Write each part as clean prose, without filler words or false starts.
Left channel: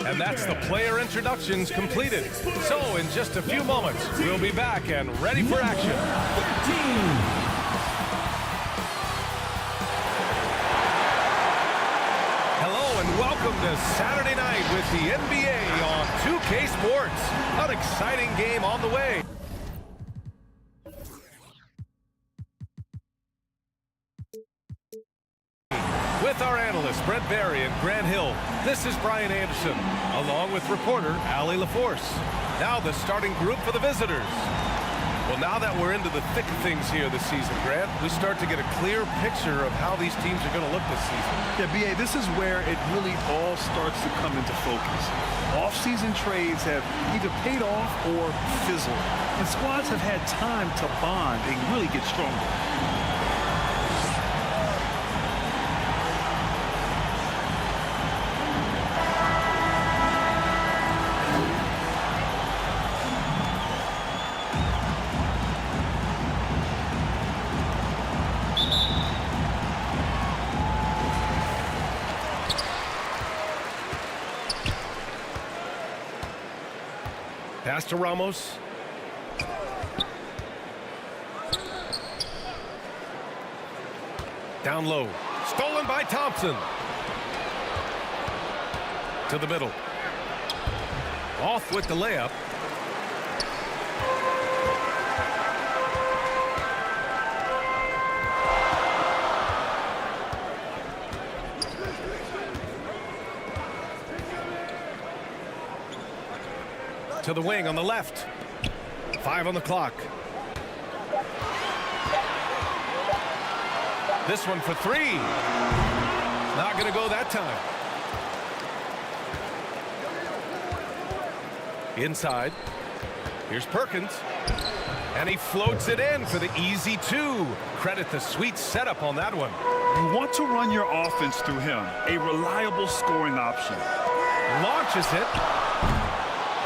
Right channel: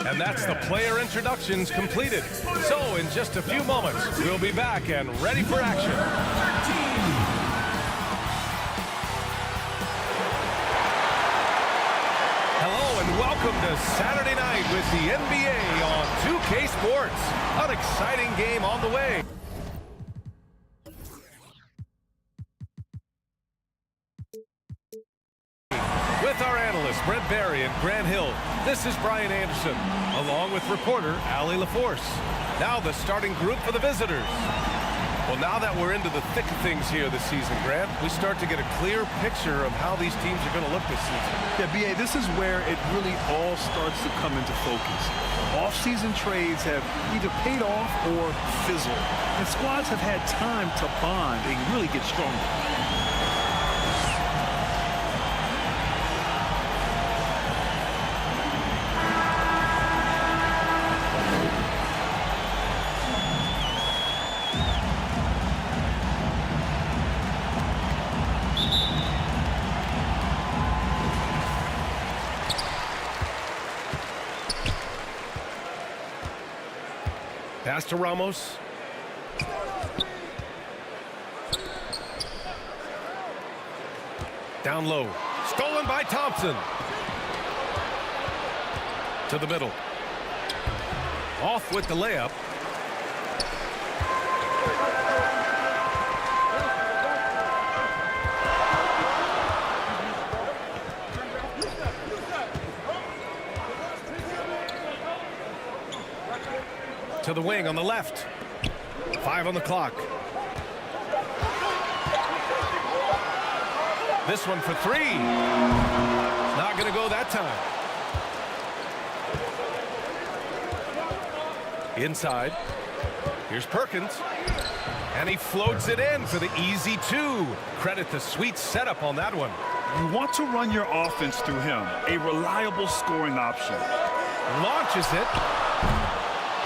And that's the player introductions completed. So in just a few moments, we'll be back and ready for action. 13. Hello and welcome to Saturday night with the NBA on 2K Sports. An exciting game on the way. With our analysts, Brent Barry and Grant Hill, this is Brian Anderson, along with reporter Ali LaForce. Now the starting group for the visitors. Well, now that we're into the thick of things here this season, Grant, we start to get a clear picture of how these teams are going to look this season. Yeah, BA, this is where it really all starts to come into focus. Off-season trades have either paid off or fizzled, and squads have had time to bond and really get stronger. Pass to Ramos. Down low. Stolen by Thompson. To the middle. Off with the layup. To the wing on the left. 5 on the clock. This one for 3. It's not going to go that time. Inside. Here's Perkins. And he floats it in for the easy 2. Credit the sweet setup on that one. You want to run your offense through him, a reliable scoring option. Launches it.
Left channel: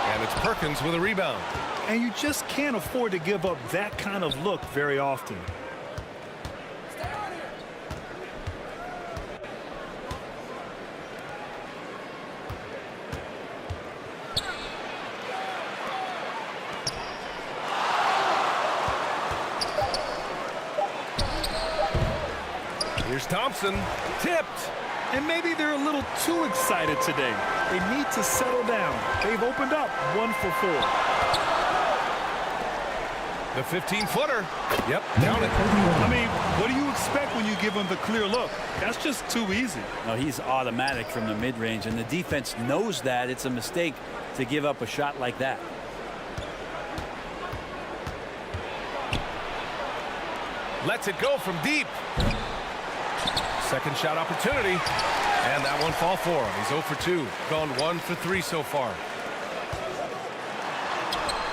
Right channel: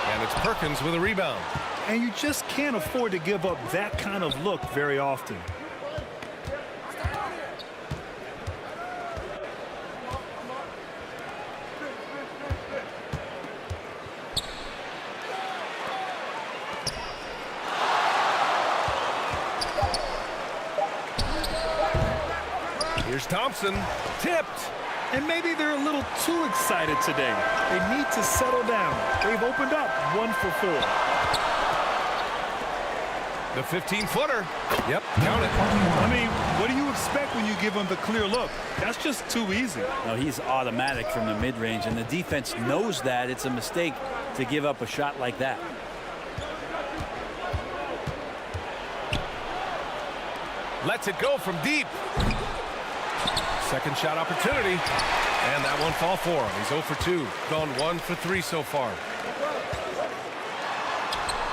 And it's Perkins with a rebound. And you just can't afford to give up that kind of look very often. Here's Thompson. Tipped. And maybe they're a little too excited today. They need to settle down. They've opened up 1 for 4. The 15-footer. Yep, count it. I mean, what do you expect when you give him the clear look? That's just too easy. No, he's automatic from the mid-range, and the defense knows that it's a mistake to give up a shot like that. Lets it go from deep. Second shot opportunity, and that won't fall for him. He's 0 for 2, gone 1 for 3 so far.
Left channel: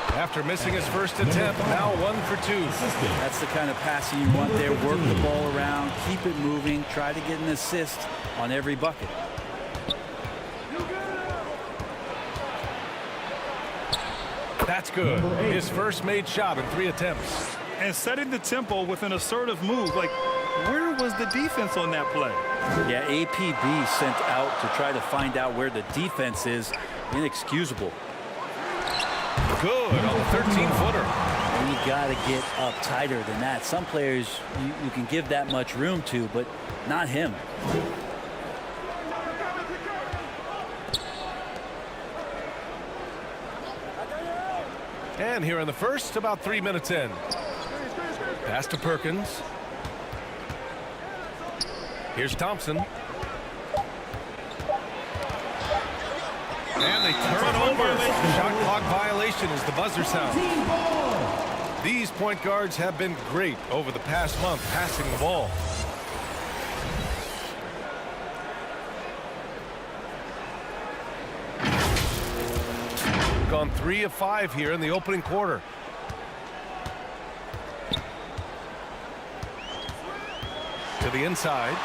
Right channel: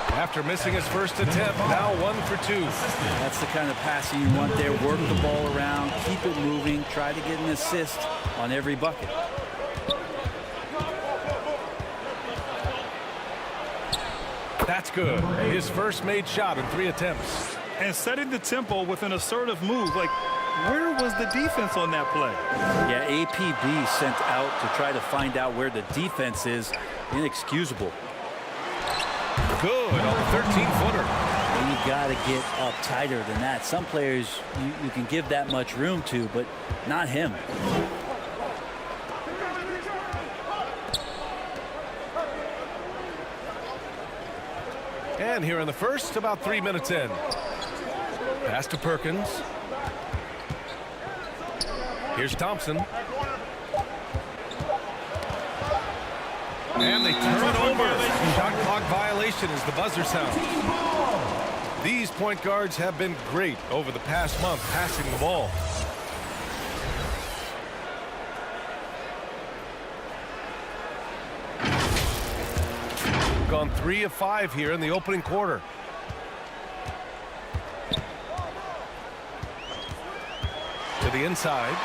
After missing his first attempt, now 1 for 2. That's the kind of passing you want there. Work the ball around, keep it moving, try to get an assist on every bucket. That's good. His first made shot in 3 attempts. And setting the tempo with an assertive move. Like, where was the defense on that play? Yeah, APB sent out to try to find out where the defense is. Inexcusable. Good on the 13-footer. You got to get up tighter than that. Some players you can give that much room to, but not him. And here in the first, about 3 minutes in. Pass to Perkins. Here's Thompson. And they turn it over. Shot clock violation as the buzzer sounds. These point guards have been great over the past month passing the ball. Gone 3 of 5 here in the opening quarter. To the inside.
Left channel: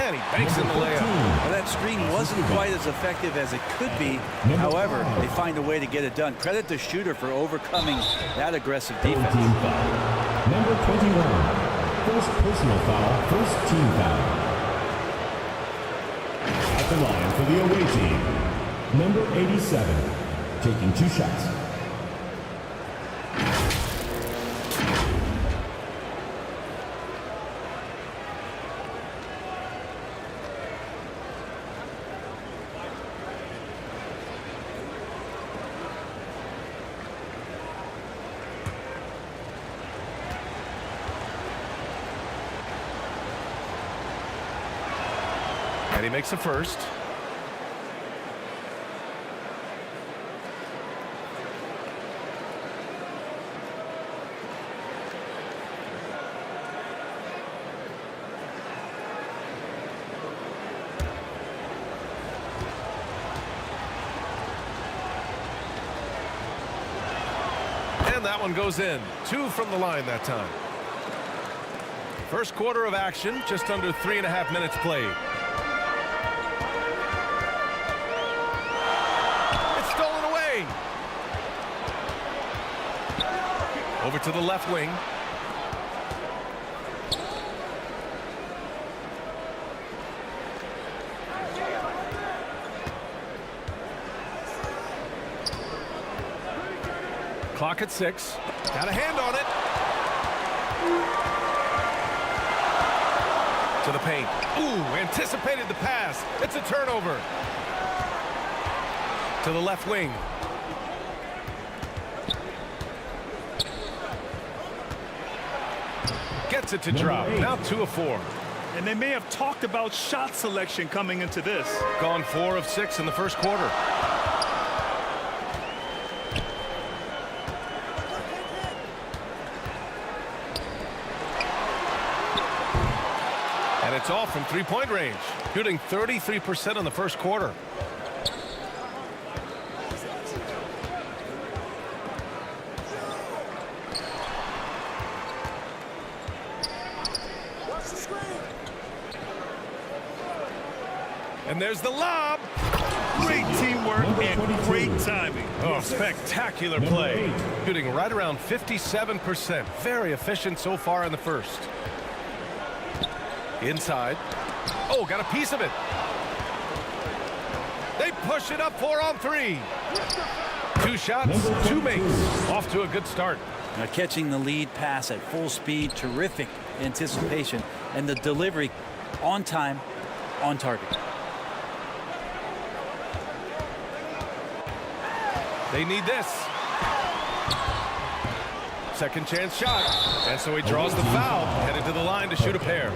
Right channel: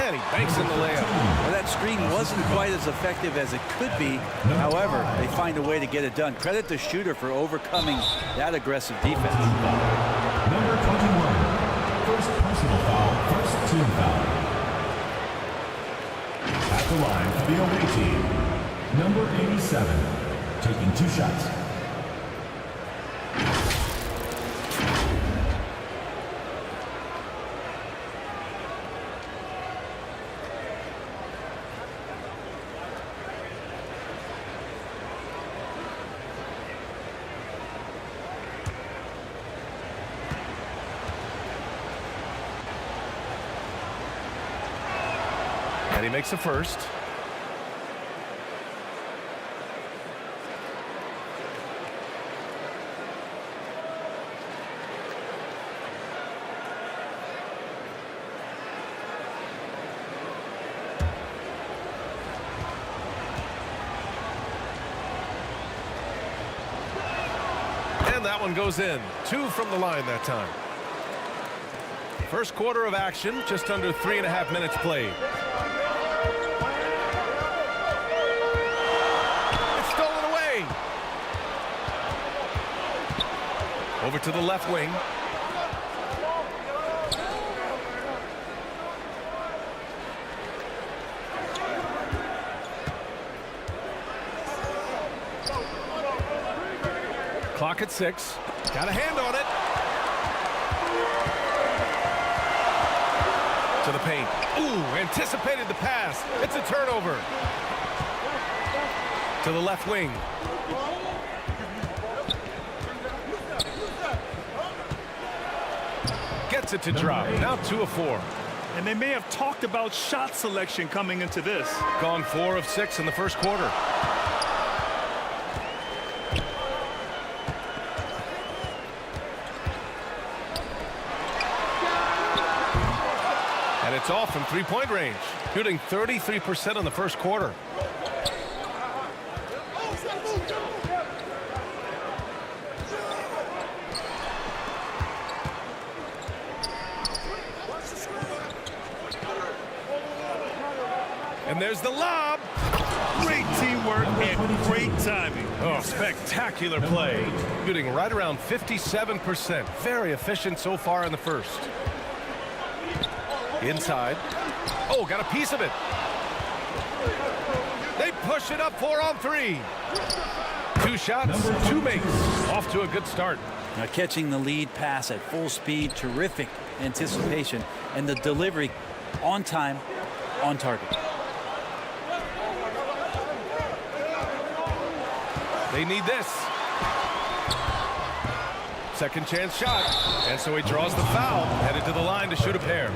And he banks in the layup. Well, that screen wasn't quite as effective as it could be. However, they find a way to get it done. Credit the shooter for overcoming that aggressive defense. Number 21. First personal foul, first team foul. At the line for the away team. Number 87, taking 2 shots. And he makes the first. And that one goes in. 2 from the line that time. First quarter of action, just under 3.5 minutes played. It's stolen away. Over to the left wing. Clock at 6. Got a hand on it. To the paint. Ooh, anticipated the pass. It's a turnover. To the left wing. Gets it to drop. Now 2 of 4. And they may have talked about shot selection coming into this. Gone 4 of 6 in the first quarter. And it's off from 3-point range, shooting 33% in the first quarter. And there's the lob. Great teamwork and great timing. Oh, spectacular play. Shooting right around 57%. Very efficient so far in the first. Inside. Oh, got a piece of it. They push it up 4 on 3. 2 shots, 2 makes. Off to a good start. Now catching the lead pass at full speed, terrific anticipation, and the delivery on time, on target. They need this. Second chance shot. And so he draws the foul, headed to the line to shoot a pair.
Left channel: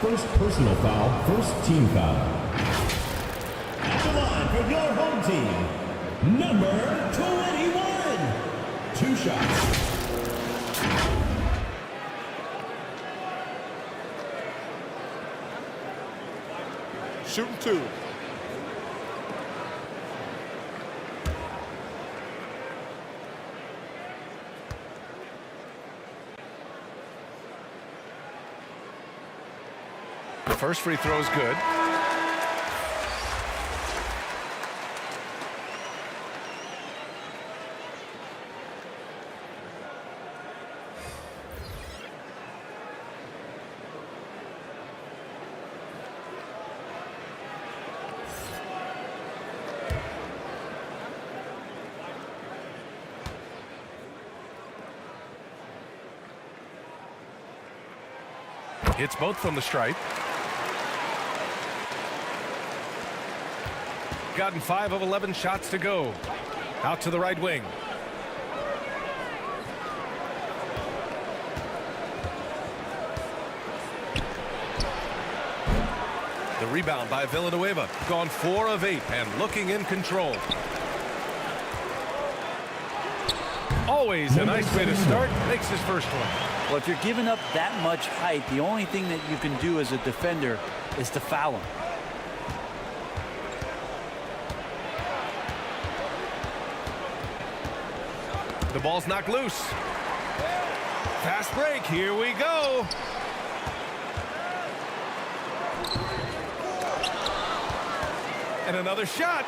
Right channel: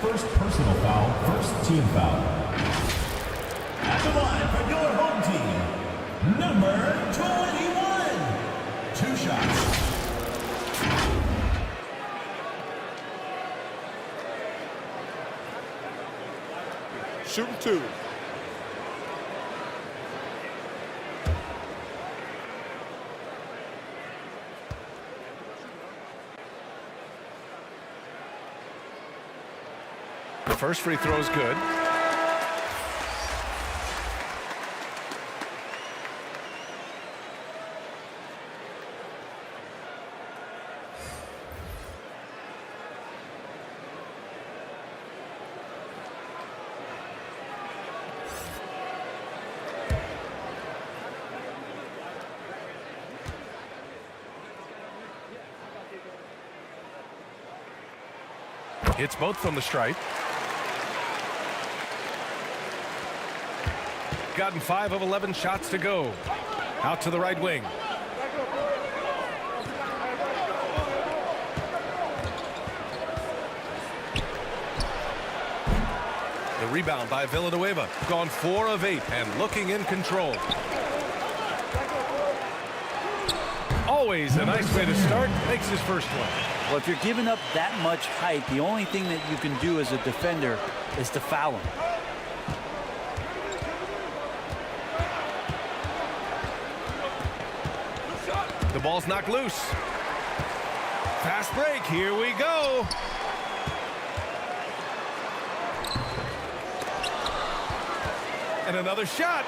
First personal foul, first team foul. At the line for your home team, number 21. 2 shots. Shooting 2. First free throw is good. Hits both from the stripe. Gotten 5 of 11 shots to go. Out to the right wing. The rebound by Villanueva. Gone 4 of 8 and looking in control. Always a nice way to start. Makes his first one. Well, if you're giving up that much height, the only thing that you can do as a defender is to foul him. The ball's knocked loose. Fast break. Here we go. And another shot.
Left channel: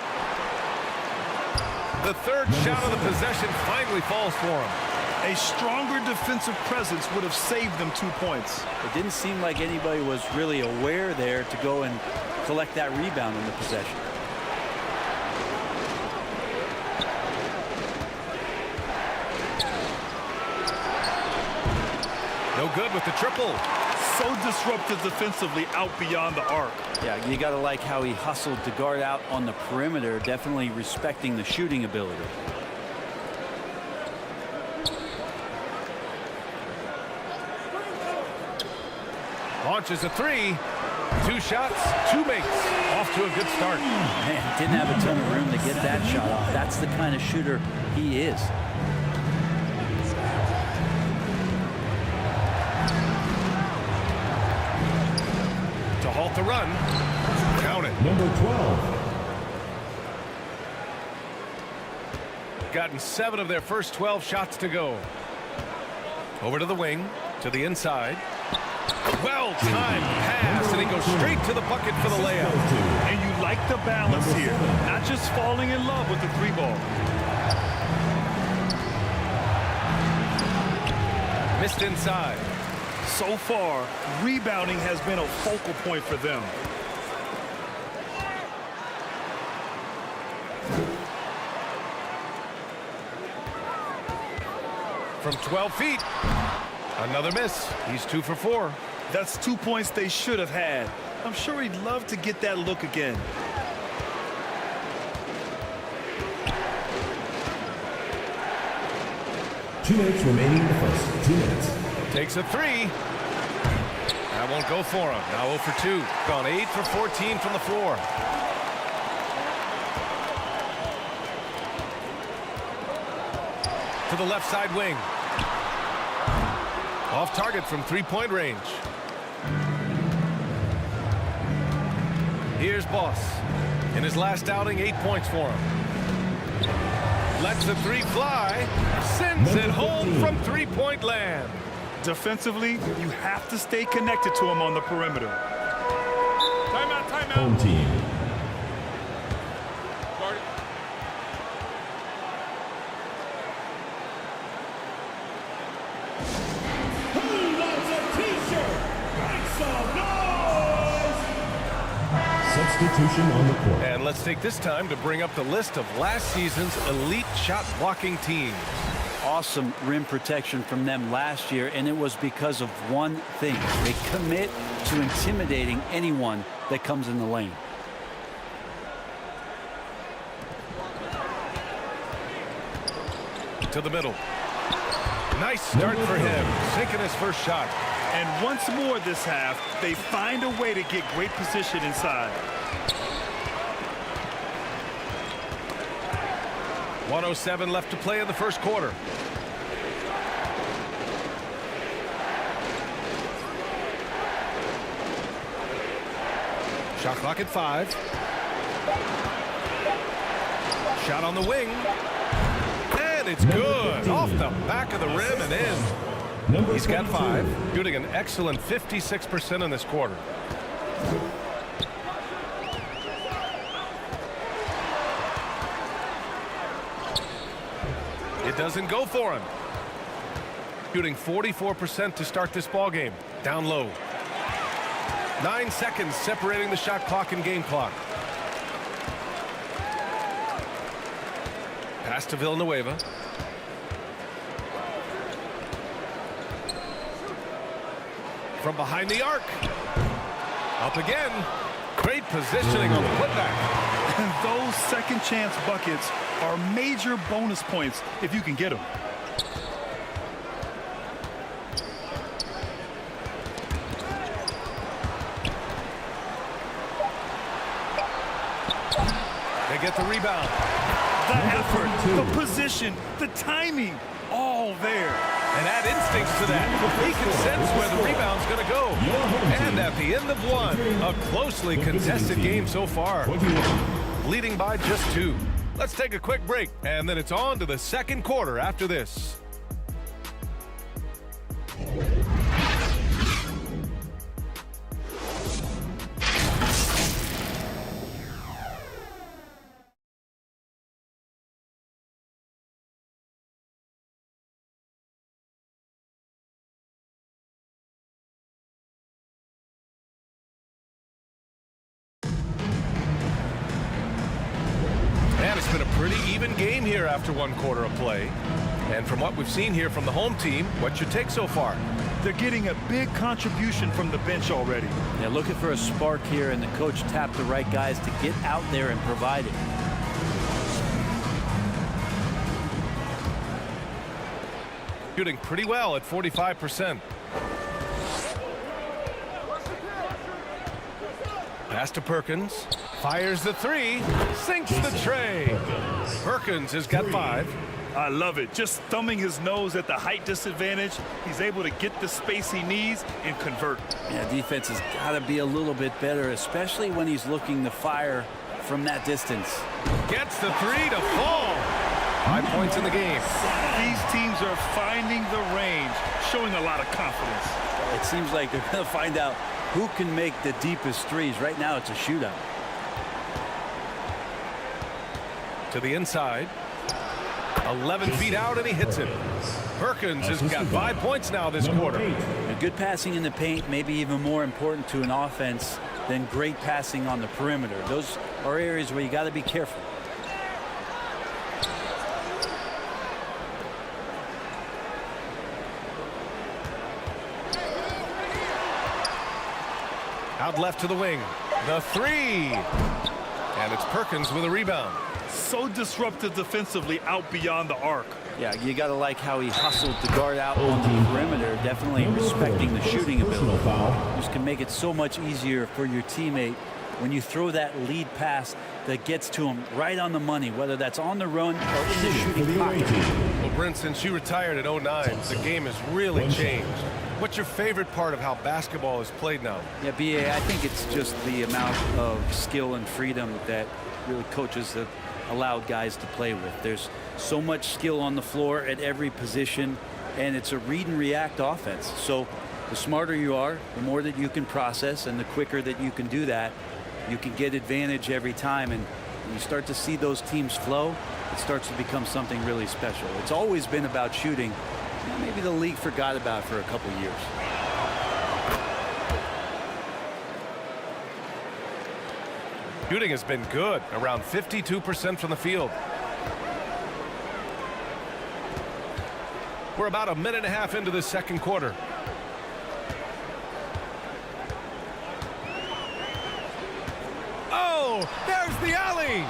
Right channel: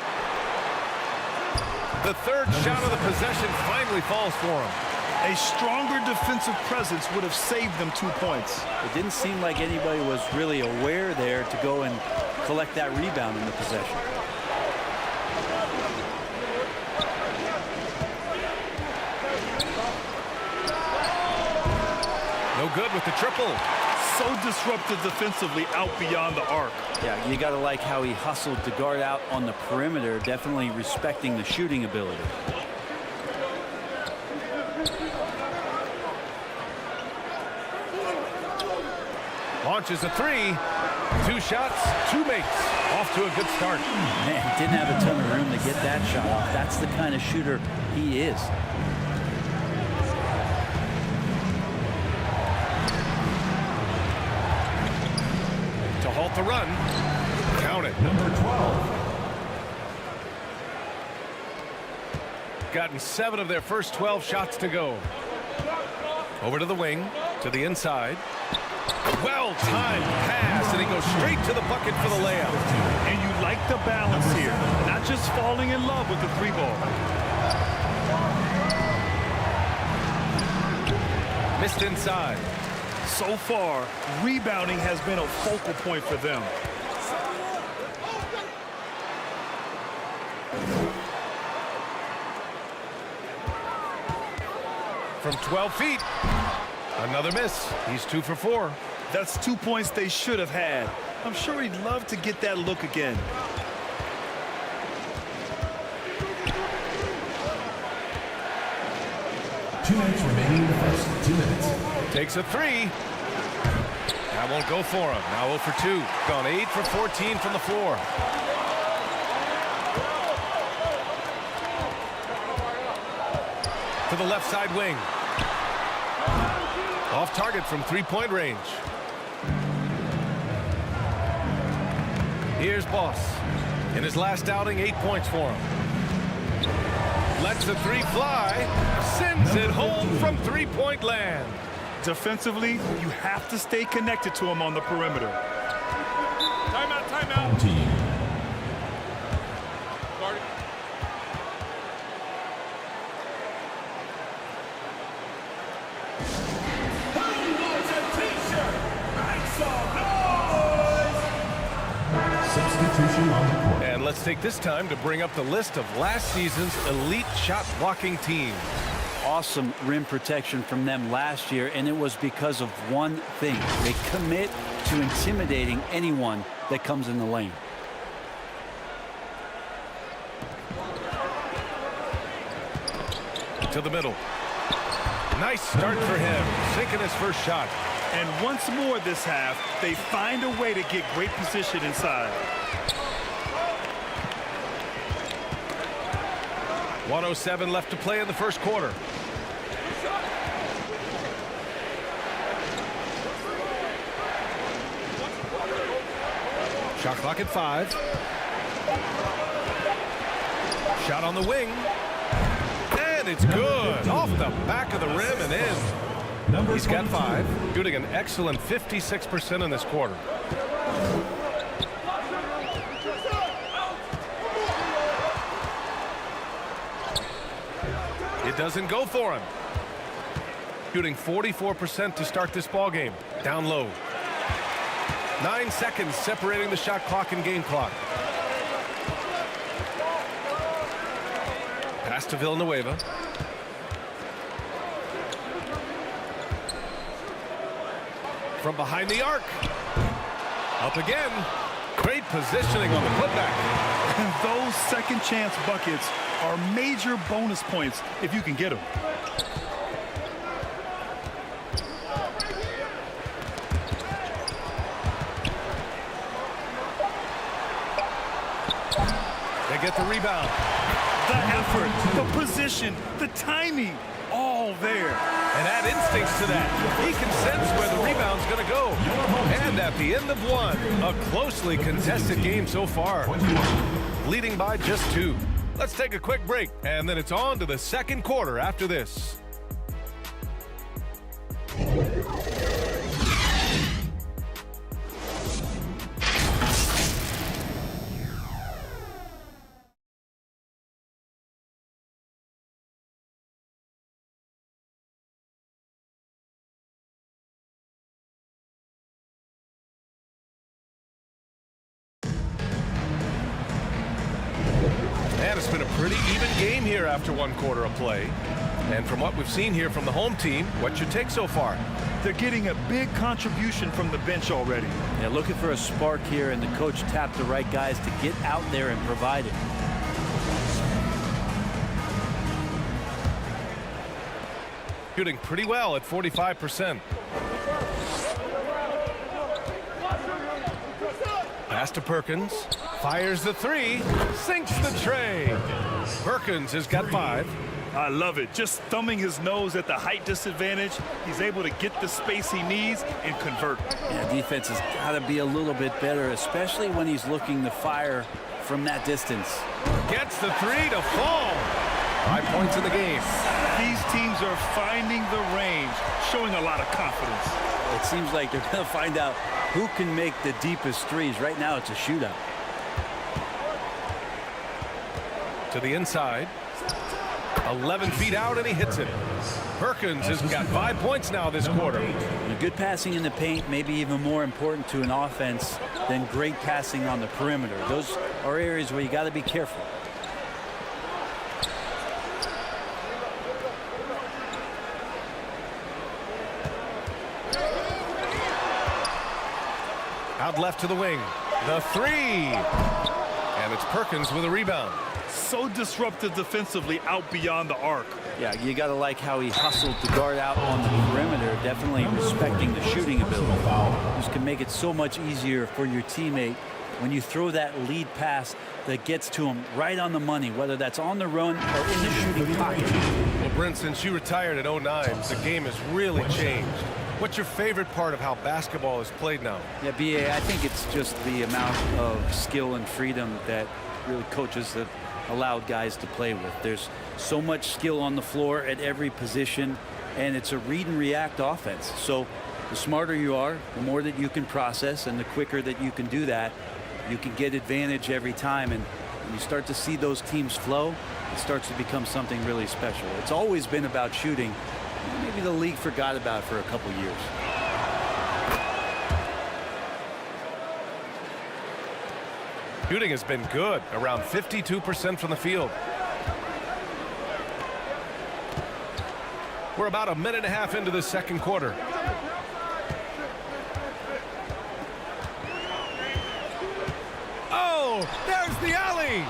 The third shot of the possession finally falls for him. A stronger defensive presence would have saved them 2 points. It didn't seem like anybody was really aware there to go and collect that rebound in the possession. No good with the triple. So disruptive defensively out beyond the arc. Yeah, you got to like how he hustled to guard out on the perimeter, definitely respecting the shooting ability. Launches a three. 2 shots, 2 makes. Off to a good start. Man, didn't have a ton of room to get that shot off. That's the kind of shooter he is. To halt the run. Count it. Number 12. Gotten 7 of their first 12 shots to go. Over to the wing, to the inside. Well-timed pass, and he goes straight to the bucket for the layup. And you like the balance here. Not just falling in love with the 3-ball. Missed inside. So far, rebounding has been a focal point for them. From 12 feet. Another miss. He's 2 for 4. That's 2 points they should have had. I'm sure he'd love to get that look again. Two minutes remaining in the first. 2 minutes. Takes a 3. That won't go for him. Now 0 for 2. Gone 8 for 14 from the floor. To the left side wing. Off target from 3-point range. Here's Boss. In his last outing, 8 points for him. Lets the 3 fly. Sends it home from 3-point land. Defensively, you have to stay connected to him on the perimeter. Timeout, timeout. Home team. Guard it. Who wants a t-shirt? Make some noise! Substitution on the court. And let's take this time to bring up the list of last season's elite shot blocking teams. Awesome rim protection from them last year, and it was because of one thing. They commit to intimidating anyone that comes in the lane. To the middle. Nice start for him. Sinking his first shot. And once more this half, they find a way to get great position inside. 1:07 left to play in the first quarter. Shot clock at 5. Shot on the wing. And it's good. Off the back of the rim and in. He's got 5. Shooting an excellent 56% in this quarter. It doesn't go for him. Shooting 44% to start this ball game. Down low. 9 seconds separating the shot clock and game clock. Pass to Villanueva. From behind the arc. Up again. Great positioning on the putback. And those second chance buckets are major bonus points if you can get them. They get the rebound. The effort, the position, the timing, all there. And add instincts to that. He can sense where the rebound's going to go. And at the end of 1, a closely contested game so far. Leading by just 2. Let's take a quick break, and then it's on to the second quarter after this. And it's been a pretty even game here after 1 quarter of play. And from what we've seen here from the home team, what's your take so far? They're getting a big contribution from the bench already. Yeah, looking for a spark here, and the coach tapped the right guys to get out there and provide it. Shooting pretty well at 45%. Pass to Perkins. Fires the three. Sinks the tray. Perkins has got 5. I love it. Just thumbing his nose at the height disadvantage. He's able to get the space he needs and convert. Yeah, defense has got to be a little bit better, especially when he's looking to fire from that distance. Gets the 3 to fall. 5 points in the game. These teams are finding the range, showing a lot of confidence. It seems like they're going to find out who can make the deepest threes. Right now, it's a shootout. To the inside. 11 feet out, and he hits it. Perkins has got 5 points now this quarter. Good passing in the paint, maybe even more important to an offense than great passing on the perimeter. Those are areas where you got to be careful. Out left to the wing. The 3. And it's Perkins with a rebound. So disruptive defensively out beyond the arc. Yeah, you got to like how he hustled the guard out on the perimeter, definitely respecting the shooting ability. This can make it so much easier for your teammate when you throw that lead pass that gets to him right on the money, whether that's on the run or in the shooting pocket. Well, Brent, since you retired at 09, the game has really changed. What's your favorite part of how basketball is played now? Yeah, BA, I think it's just the amount of skill and freedom that really coaches have allowed guys to play with. There's so much skill on the floor at every position, and it's a read and react offense. So the smarter you are, the more that you can process, and the quicker that you can do that, you can get advantage every time. And when you start to see those teams flow, it starts to become something really special. It's always been about shooting. Maybe the league forgot about it for a couple years. Shooting has been good, around 52% from the field. We're about a minute and a half into the second quarter. Oh, there's the alley.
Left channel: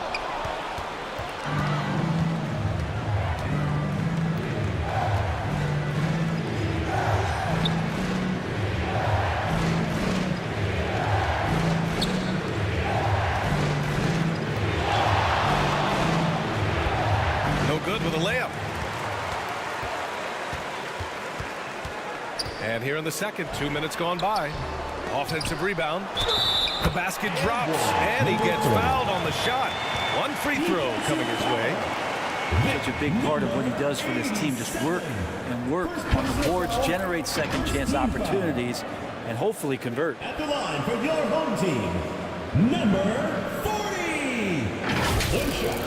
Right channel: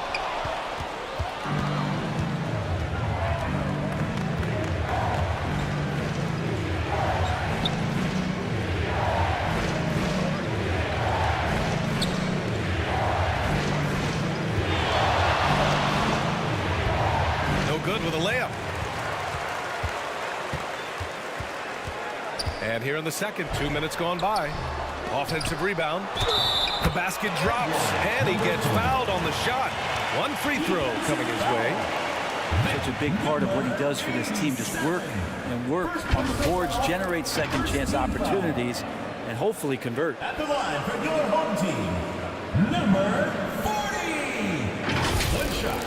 No good with a layup. And here in the second, 2 minutes gone by. Offensive rebound. The basket drops, and he gets fouled on the shot. One free throw coming his way. Such a big part of what he does for this team, just work and work on the boards, generate second chance opportunities, and hopefully convert. At the line for your home team, number 40. One shot.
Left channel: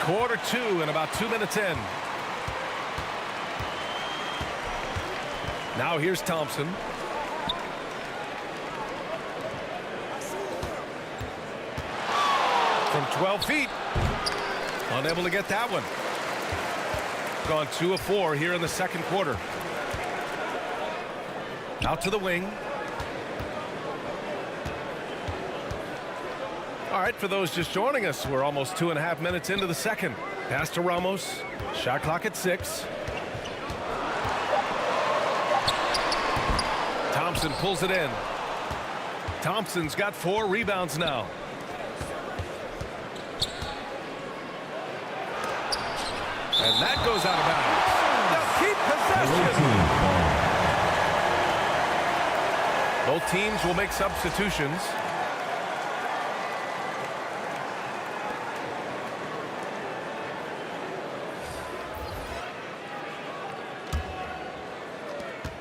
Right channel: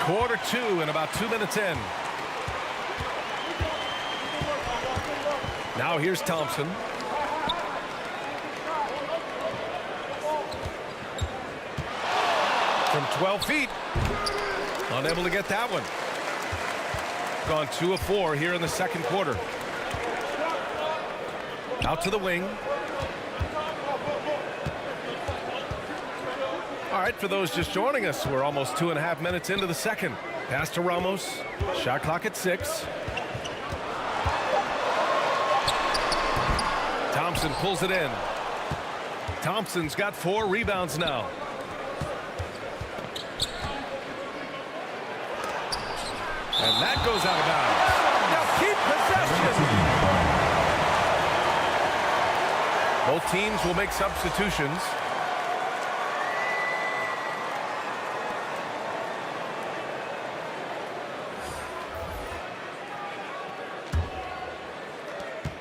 Quarter 2 and about 2 minutes in. Now here's Thompson. From 12 feet. Unable to get that one. Gone 2 of 4 here in the second quarter. Out to the wing. All right, for those just joining us, we're almost 2.5 minutes into the second. Pass to Ramos. Shot clock at 6. Thompson pulls it in. Thompson's got 4 rebounds now. And that goes out of bounds. They'll keep possession. Both teams will make substitutions.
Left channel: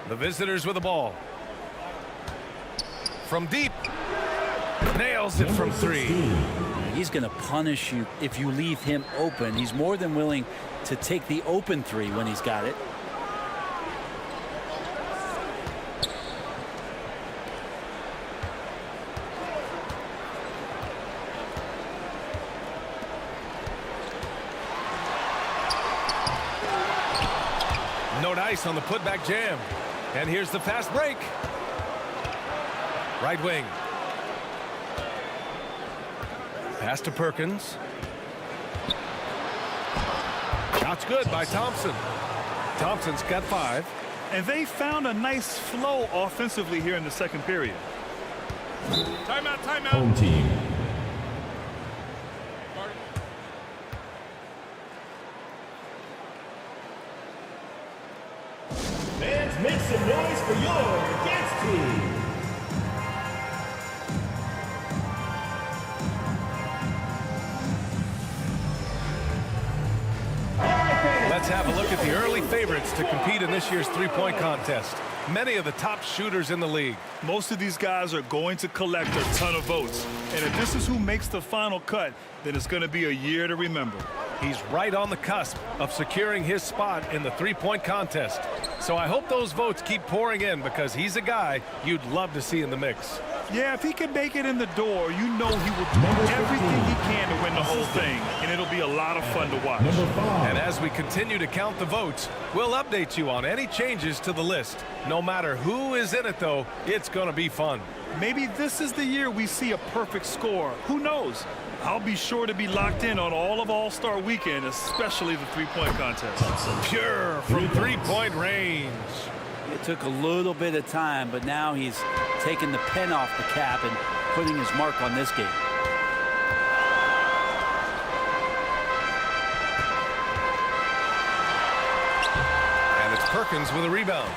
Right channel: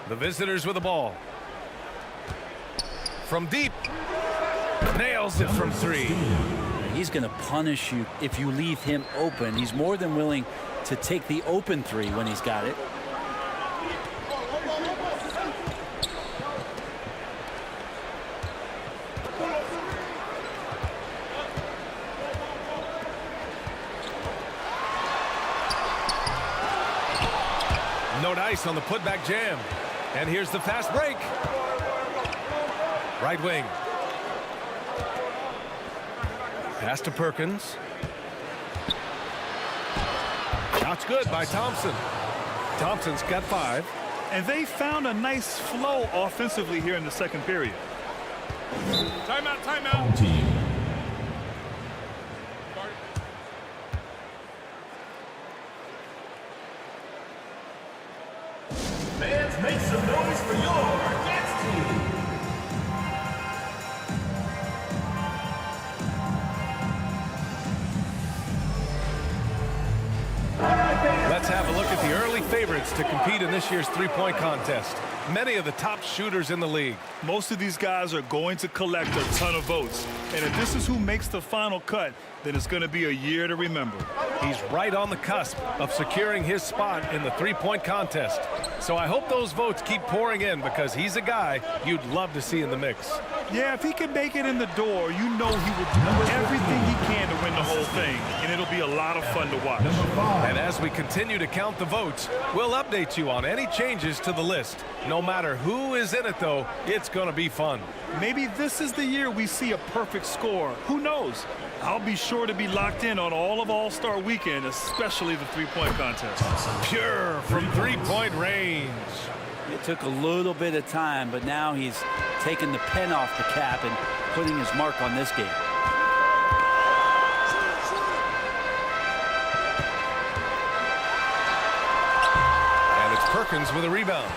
The visitors with the ball. From deep. Nails it from 3. He's going to punish you if you leave him open. He's more than willing to take the open three when he's got it. No dice on the putback jam. And here's the fast break. Right wing. Pass to Perkins. Shot's good by Thompson. Thompson's got 5. And they found a nice flow offensively here in the second period. Timeout, timeout. Home team. Fans, make some noise for your Cats team. Let's have a look at the early favorites to compete in this year's three-point contest. Many of the top shooters in the league. Most of these guys are going to collect a ton of votes. And if this is who makes the final cut, then it's going to be a year to remember. He's right on the cusp of securing his spot in the three-point contest. So I hope those votes keep pouring in because he's a guy you'd love to see in the mix. Yeah, if he can make it in the door, you know he will do everything he can to win the whole thing. And it'll be a lot of fun to watch. Number 5. And as we continue to count the votes, we'll update you on any changes to the list. No matter who is in it, though, it's going to be fun. Maybe this is the year we see a perfect score. Who knows? I'll be sure to be locked in on all of All-Star Weekend, especially the three-point contest. Pure from three-point range. It took a little bit of time, but now he's taking the pen off the cap and putting his mark on this game. And it's Perkins with a rebound.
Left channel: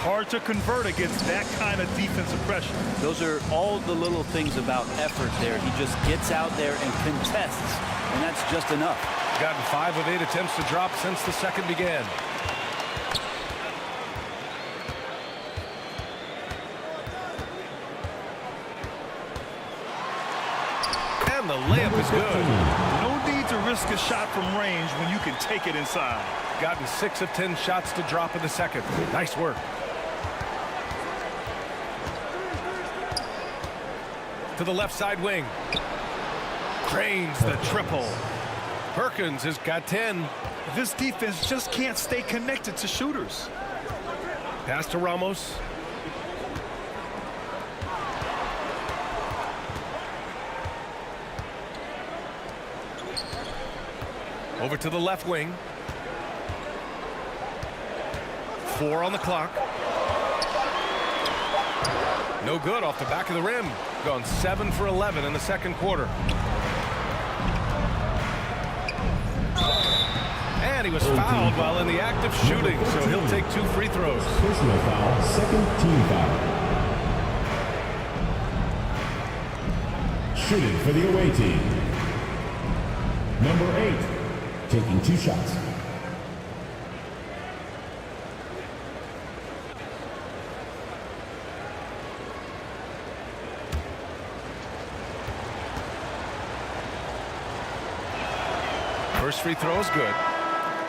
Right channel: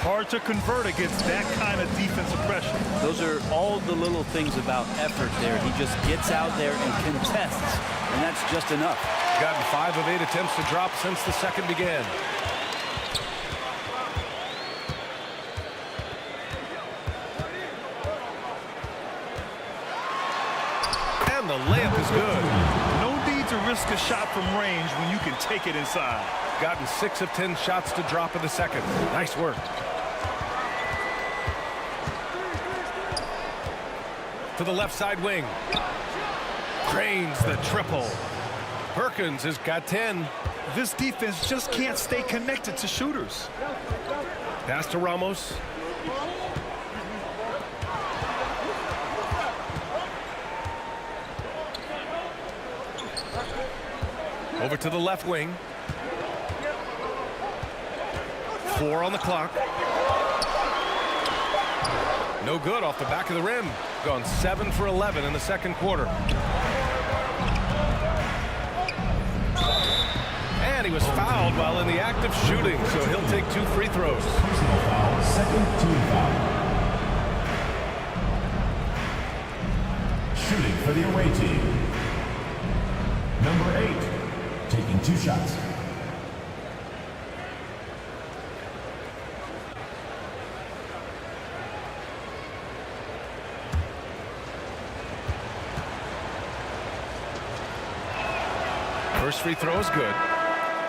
Hard to convert against that kind of defensive pressure. Those are all the little things about effort there. He just gets out there and contests, and that's just enough. Gotten 5 of 8 attempts to drop since the second began. And the layup is good. No need to risk a shot from range when you can take it inside. Gotten 6 of 10 shots to drop in the second. Nice work. To the left side wing. Drains the triple. Perkins has got 10. This defense just can't stay connected to shooters. Pass to Ramos. Over to the left wing. 4 on the clock. No good off the back of the rim. Gone 7 for 11 in the second quarter. And he was fouled while in the act of shooting, so he'll take 2 free throws. Personal foul, second team foul. Shooting for the away team. Number 8, taking 2 shots. First free throw is good.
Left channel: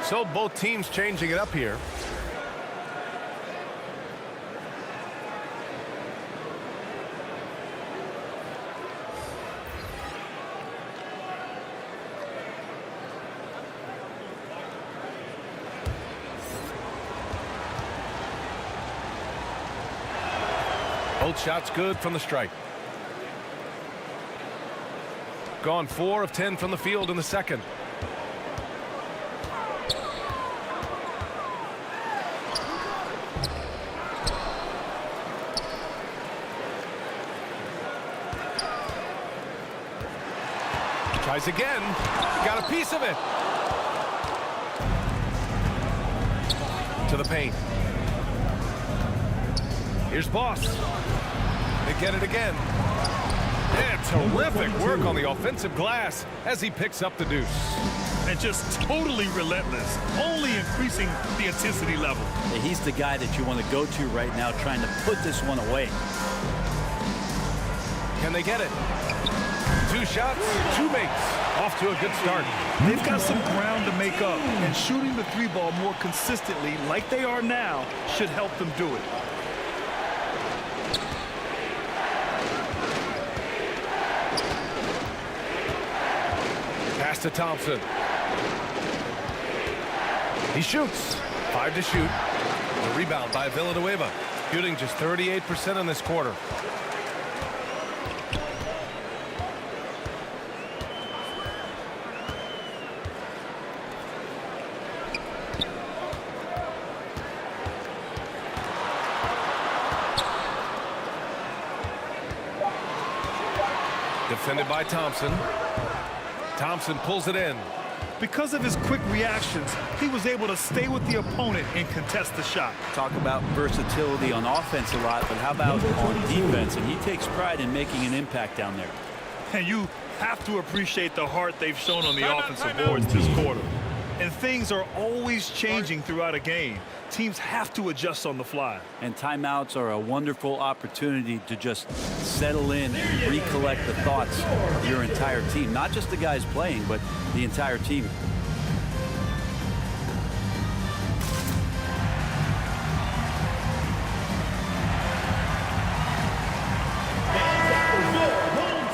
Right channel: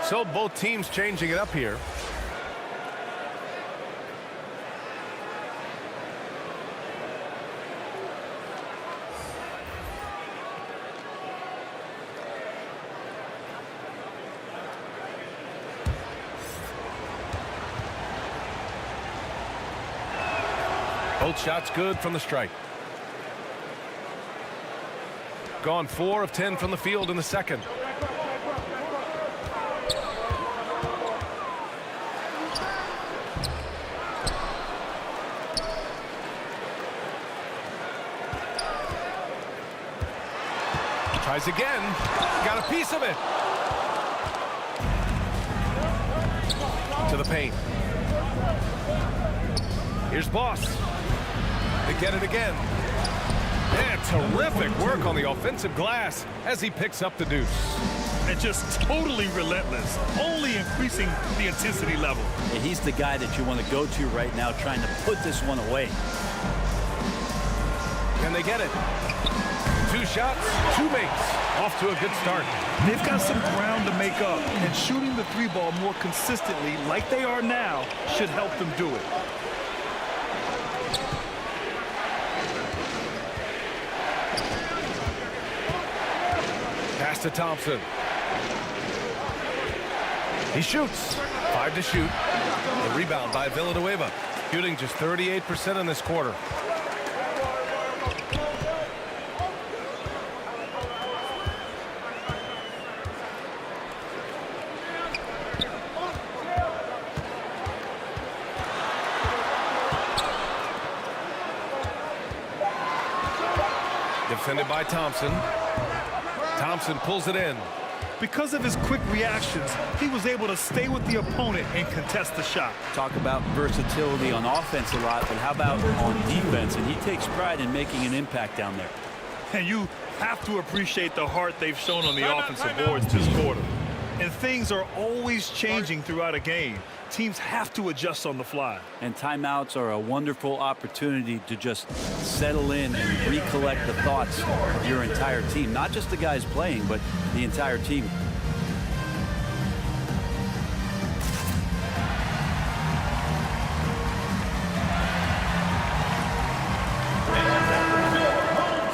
So both teams changing it up here. Both shots good from the stripe. Gone 4 of 10 from the field in the second. Tries again. Got a piece of it. To the paint. Here's Boss. They get it again. And terrific work on the offensive glass as he picks up the deuce. And just totally relentless, only increasing the intensity level. Yeah, he's the guy that you want to go to right now, trying to put this one away. Can they get it? 2 shots, 2 makes. Off to a good start. They've got some ground to make up, and shooting the 3-ball more consistently like they are now should help them do it. Pass to Thompson. He shoots. 5 to shoot. The rebound by Villanueva. Shooting just 38% in this quarter. Defended by Thompson. Thompson pulls it in. Because of his quick reactions, he was able to stay with the opponent and contest the shot. Talk about versatility on offense a lot, but how about on defense? And he takes pride in making an impact down there. And you have to appreciate the heart they've shown on the offensive boards this quarter. And things are always changing throughout a game. Teams have to adjust on the fly. And timeouts are a wonderful opportunity to just settle in and recollect the thoughts of your entire team. Not just the guys playing, but the entire team.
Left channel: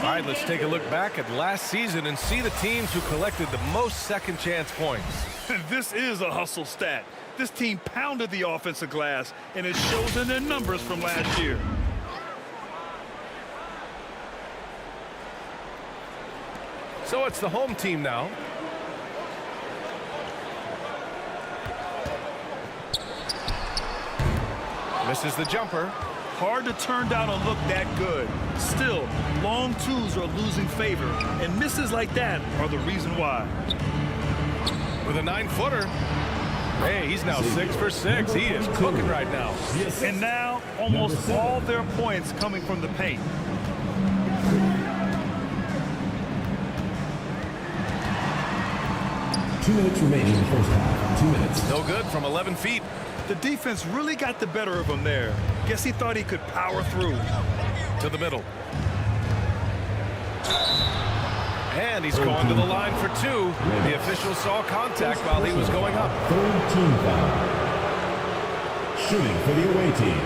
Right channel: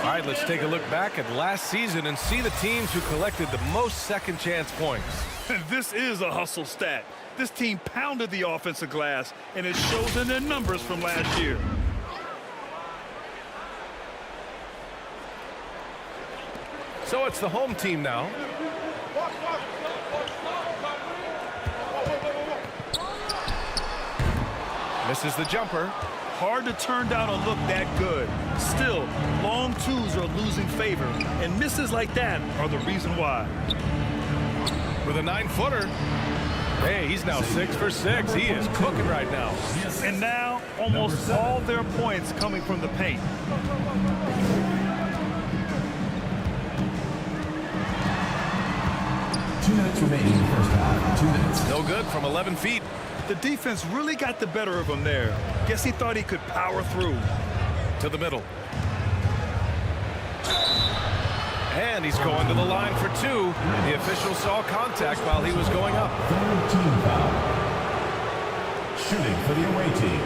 All right, let's take a look back at last season and see the teams who collected the most second chance points. This is a hustle stat. This team pounded the offensive glass, and it shows in their numbers from last year. So it's the home team now. Misses the jumper. Hard to turn down a look that good. Still, long twos are losing favor, and misses like that are the reason why. With a 9-footer. Hey, he's now 6 for 6. He is cooking right now. And now, almost all their points coming from the paint. Two minutes remaining in the first half. 2 minutes. No good from 11 feet. The defense really got the better of him there. Guess he thought he could power through. To the middle. And he's going to the line for 2. The official saw contact while he was going up. Third team foul. Shooting for the away team.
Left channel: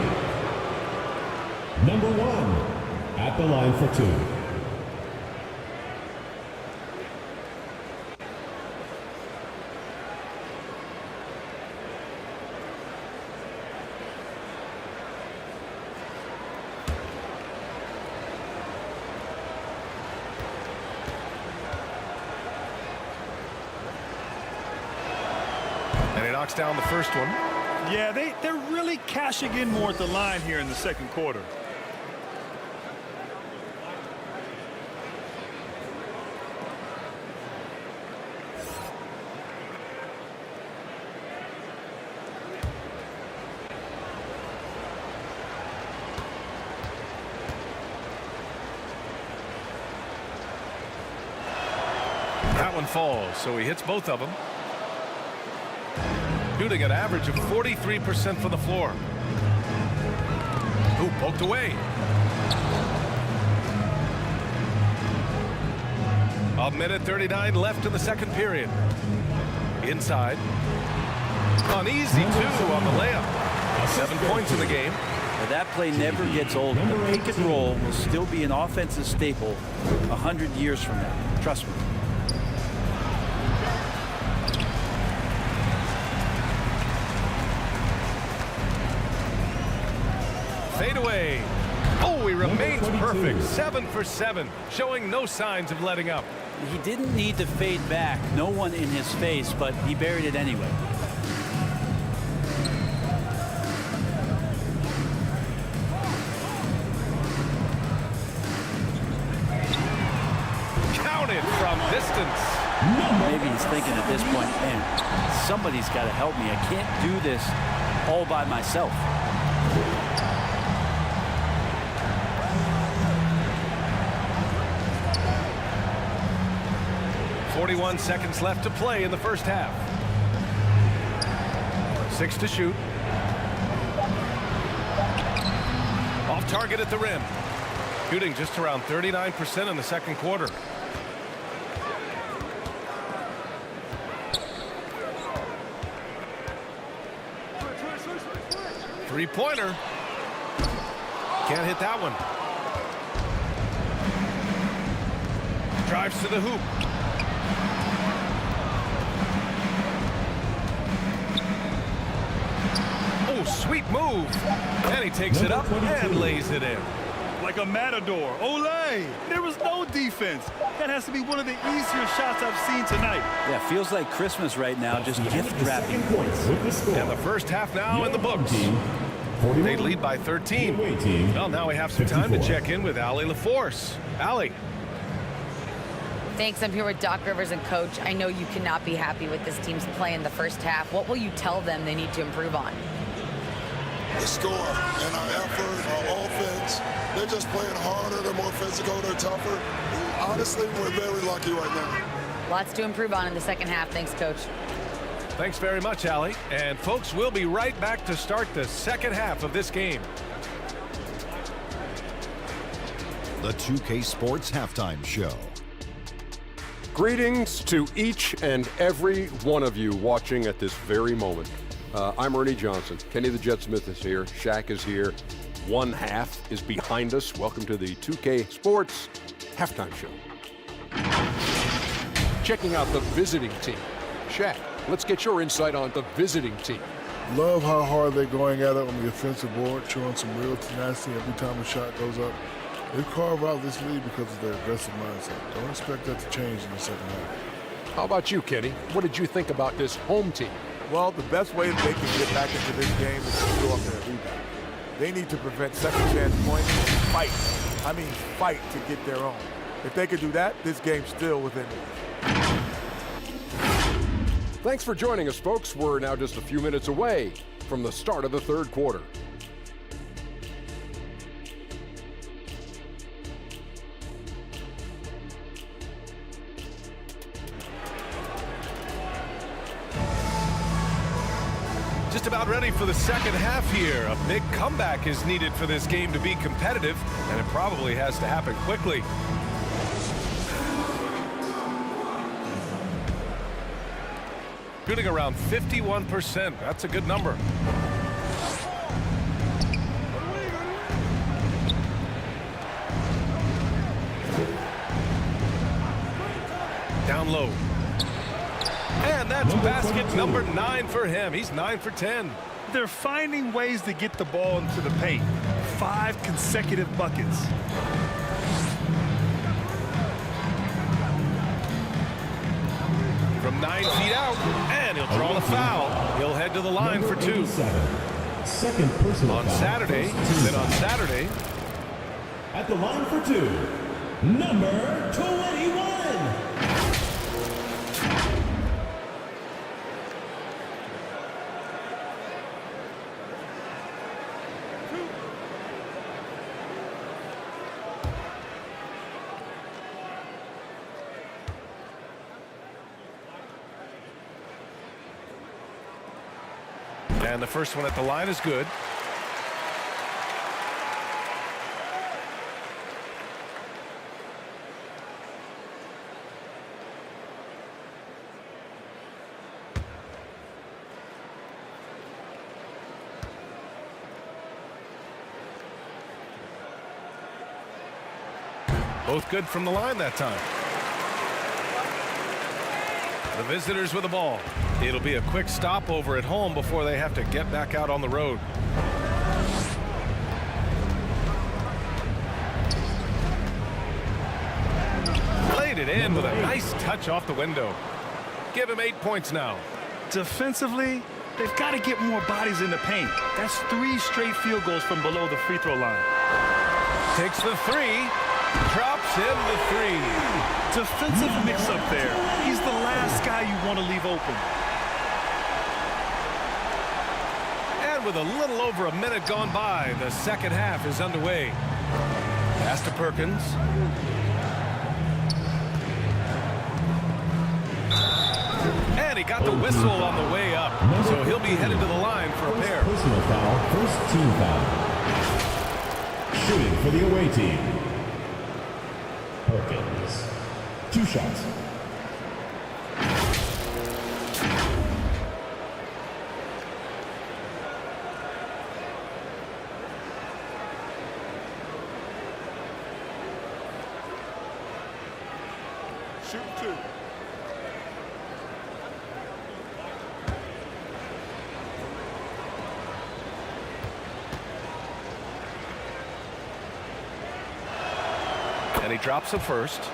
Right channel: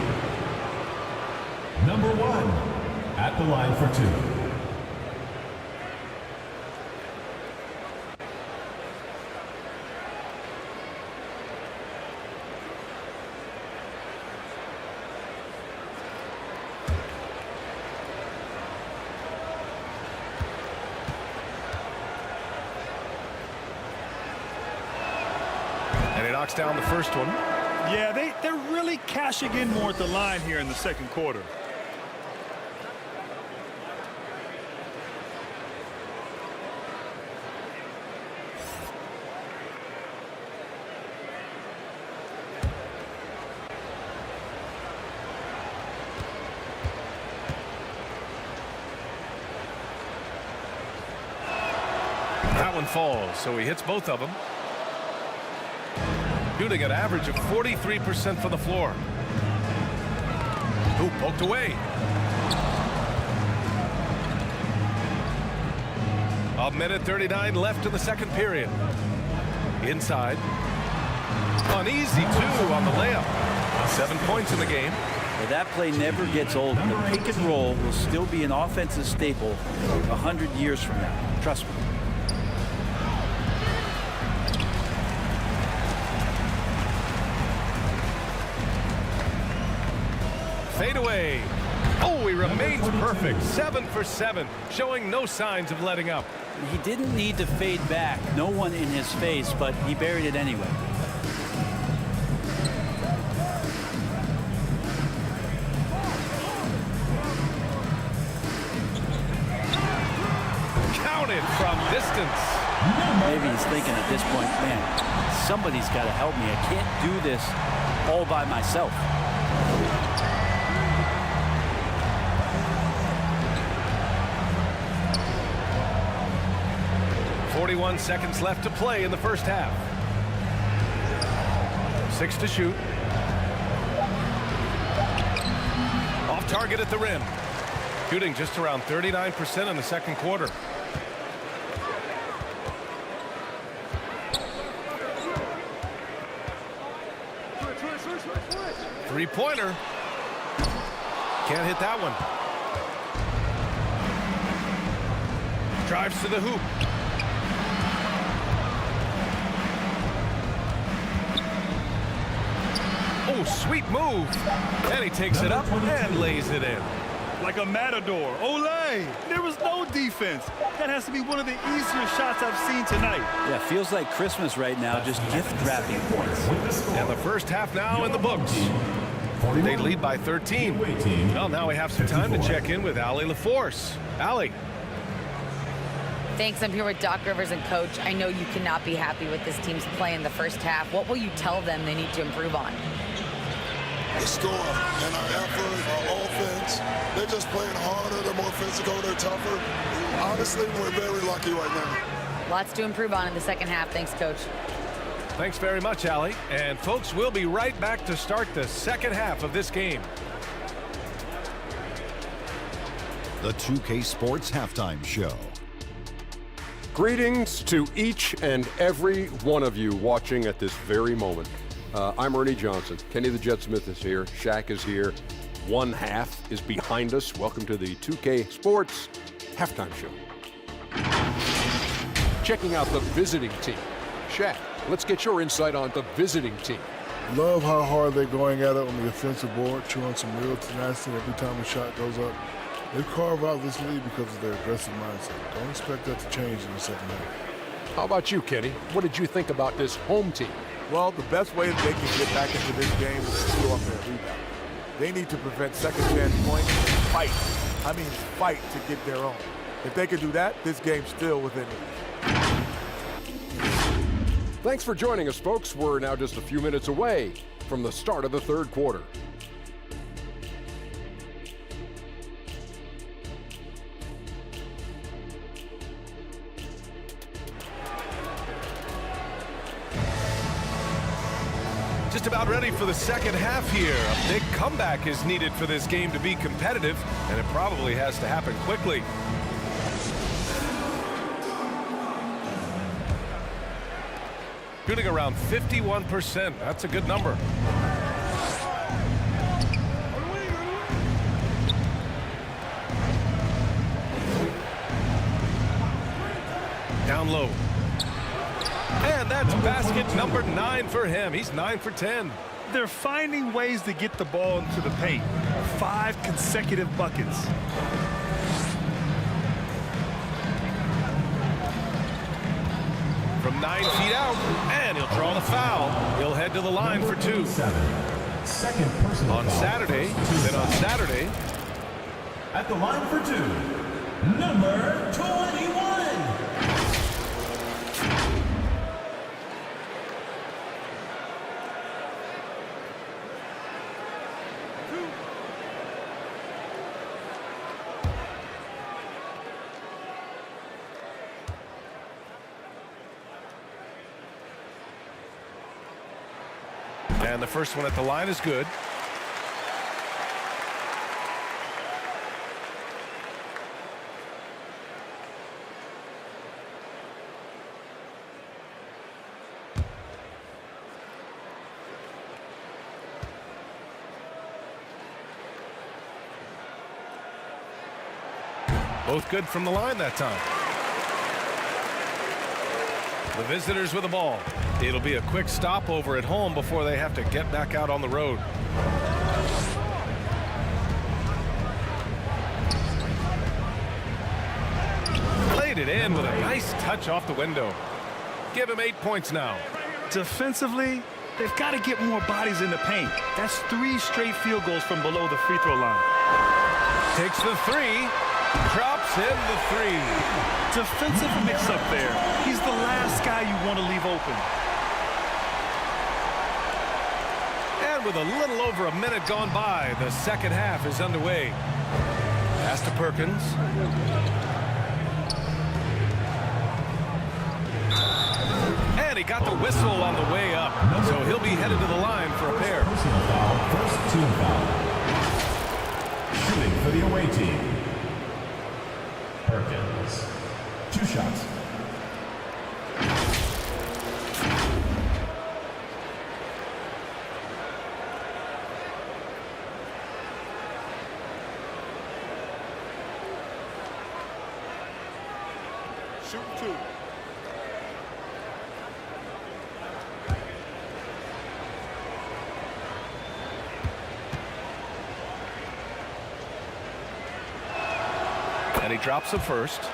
Number 1 at the line for 2. And he knocks down the first one. Yeah, they're really cashing in more at the line here in the second quarter. That one falls, so he hits both of them. Shooting an average of 43% from the floor. Ooh, poked away. A minute 39 left in the second period. Inside. An easy 2 on the layup. 7 points in the game. Now, that play never gets old. The pick and roll will still be an offensive staple 100 years from now. Trust me. Fade away. Oh, he remains perfect. 7 for 7, showing no signs of letting up. He didn't need to fade back. No one in his face, but he buried it anyway. Counted from distance. Maybe he's thinking at this point, man, somebody's got to help me. I can't do this all by myself. 41 seconds left to play in the first half. 6 to shoot. Off target at the rim. Shooting just around 39% in the second quarter. Three-pointer. Can't hit that one. Drives to the hoop. Oh, sweet move. And he takes it up and lays it in. Like a matador. Olay! There was no defense. That has to be one of the easier shots I've seen tonight. Yeah, feels like Christmas right now, just gift wrapping points. And the first half now in the books. They lead by 13. Well, now we have some time to check in with Allie LaForce. Allie. Thanks. I'm here with Doc Rivers and Coach. I know you cannot be happy with this team's play in the first half. What will you tell them they need to improve on? The score and our effort, our offense. They're just playing harder. They're more physical. They're tougher. Honestly, we're very lucky right now. Lots to improve on in the second half. Thanks, Coach. Thanks very much, Allie. And folks, we'll be right back to start the second half of this game. The 2K Sports Halftime Show. Greetings to each and every one of you watching at this very moment. I'm Ernie Johnson. Kenny the Jet Smith is here. Shaq is here. One half is behind us. Welcome to the 2K Sports Halftime Show. Checking out the visiting team. Shaq, let's get your insight on the visiting team. Love how hard they're going at it on the offensive board, showing some real tenacity every time a shot goes up. They carve out this lead because of their aggressive mindset. Don't expect that to change in the second half. How about you, Kenny? What did you think about this home team? Well, the best way that they can get back into this game is to go up there and rebound. They need to prevent second chance points and fight. I mean, fight to get their own. If they could do that, this game's still within reach. Thanks for joining us, folks. We're now just a few minutes away from the start of the third quarter. Just about ready for the second half here. A big comeback is needed for this game to be competitive, and it probably has to happen quickly. Shooting around 51%. That's a good number. Down low. And that's basket number 9 for him. He's 9 for 10. They're finding ways to get the ball into the paint. 5 consecutive buckets. From 9 feet out, and he'll draw the foul. He'll head to the line for 2. Second personal On foul. Saturday, then on Saturday. At the line for 2, number 21. And the first one at the line is good. Both good from the line that time. The visitors with the ball. It'll be a quick stop over at home before they have to get back out on the road. Played it in with a nice touch off the window. Give him 8 points now. Defensively, they've got to get more bodies in the paint. That's 3 straight field goals from below the free throw line. Takes the 3. Drops in the 3. Defensive mix-up there. He's the last guy you want to leave open. And with a little over a minute gone by, the second half is underway. Pass to Perkins. And he got the whistle on the way up. So he'll be headed to the line for a pair. Personal foul, first team foul. Shooting for the away team, Perkins. 2 shots. Shooting 2. And he drops the first.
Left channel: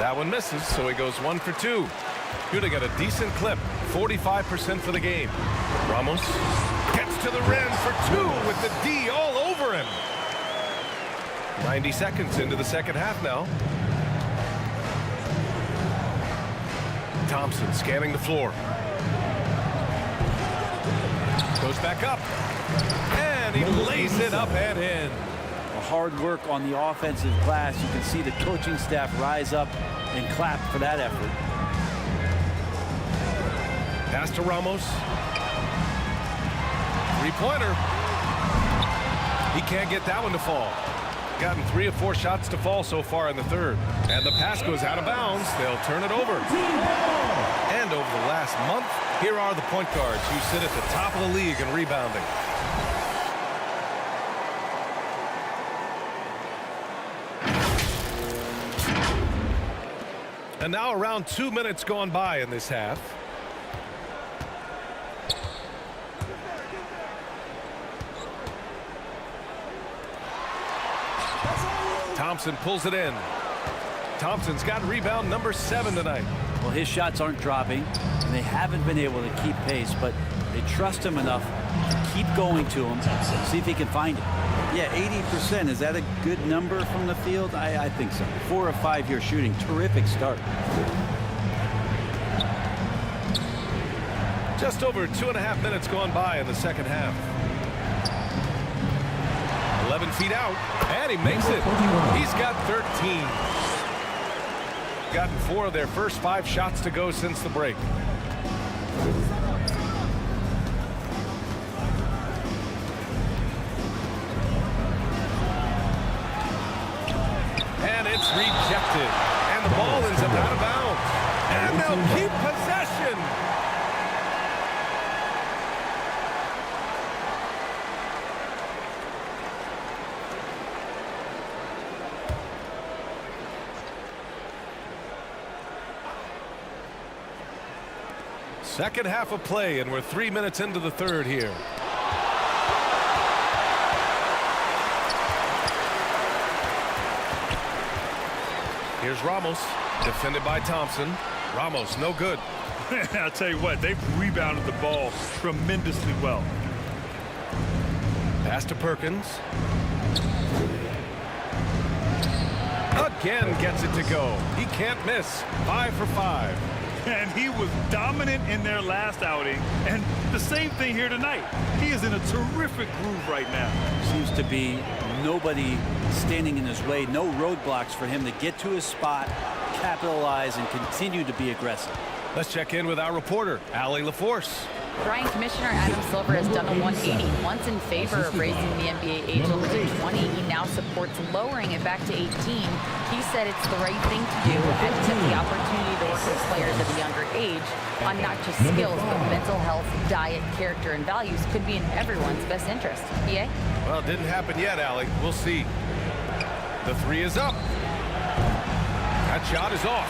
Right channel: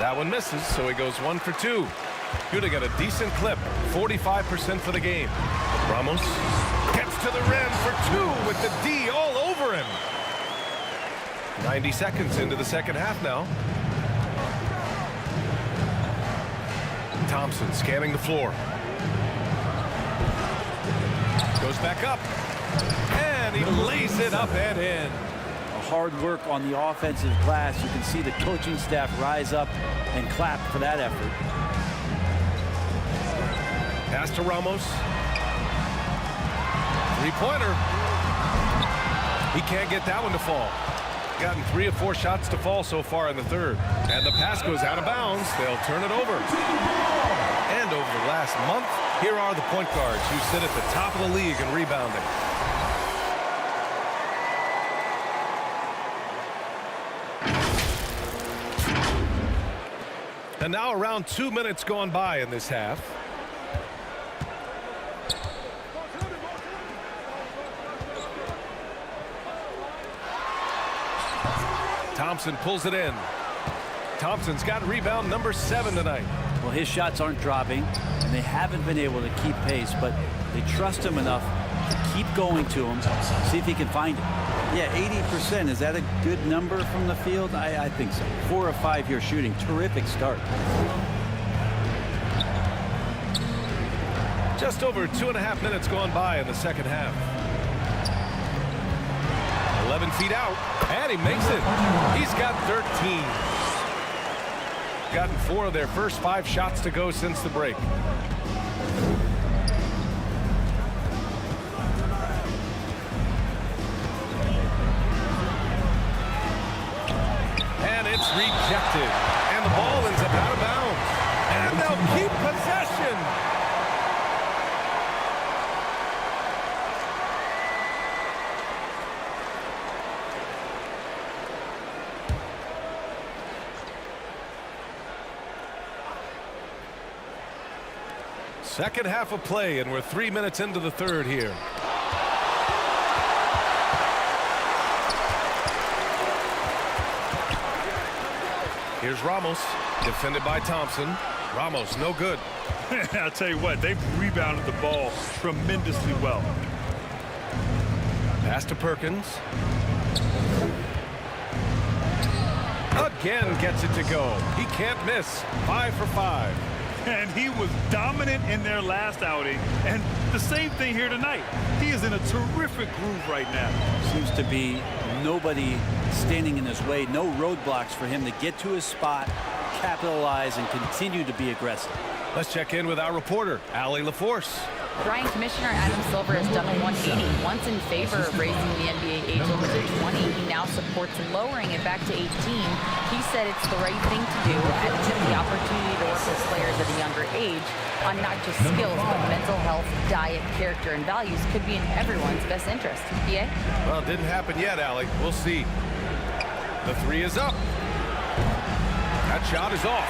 That one misses, so he goes 1 for 2. Giga got a decent clip, 45% for the game. Ramos gets to the rim for 2 with the D all over him. 90 seconds into the second half now. Thompson scanning the floor. Goes back up. And he lays it up and in. Hard work on the offensive glass. You can see the coaching staff rise up and clap for that effort. Pass to Ramos. Three-pointer. He can't get that one to fall. Gotten 3 of 4 shots to fall so far in the third. And the pass goes out of bounds. They'll turn it over. And over the last month, here are the point guards who sit at the top of the league in rebounding. And now around 2 minutes gone by in this half. Thompson pulls it in. Thompson's got rebound number 7 tonight. Well, his shots aren't dropping, and they haven't been able to keep pace, but they trust him enough to keep going to him, see if he can find it. Yeah, 80%. Is that a good number from the field? I think so. 4 of 5 here shooting. Terrific start. Just over 2.5 minutes gone by in the second half. 11 feet out, and he makes it. He's got 13. Gotten 4 of their first 5 shots to go since the break. And it's rejected. And the ball ends up out of bounds. And they'll keep possession. Second half of play, and we're 3 minutes into the third here. Here's Ramos, defended by Thompson. Ramos, no good. I'll tell you what, they've rebounded the ball tremendously well. Pass to Perkins. Again gets it to go. He can't miss. 5 for 5. And he was dominant in their last outing, and the same thing here tonight. He is in a terrific groove right now. Seems to be nobody standing in his way, no roadblocks for him to get to his spot, capitalize, and continue to be aggressive. Let's check in with our reporter, Allie LaForce. Brian, Commissioner Adam Silver has done a 180. Once in favor of raising the NBA age limit to 20, he now supports lowering it back to 18. He said it's the right thing to do, adding that the opportunity to work with players at a younger age on not just skills, but mental health, diet, character, and values could be in everyone's best interest. BA? Well, it didn't happen yet, Allie. We'll see. The 3 is up. That shot is off.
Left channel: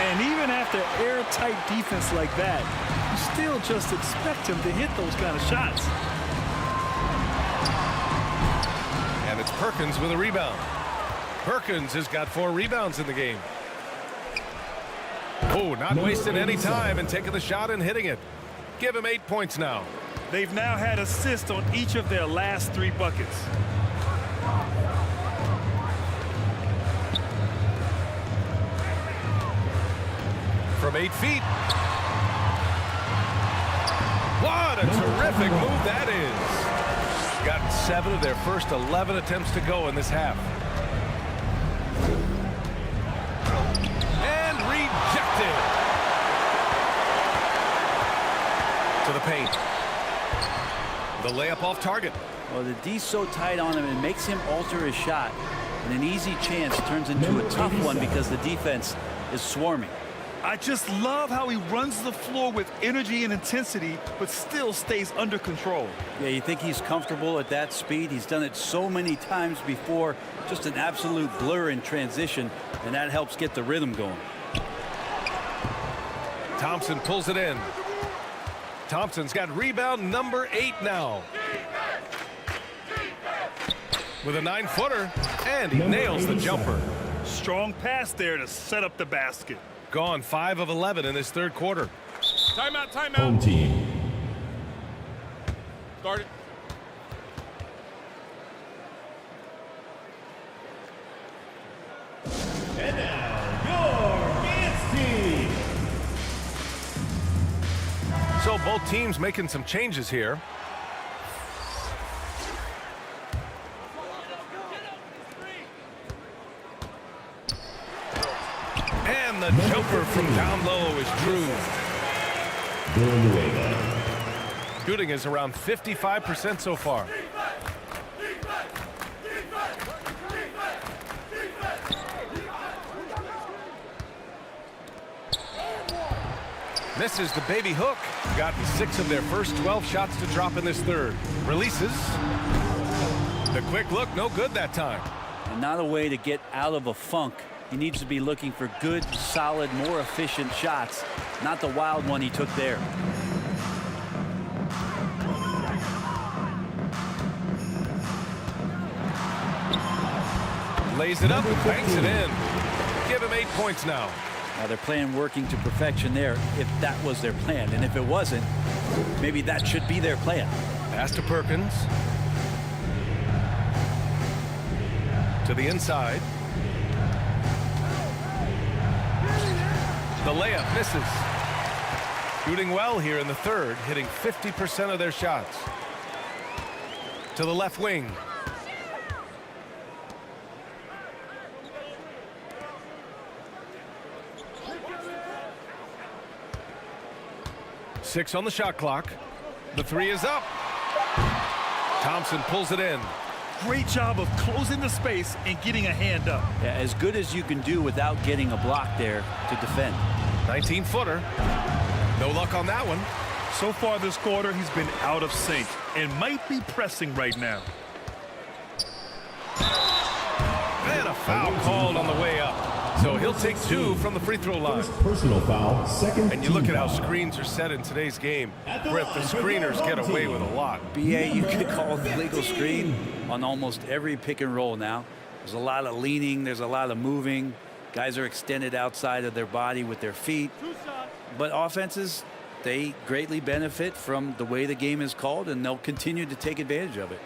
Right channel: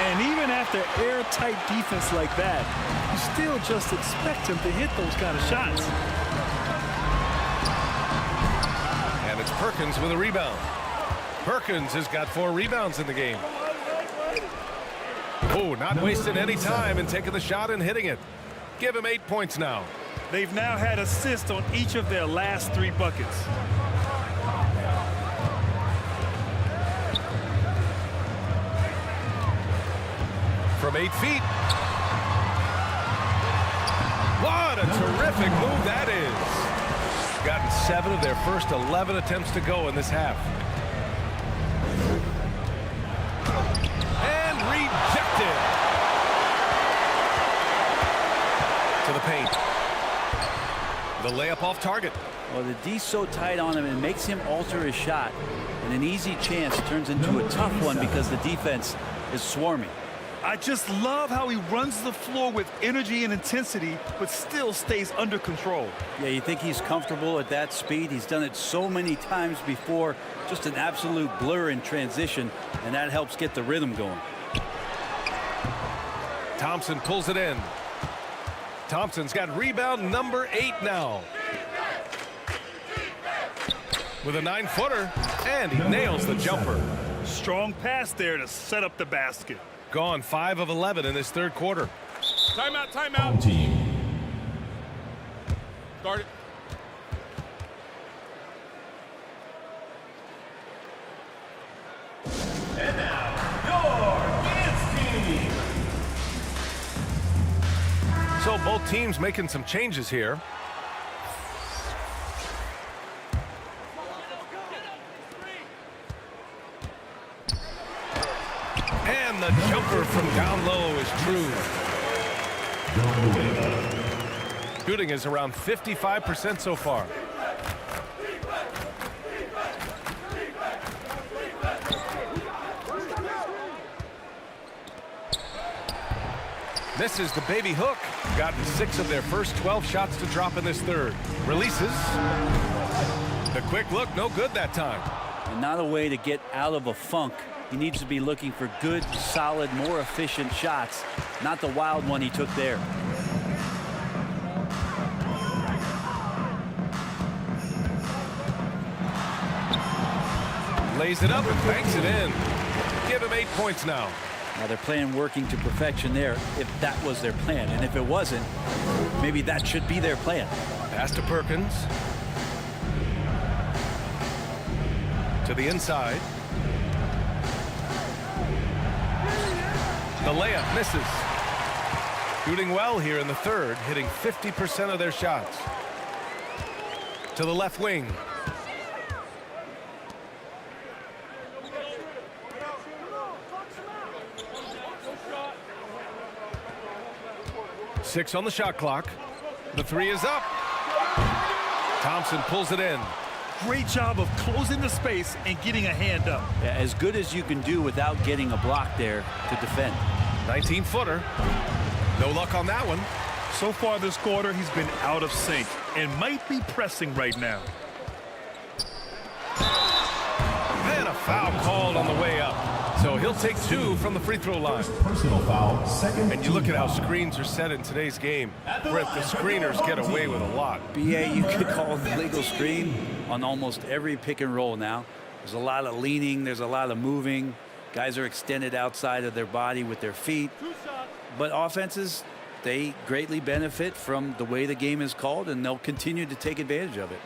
And even after airtight defense like that, you still just expect him to hit those kind of shots. And it's Perkins with a rebound. Perkins has got 4 rebounds in the game. Oh, not wasting any time and taking the shot and hitting it. Give him 8 points now. They've now had assists on each of their last 3 buckets. From 8 feet. What a terrific move that is. gotten 7 of their first 11 attempts to go in this half. And rejected. To the paint. The layup off target. Well, the D's so tight on him, it makes him alter his shot. And an easy chance turns into a tough one because the defense is swarming. I just love how he runs the floor with energy and intensity, but still stays under control. Yeah, you think he's comfortable at that speed. He's done it so many times before. Just an absolute blur in transition, and that helps get the rhythm going. Thompson pulls it in. Thompson's got rebound number 8 now. With a 9-footer, and he nails the jumper. Strong pass there to set up the basket. Gone 5 of 11 in this third quarter. Timeout, timeout. Home team. Start it. And now, your dance team. So both teams making some changes here. And the jumper from down low is true. Shooting is around 55% so far. Misses the baby hook. Gotten 6 of their first 12 shots to drop in this third. Releases. The quick look, no good that time. And not a way to get out of a funk. He needs to be looking for good, solid, more efficient shots, not the wild one he took there. Lays it up and banks it in. Give him 8 points now. Now they're playing working to perfection there, if that was their plan. And if it wasn't, maybe that should be their plan. Pass to Perkins. To the inside. The layup misses. Shooting well here in the third, hitting 50% of their shots. To the left wing. Six on the shot clock. The 3 is up. Thompson pulls it in. Great job of closing the space and getting a hand up. Yeah, as good as you can do without getting a block there to defend. 19-footer. No luck on that one. So far this quarter, he's been out of sync and might be pressing right now. And a foul called on the way up. So he'll take 2 from the free throw line. Personal foul, second. And you look at how screens are set in today's game. Brett, the screeners get away with a lot. BA, you could call the legal screen on almost every pick and roll now. There's a lot of leaning. There's a lot of moving. Guys are extended outside of their body with their feet. But offenses, they greatly benefit from the way the game is called, and they'll continue to take advantage of it.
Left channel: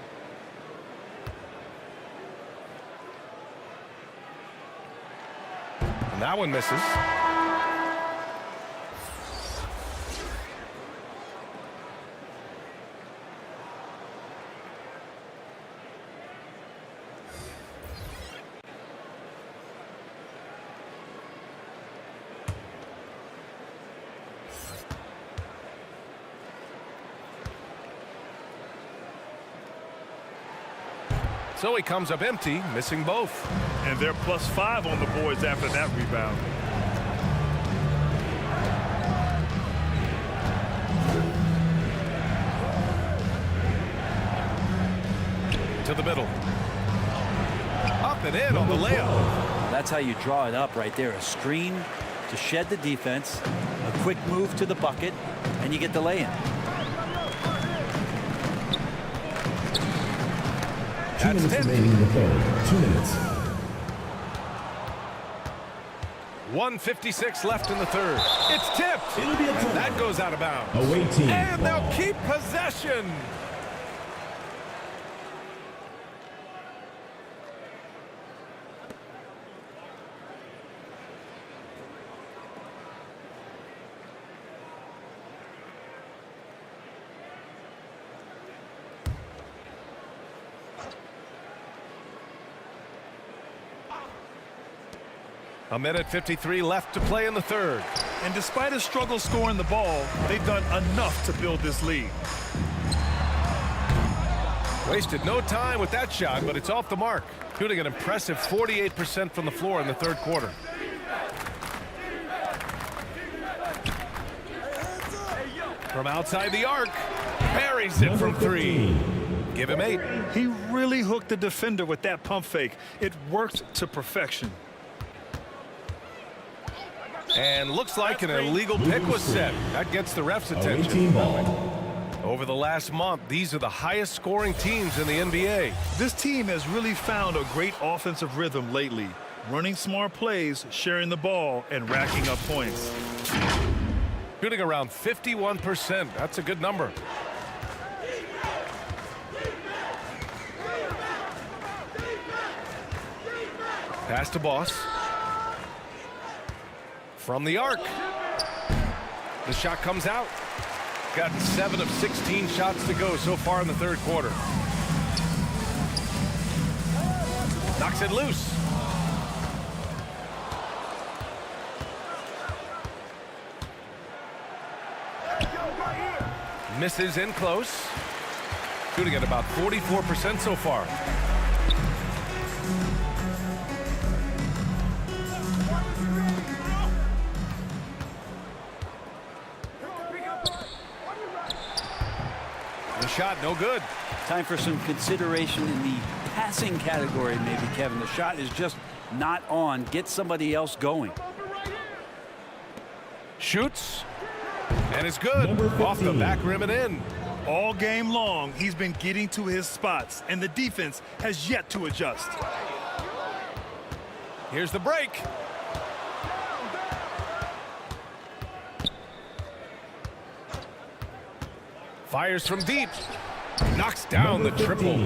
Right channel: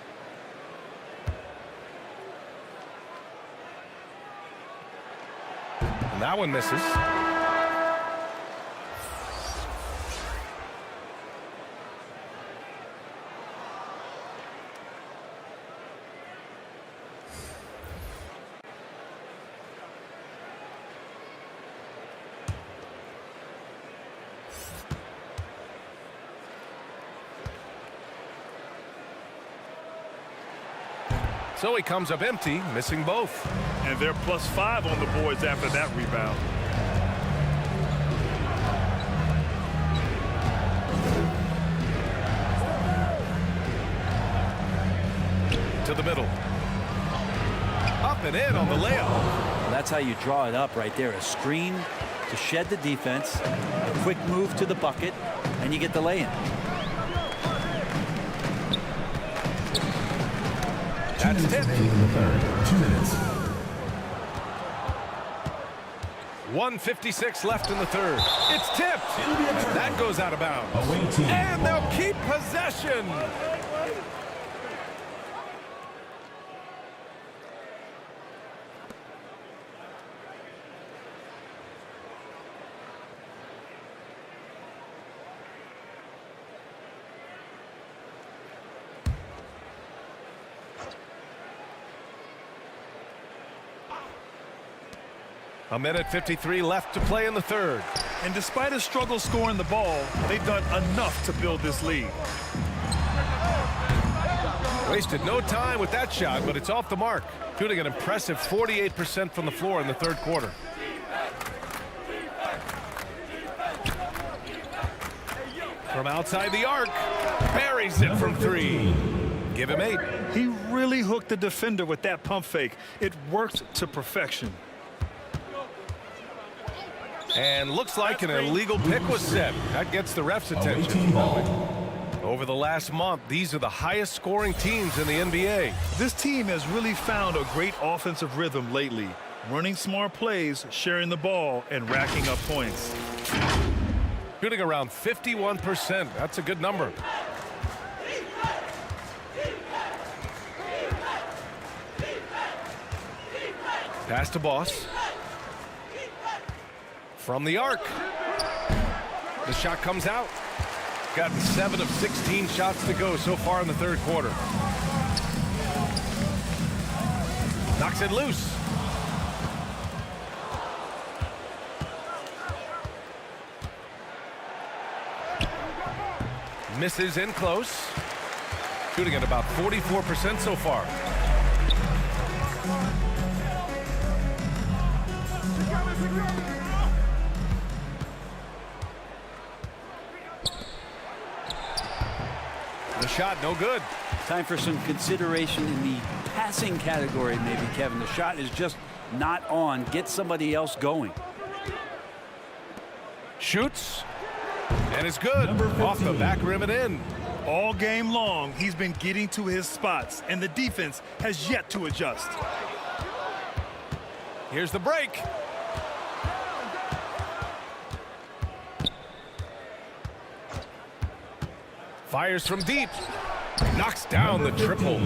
And that one misses. So he comes up empty, missing both. And they're +5 on the boards after that rebound. To the middle. Up and in on the layup. Well, that's how you draw it up right there. A screen to shed the defense, a quick move to the bucket, and you get the lay-in. That's tipped. Remaining in the third. 2 minutes. 1:56 left in the third. It's tipped. And that goes out of bounds. Away team. And they'll keep possession. A minute 53 left to play in the third. And despite a struggle scoring the ball, they've done enough to build this lead. Wasted no time with that shot, but it's off the mark. Shooting an impressive 48% from the floor in the third quarter. From outside the arc, buries it from three. Give him 8. He really hooked the defender with that pump fake. It worked to perfection. And looks like an illegal pick was set. That gets the ref's attention. Over the last month, these are the highest scoring teams in the NBA. This team has really found a great offensive rhythm lately. Running smart plays, sharing the ball, and racking up points. Shooting around 51%. That's a good number. Pass to Boss. From the arc. The shot comes out. Gotten 7 of 16 shots to go so far in the third quarter. Knocks it loose. Misses in close. Shooting at about 44% so far. The shot, no good. Time for some consideration in the passing category, maybe, Kevin. The shot is just not on. Get somebody else going. Shoots. And it's good. Off the back rim and in. All game long, he's been getting to his spots, and the defense has yet to adjust. Here's the break. Fires from deep. Knocks down the triple.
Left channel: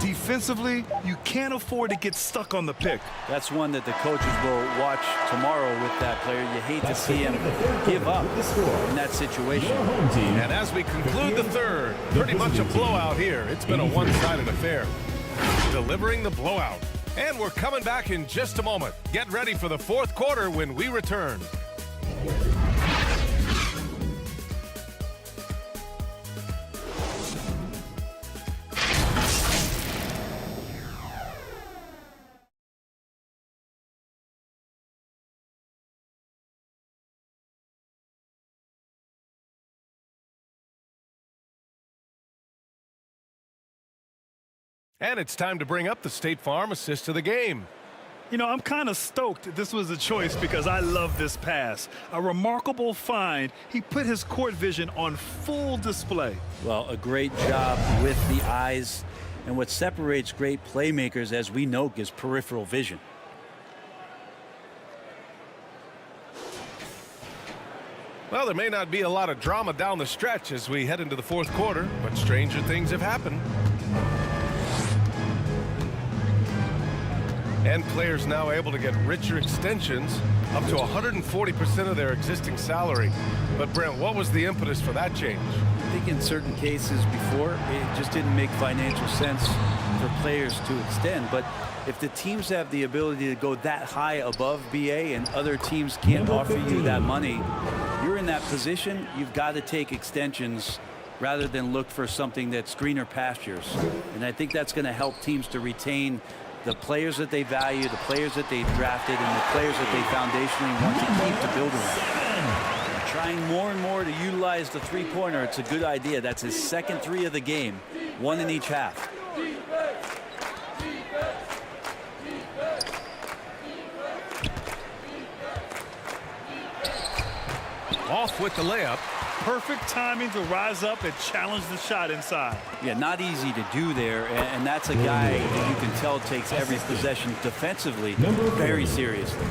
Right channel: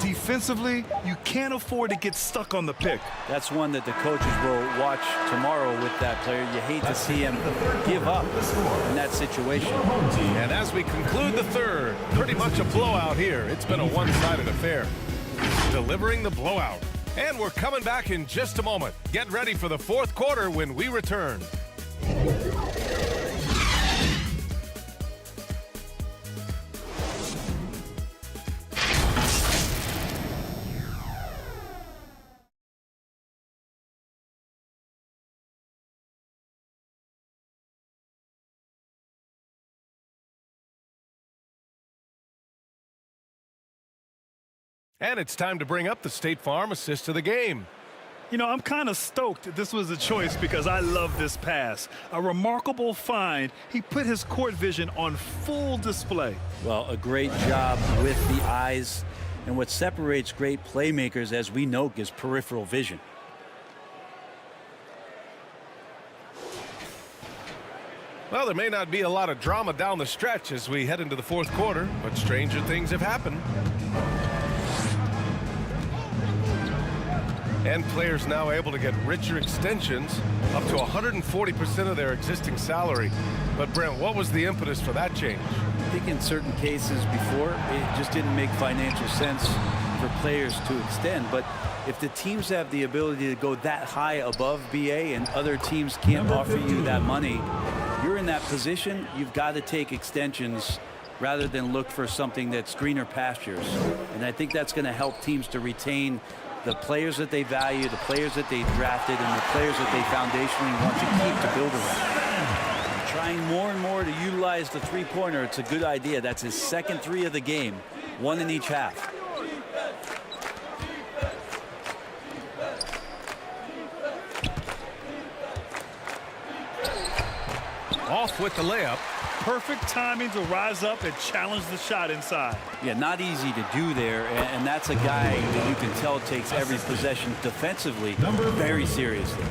Defensively, you can't afford to get stuck on the pick. That's one that the coaches will watch tomorrow with that player. You hate to see him give up in that situation. And as we conclude the third, pretty much a blowout here. It's been a one-sided affair. Delivering the blowout. And we're coming back in just a moment. Get ready for the fourth quarter when we return. And it's time to bring up the State Farm assist of the game. You know, I'm kind of stoked this was a choice because I love this pass. A remarkable find. He put his court vision on full display. Well, a great job with the eyes. And what separates great playmakers, as we know, is peripheral vision. Well, there may not be a lot of drama down the stretch as we head into the fourth quarter, but stranger things have happened. And players now able to get richer extensions, up to 140% of their existing salary. But Brent, what was the impetus for that change? I think in certain cases before, it just didn't make financial sense for players to extend. But if the teams have the ability to go that high above BA and other teams can't offer you that money, you're in that position, you've got to take extensions rather than look for something that's greener pastures. And I think that's going to help teams to retain the players that they value, the players that they drafted, and the players that they foundationally want to keep to build around. Trying more and more to utilize the three-pointer. It's a good idea. That's his second 3 of the game, 1 in each half. Off with the layup. Perfect timing to rise up and challenge the shot inside. Yeah, not easy to do there, and that's a guy that you can tell takes every possession defensively very seriously.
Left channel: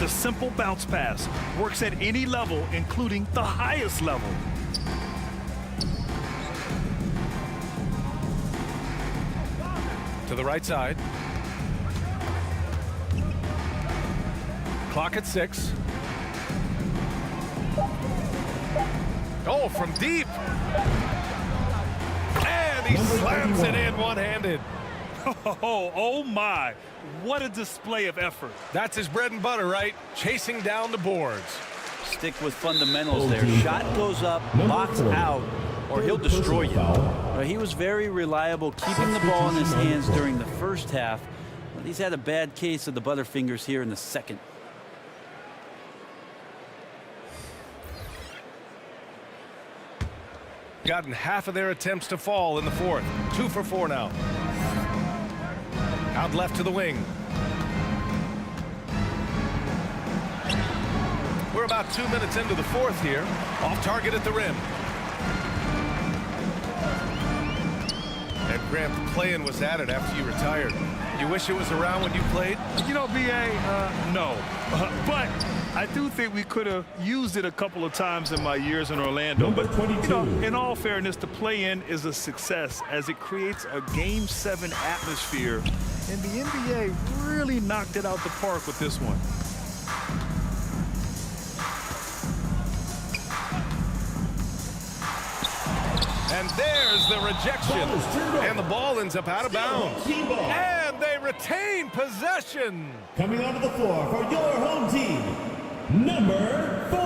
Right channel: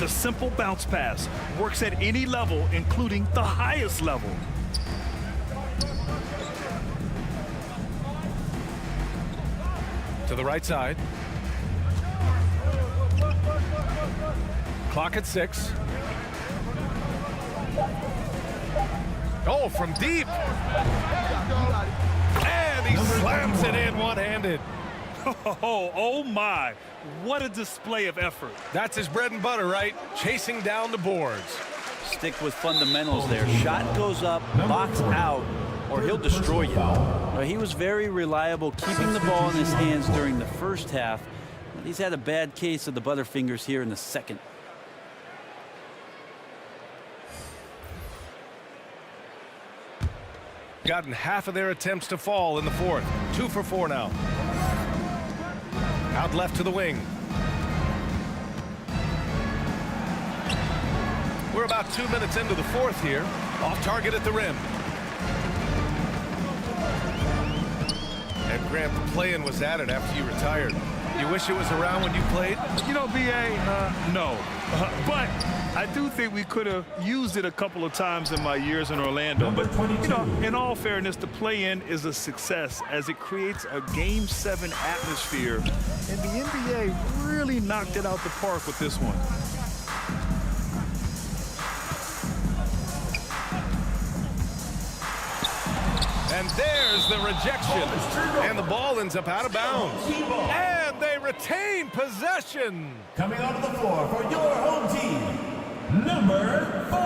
The simple bounce pass works at any level, including the highest level. To the right side. Clock at 6. Oh, from deep. And he slams it in one-handed. Oh my, what a display of effort. That's his bread and butter, right? Chasing down the boards. Stick with fundamentals there. Shot goes up, box out, or he'll destroy you. He was very reliable, keeping the ball in his hands during the first half. But he's had a bad case of the butterfingers here in the second. Gotten half of their attempts to fall in the fourth. 2 for 4 now. Out left to the wing. We're about 2 minutes into the fourth here. Off target at the rim. And Grant, the play-in was added after you retired. You wish it was around when you played? You know, BA, no. But I do think we could have used it a couple of times in my years in Orlando. But, you know, in all fairness, the play-in is a success as it creates a Game 7 atmosphere. And the NBA really knocked it out the park with this one. And there's the rejection. And the ball ends up out of bounds. And they retain possession. Coming onto the floor for your home team, number 4.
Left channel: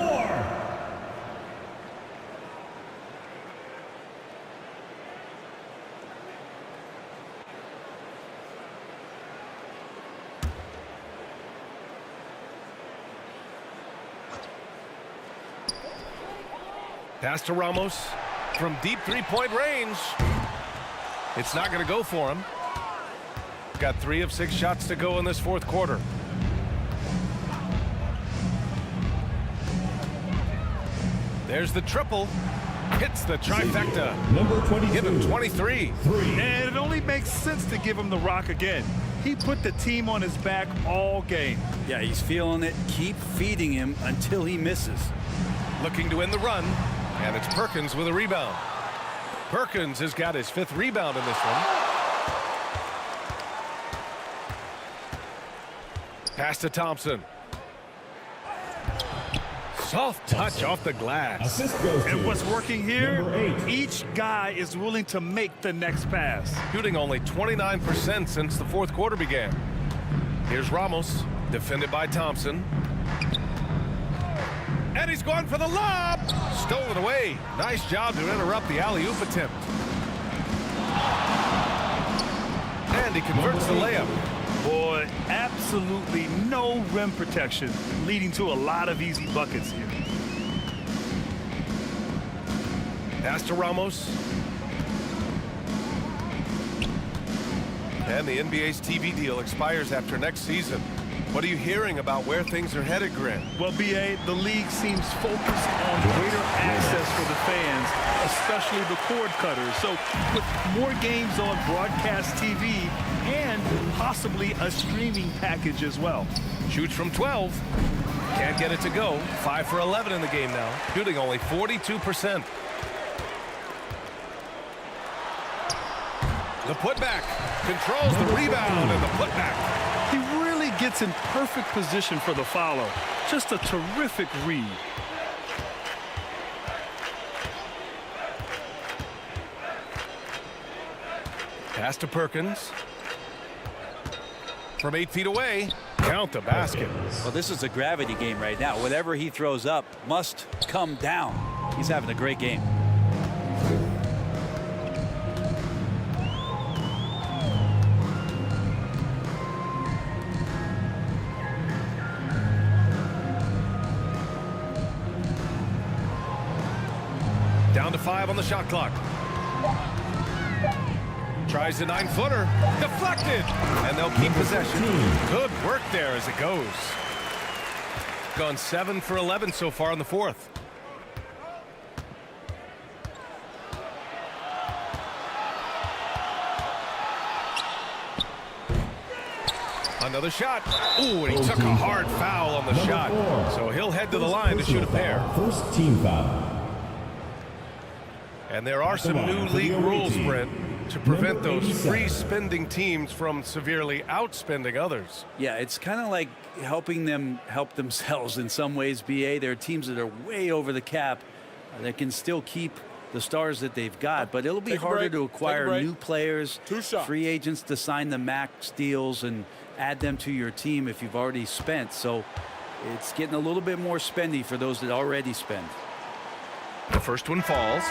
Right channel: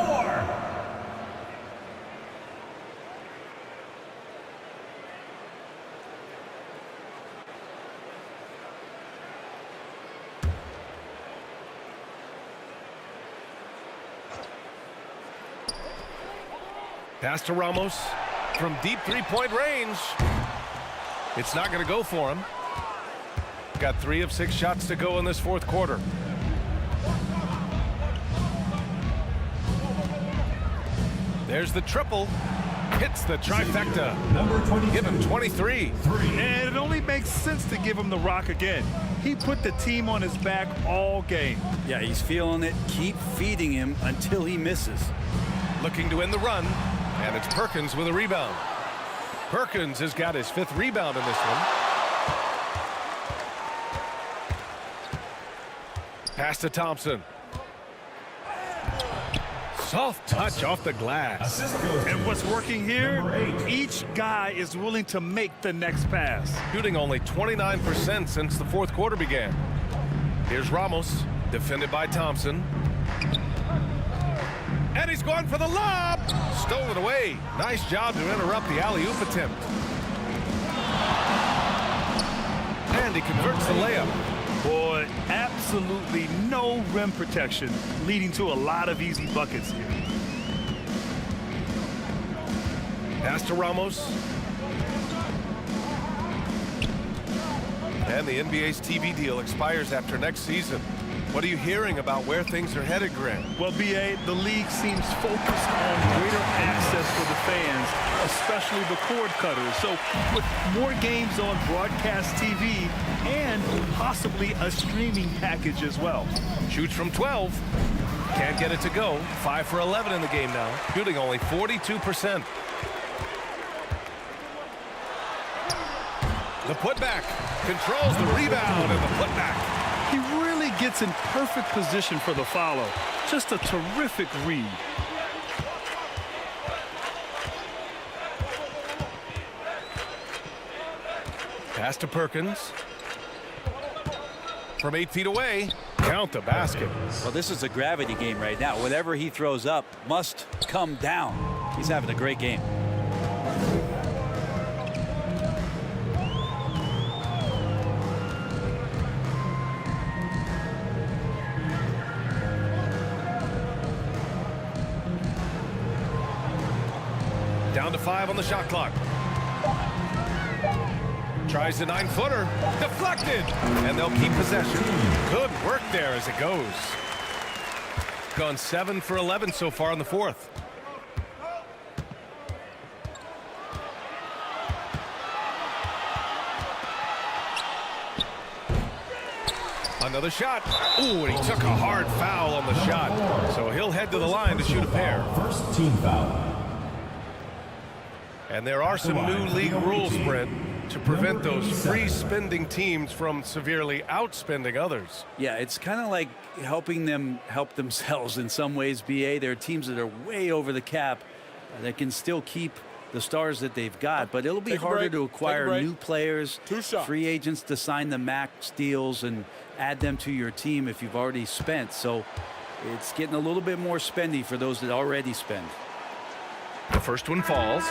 Pass to Ramos from deep three-point range. It's not going to go for him. Got 3 of 6 shots to go in this fourth quarter. There's the triple. Hits the trifecta. Number 22. Give him 23. And it only makes sense to give him the rock again. He put the team on his back all game. Yeah, he's feeling it. Keep feeding him until he misses. Looking to end the run. And it's Perkins with a rebound. Perkins has got his 5th rebound in this one. Pass to Thompson. Soft touch off the glass. And what's working here, each guy is willing to make the next pass. Shooting only 29% since the fourth quarter began. Here's Ramos, defended by Thompson. And he's going for the lob. Stolen away. Nice job to interrupt the alley-oop attempt. And he converts the layup. Boy, absolutely no rim protection, leading to a lot of easy buckets here. Pass to Ramos. And the NBA's TV deal expires after next season. What are you hearing about where things are headed, Grant? Well, BA, the league seems focused on greater access for the fans, especially the cord cutters. So with more games on broadcast TV and possibly a streaming package as well. Shoots from 12. Can't get it to go. 5 for 11 in the game now. Shooting only 42%. The putback. Controls the rebound and the putback. He really gets in perfect position for the follow. Just a terrific read. Pass to Perkins. From 8 feet away. Count the basket. Well, this is a gravity game right now. Whatever he throws up must come down. He's having a great game. Down to 5 on the shot clock. Tries the 9-footer. Deflected. And they'll keep possession. Good work there as it goes. Gone 7 for 11 so far in the fourth. Another shot. Ooh, and he took a hard foul on the shot. So he'll head to the line to shoot a pair. First team foul. And there are some new league rules, Brent, to prevent those free spending teams from severely outspending others. Yeah, it's kind of like helping them help themselves in some ways, BA. There are teams that are way over the cap that can still keep the stars that they've got, but it'll be harder to acquire new players, free agents to sign the max deals and add them to your team if you've already spent. So it's getting a little bit more spendy for those that already spend. The first one falls.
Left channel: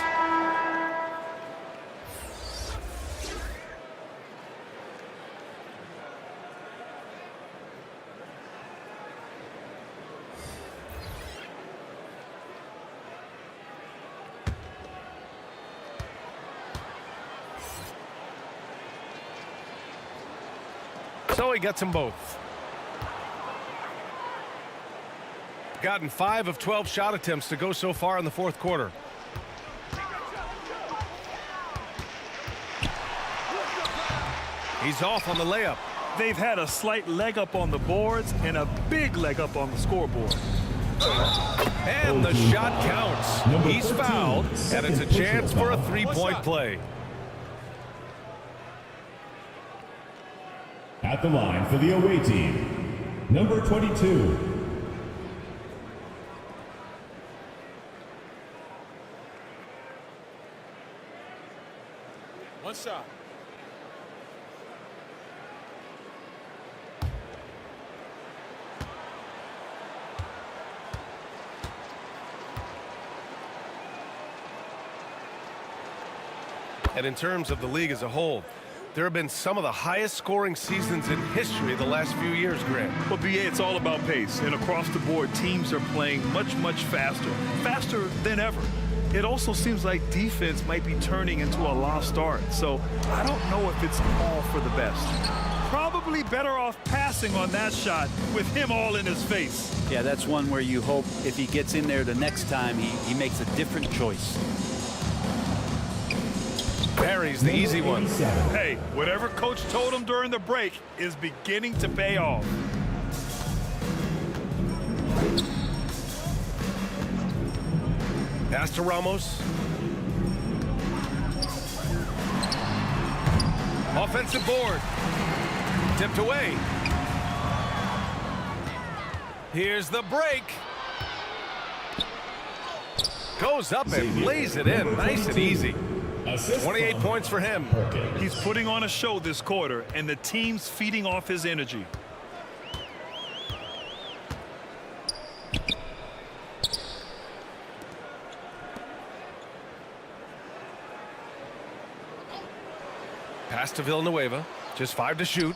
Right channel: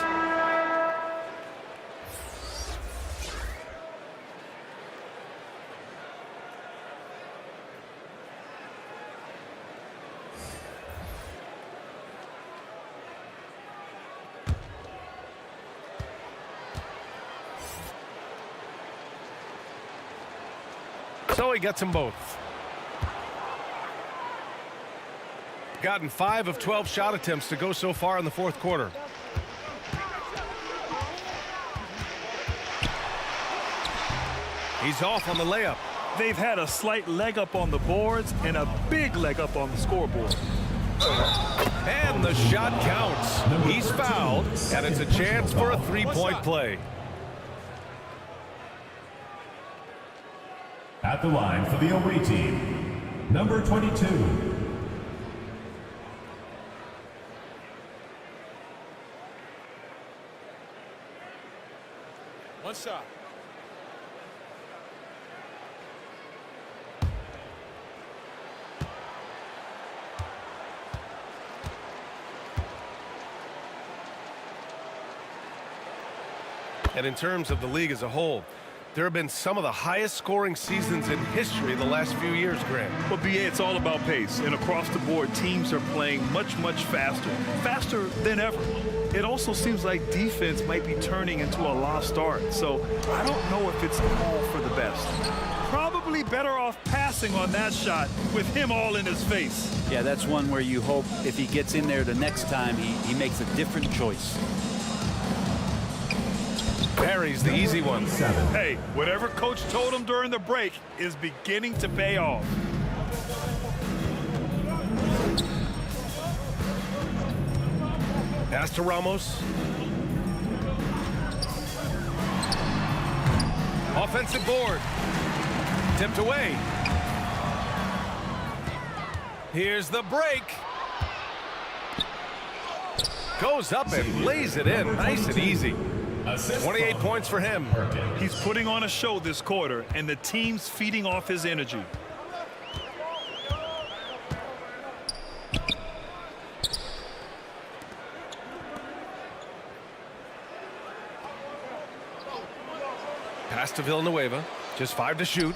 So he gets them both. Gotten 5 of 12 shot attempts to go so far in the fourth quarter. He's off on the layup. They've had a slight leg up on the boards and a big leg up on the scoreboard. And the shot counts. He's fouled, and it's a chance for a three-point play. At the line for the away team, number 22. One shot. And in terms of the league as a whole, there have been some of the highest scoring seasons in history the last few years, Grant. Well, BA, it's all about pace. And across the board, teams are playing much, much faster than ever. It also seems like defense might be turning into a lost art. So I don't know if it's all for the best. Probably better off passing on that shot with him all in his face. Yeah, that's one where you hope if he gets in there the next time, he makes a different choice. Parry's the easy one. Hey, whatever coach told him during the break is beginning to pay off. Pass to Ramos. Offensive board. Tipped away. Here's the break. Goes up and lays it in. Nice and easy. 28 points for him. He's putting on a show this quarter, and the team's feeding off his energy. Pass to Villanueva. Just 5 to shoot.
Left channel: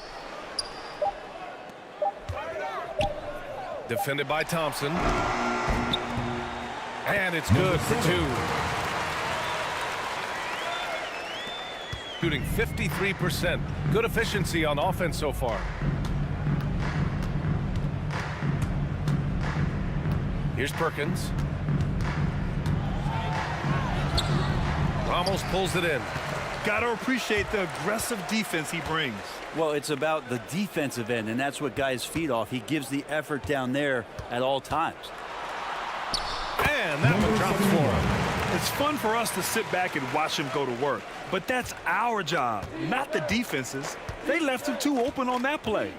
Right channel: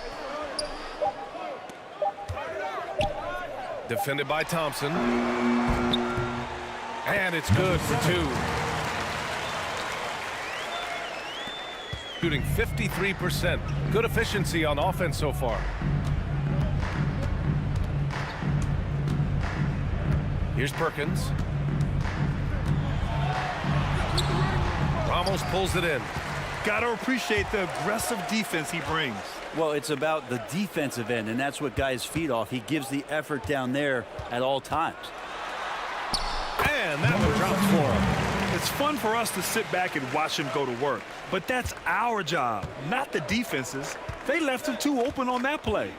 Defended by Thompson. And it's good for 2. Shooting 53%. Good efficiency on offense so far. Here's Perkins. Ramos pulls it in. Got to appreciate the aggressive defense he brings. Well, it's about the defensive end, and that's what guys feed off. He gives the effort down there at all times. And that one drops for him. It's fun for us to sit back and watch him go to work, but that's our job, not the defense's. They left him too open on that play.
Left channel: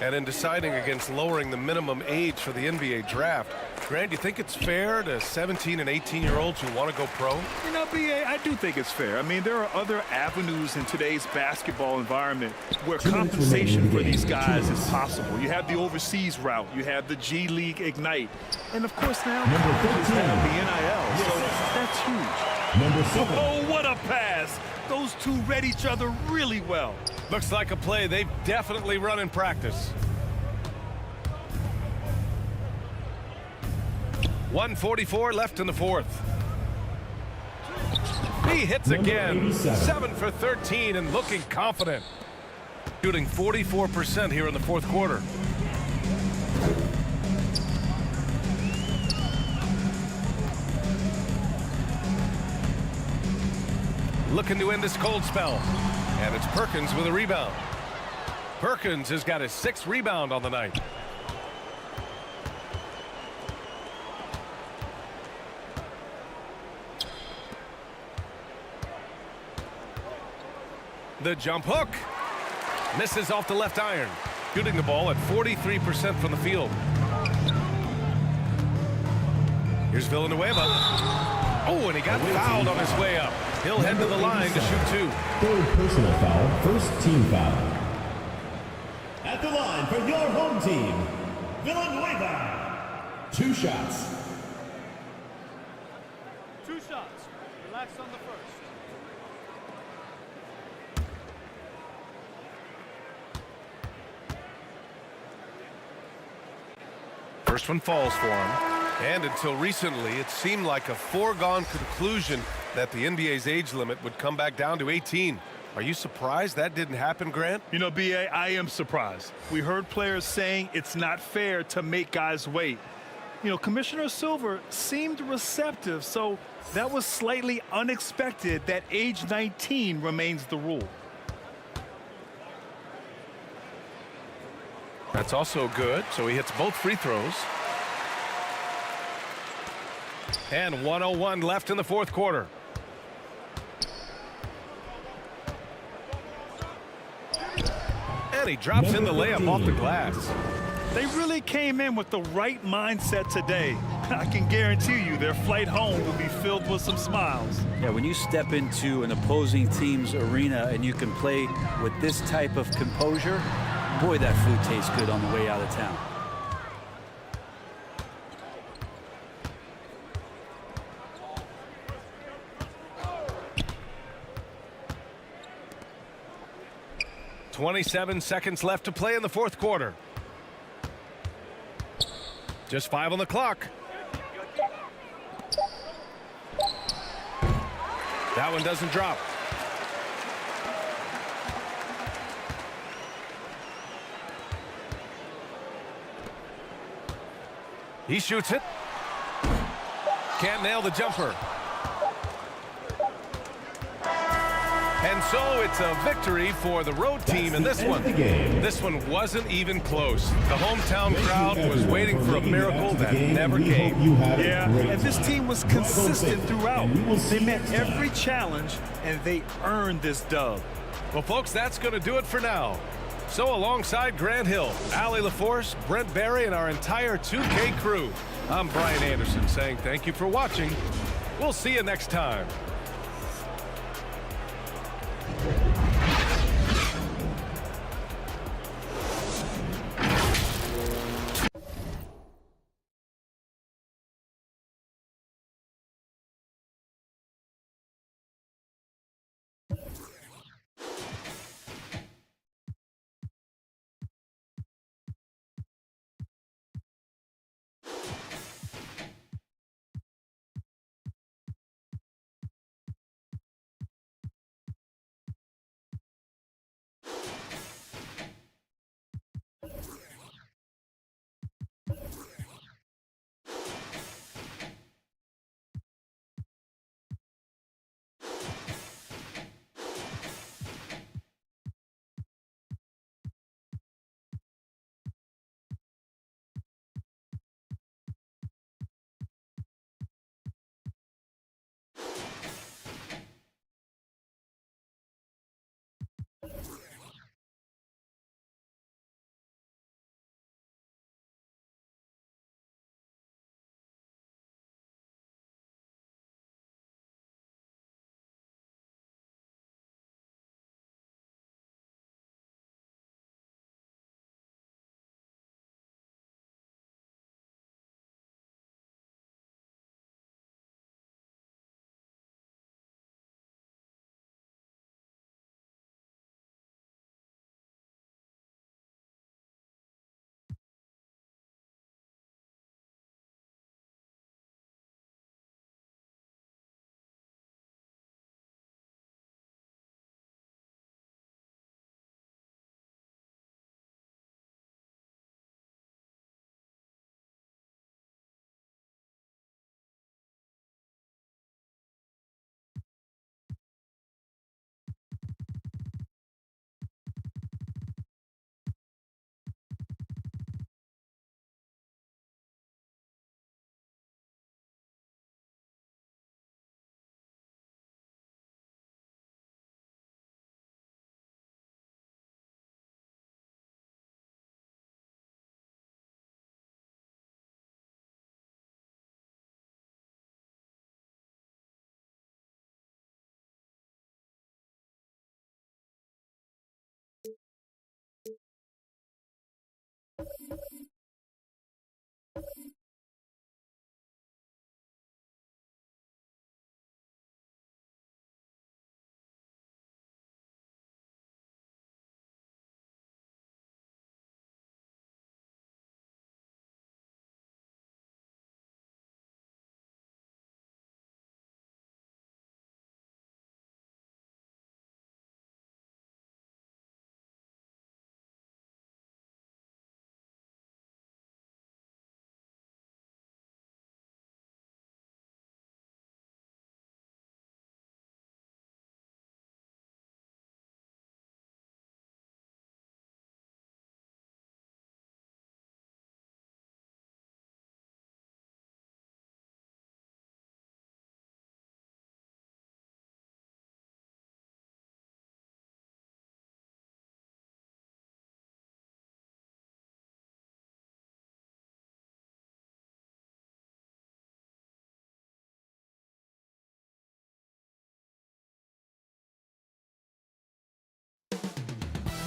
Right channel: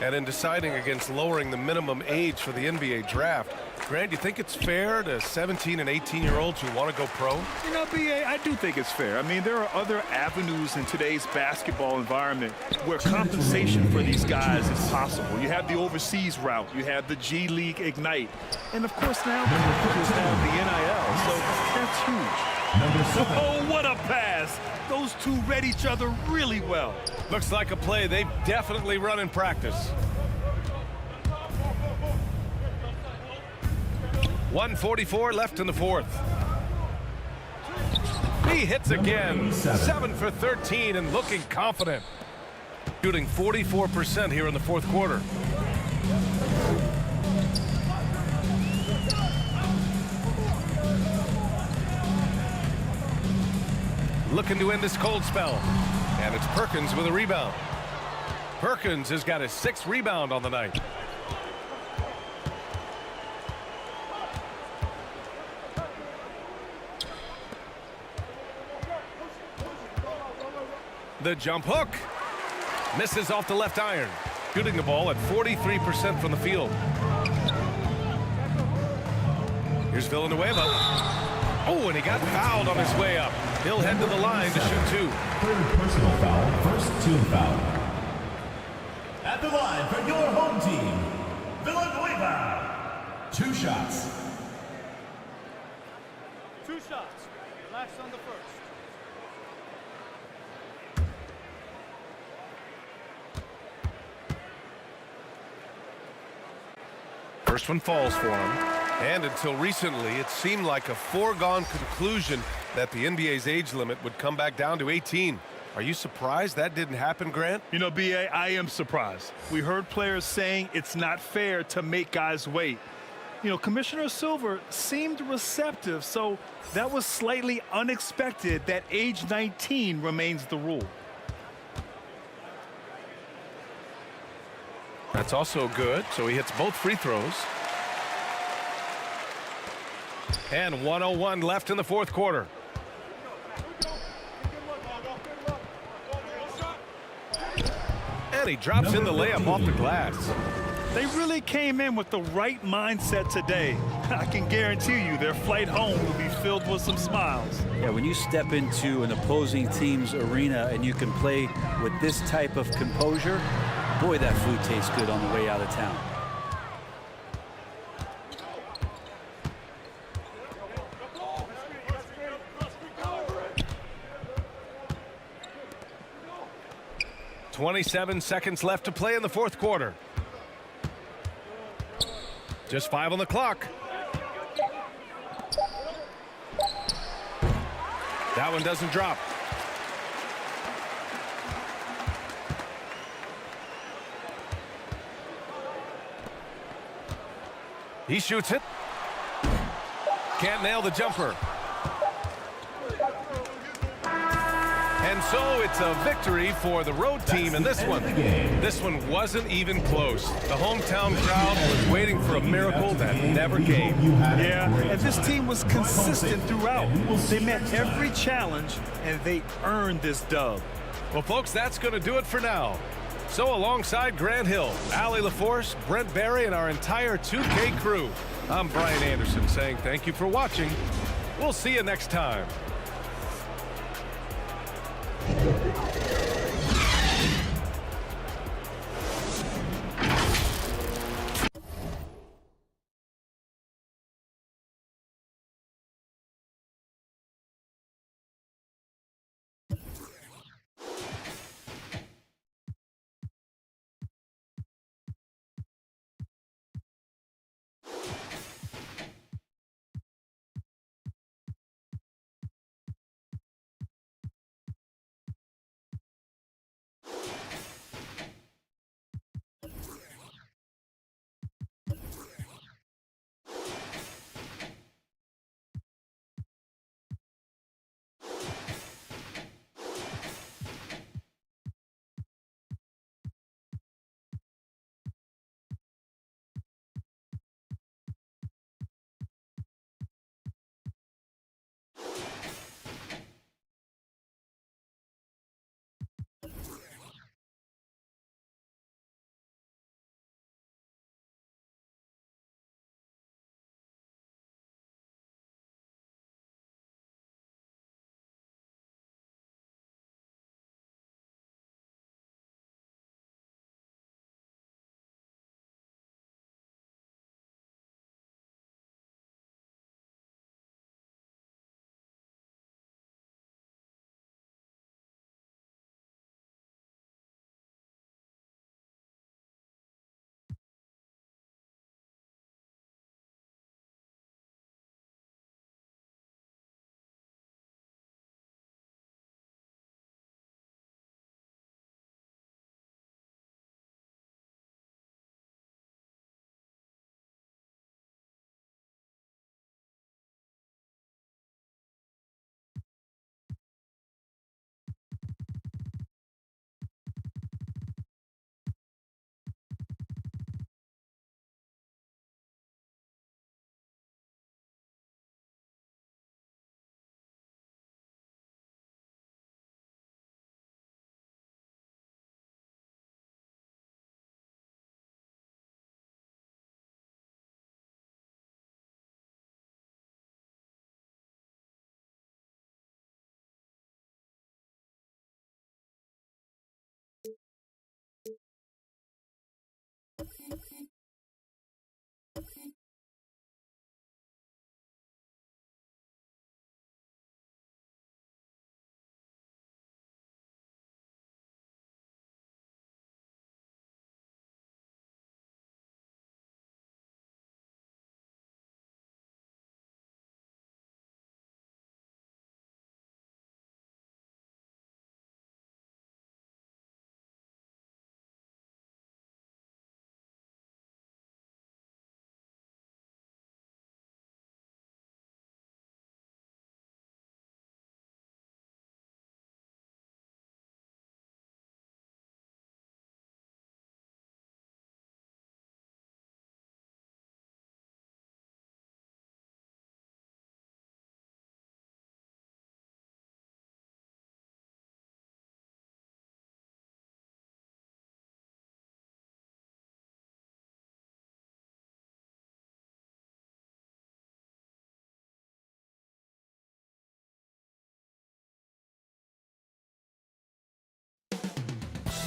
And in deciding against lowering the minimum age for the NBA draft, Grant, do you think it's fair to 17 and 18-year-olds who want to go pro? You know, BA, I do think it's fair. I mean, there are other avenues in today's basketball environment where compensation for these guys is possible. You have the overseas route. You have the G League Ignite. And, of course, now colleges have the NIL, so that's huge. Number 7. Oh, what a pass. Those two read each other really well. Looks like a play they've definitely run in practice. 1:44 left in the fourth. He hits again. 7 for 13 and looking confident. Shooting 44% here in the fourth quarter. Looking to end this cold spell. And it's Perkins with a rebound. Perkins has got his 6th rebound on the night. The jump hook. Misses off the left iron. Shooting the ball at 43% from the field. Here's Villanueva. Oh, and he got fouled on his way up. He'll head to the line to shoot 2. Third personal foul, first team foul. At the line for your home team, Villanueva. 2 shots. 2 shots. Relax on the first. First one falls for him. And until recently, it seemed like a foregone conclusion that the NBA's age limit would come back down to 18. Are you surprised that didn't happen, Grant? You know, B.A., I am surprised. We heard players saying it's not fair to make guys wait. You know, Commissioner Silver seemed receptive, so that was slightly unexpected that age 19 remains the rule. That's also good, so he hits both free throws. And 101 left in the fourth quarter. And he drops in the layup off the glass. They really came in with the right mindset today. I can guarantee you their flight home will be filled with some smiles. Yeah, when you step into an opposing team's arena and you can play with this type of composure, boy, that food tastes good on the way out of town. .27 seconds left to play in the fourth quarter. Just 5 on the clock. That one doesn't drop. He shoots it. Can't nail the jumper. And so it's a victory for the road team in this one. This one wasn't even close. The hometown crowd was waiting for a miracle that never came. Yeah, and this team was consistent throughout. They met every challenge, and they earned this dub. Well, folks, that's going to do it for now. So alongside Grant Hill, Allie LaForce, Brent Barry, and our entire 2K crew, I'm Brian Anderson saying thank you for watching. We'll see you next time.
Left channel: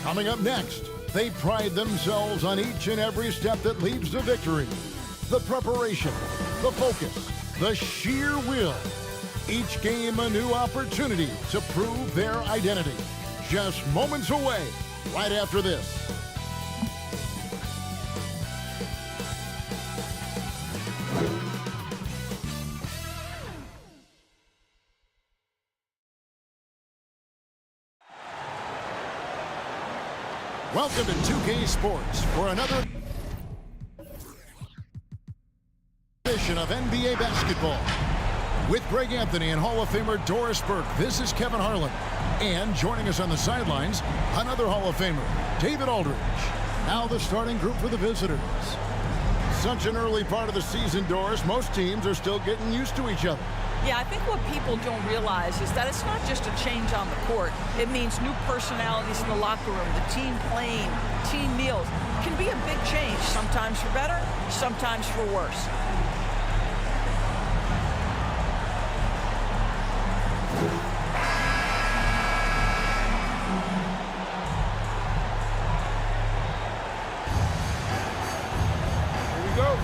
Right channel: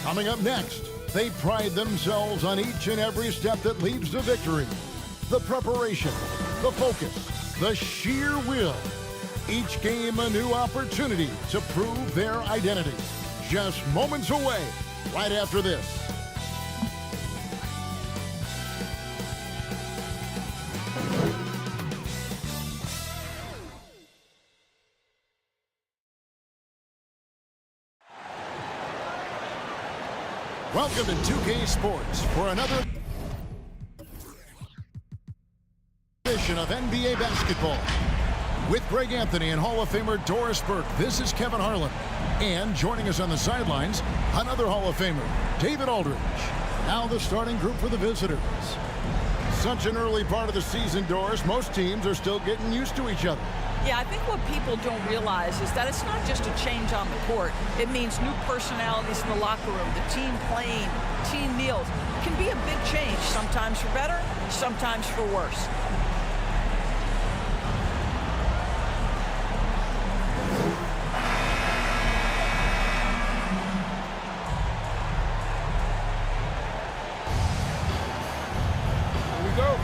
Coming up next, they pride themselves on each and every step that leads to victory. The preparation, the focus, the sheer will. Each game a new opportunity to prove their identity. Just moments away, right after this. Welcome to 2K Sports for another edition of NBA basketball. With Greg Anthony and Hall of Famer Doris Burke, this is Kevin Harlan. And joining us on the sidelines, another Hall of Famer, David Aldridge. Now the starting group for the visitors. Such an early part of the season, Doris. Most teams are still getting used to each other. Yeah, I think what people don't realize is that it's not just a change on the court. It means new personalities in the locker room, the team playing, team meals. It can be a big change, sometimes for better, sometimes for worse. Here we go.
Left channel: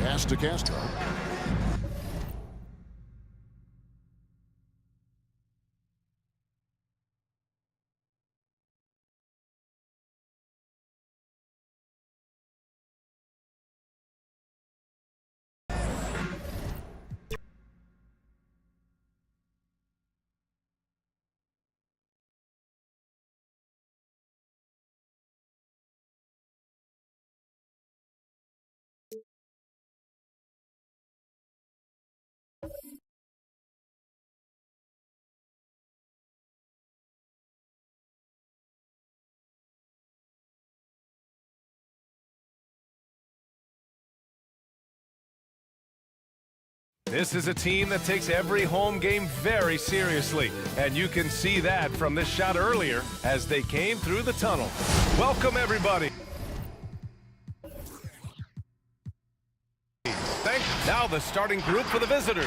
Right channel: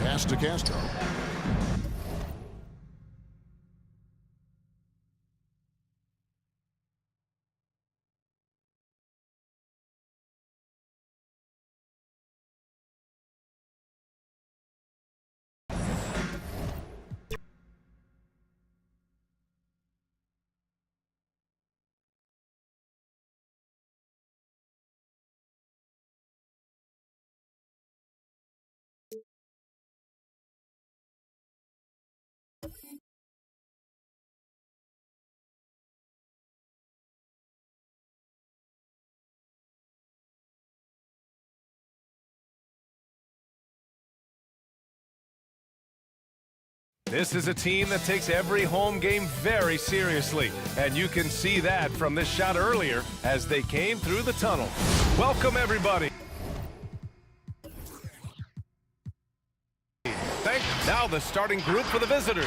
Pass to Castro. This is a team that takes every home game very seriously, and you can see that from this shot earlier as they came through the tunnel. Welcome, everybody. Now the starting group for the visitors.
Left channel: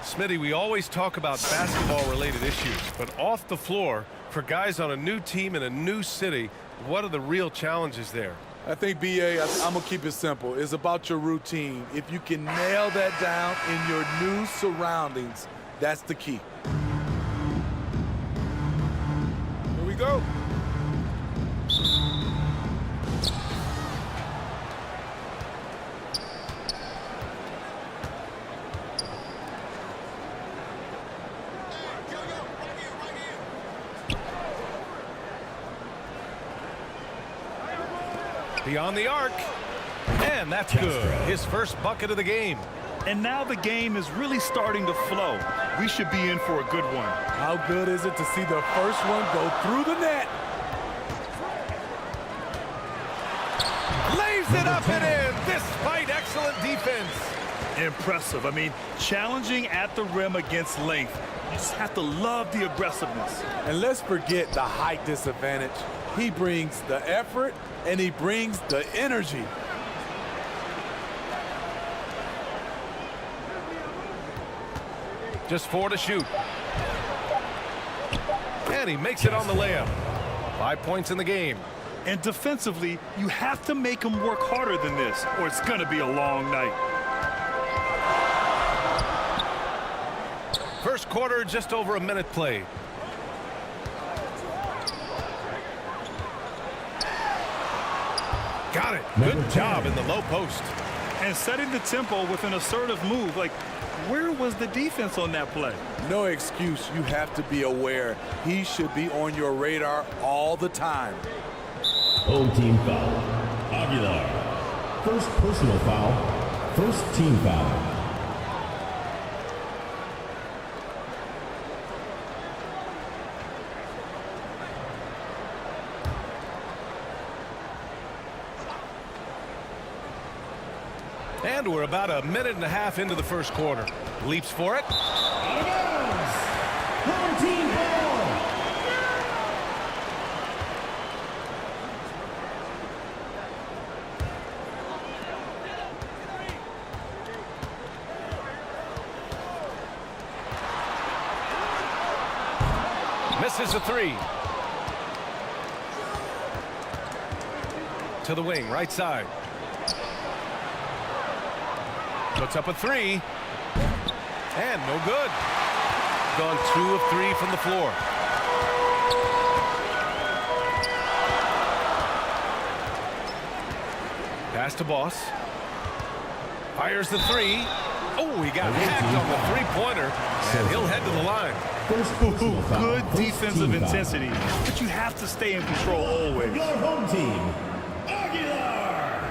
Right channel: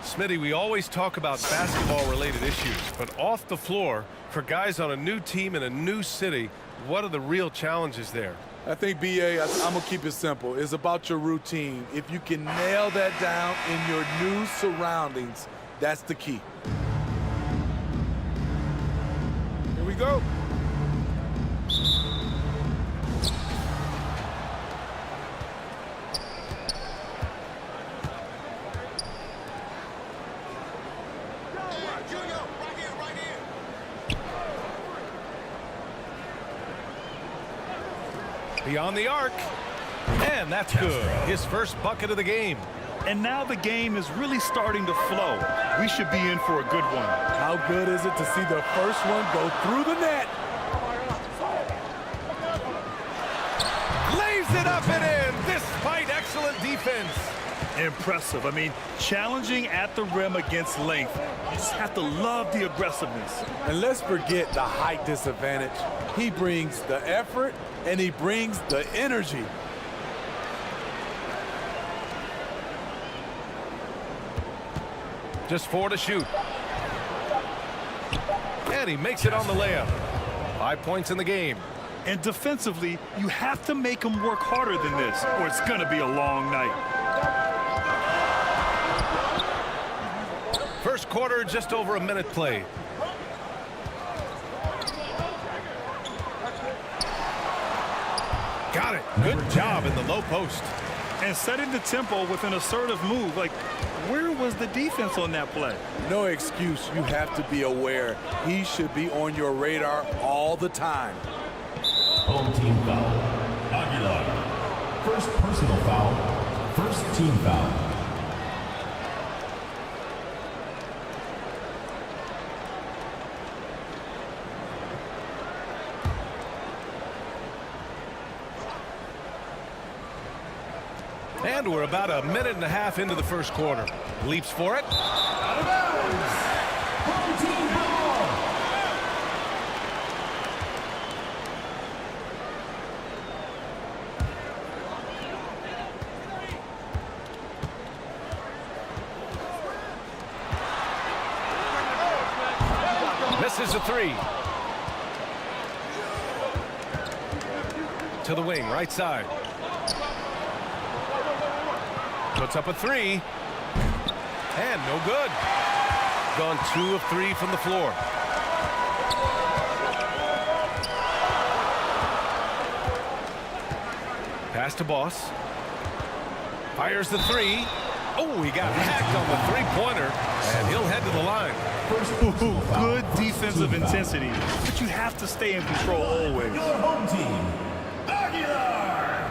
Smitty, we always talk about basketball-related issues, but off the floor, for guys on a new team in a new city, what are the real challenges there? I think, BA, I'm going to keep it simple. It's about your routine. If you can nail that down in your new surroundings, that's the key. Here we go. Beyond the arc, and that's good. His first bucket of the game. And now the game is really starting to flow. We should be in for a good one. How good is it to see the first one go through the net? Lays it up and in, despite excellent defense. Impressive. I mean, challenging at the rim against length. You just have to love the aggressiveness. And let's forget the height disadvantage. He brings the effort, and he brings the energy. Just 4 to shoot. And he makes it on the layup. 5 points in the game. And defensively, you have to make him work harder than this, or it's going to be a long night. First quarter, just over a minute played. Got it. Good job in the low post. And setting the tempo with an assertive move. Like, where was the defense on that play? No excuse. You have to be aware. He should be on your radar all the time. Home team foul. Aguilar. First personal foul. First team foul. And we're about a minute and a half into the first quarter. Leaps for it. Out of bounds. Home team ball. Misses a three. To the wing, right side. Puts up a three. And no good. Gone 2 of 3 from the floor. Pass to Boss. Fires the three. Oh, he got hacked on the three-pointer, and he'll head to the line. Good defensive intensity, but you have to stay in control always. Your home team, Aguilar.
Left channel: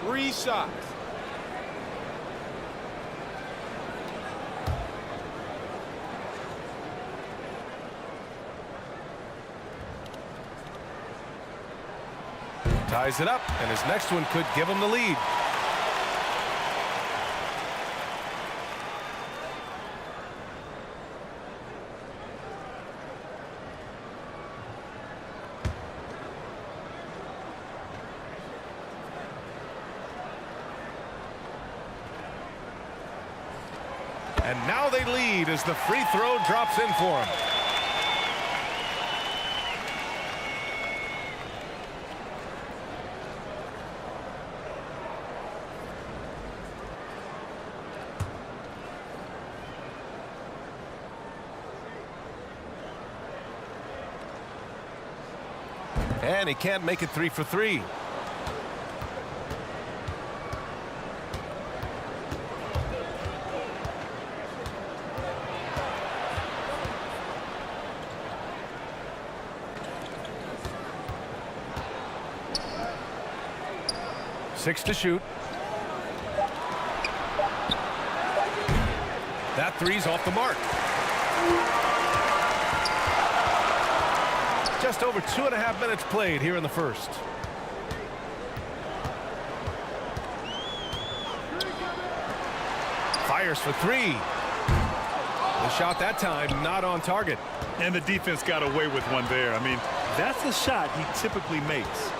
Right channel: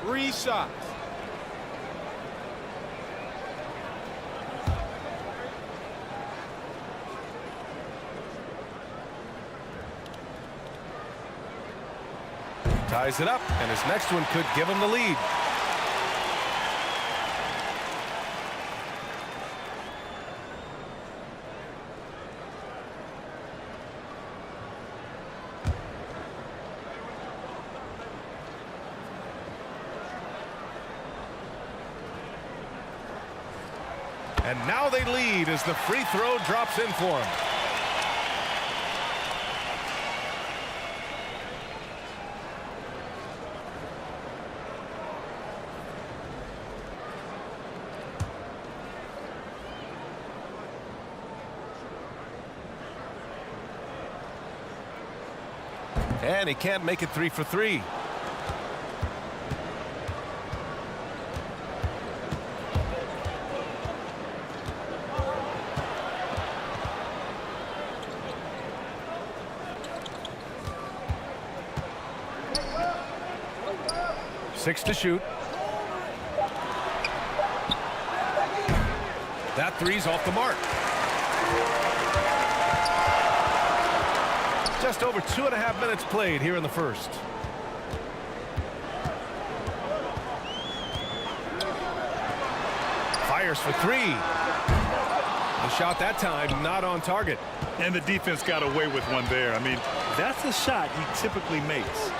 Three shots. Ties it up, and his next one could give him the lead. And now they lead as the free throw drops in for him. And he can't make it 3 for 3. Six to shoot. That three's off the mark. Just over 2.5 minutes played here in the first. Fires for three. The shot that time not on target. And the defense got away with one there. I mean, that's a shot he typically makes.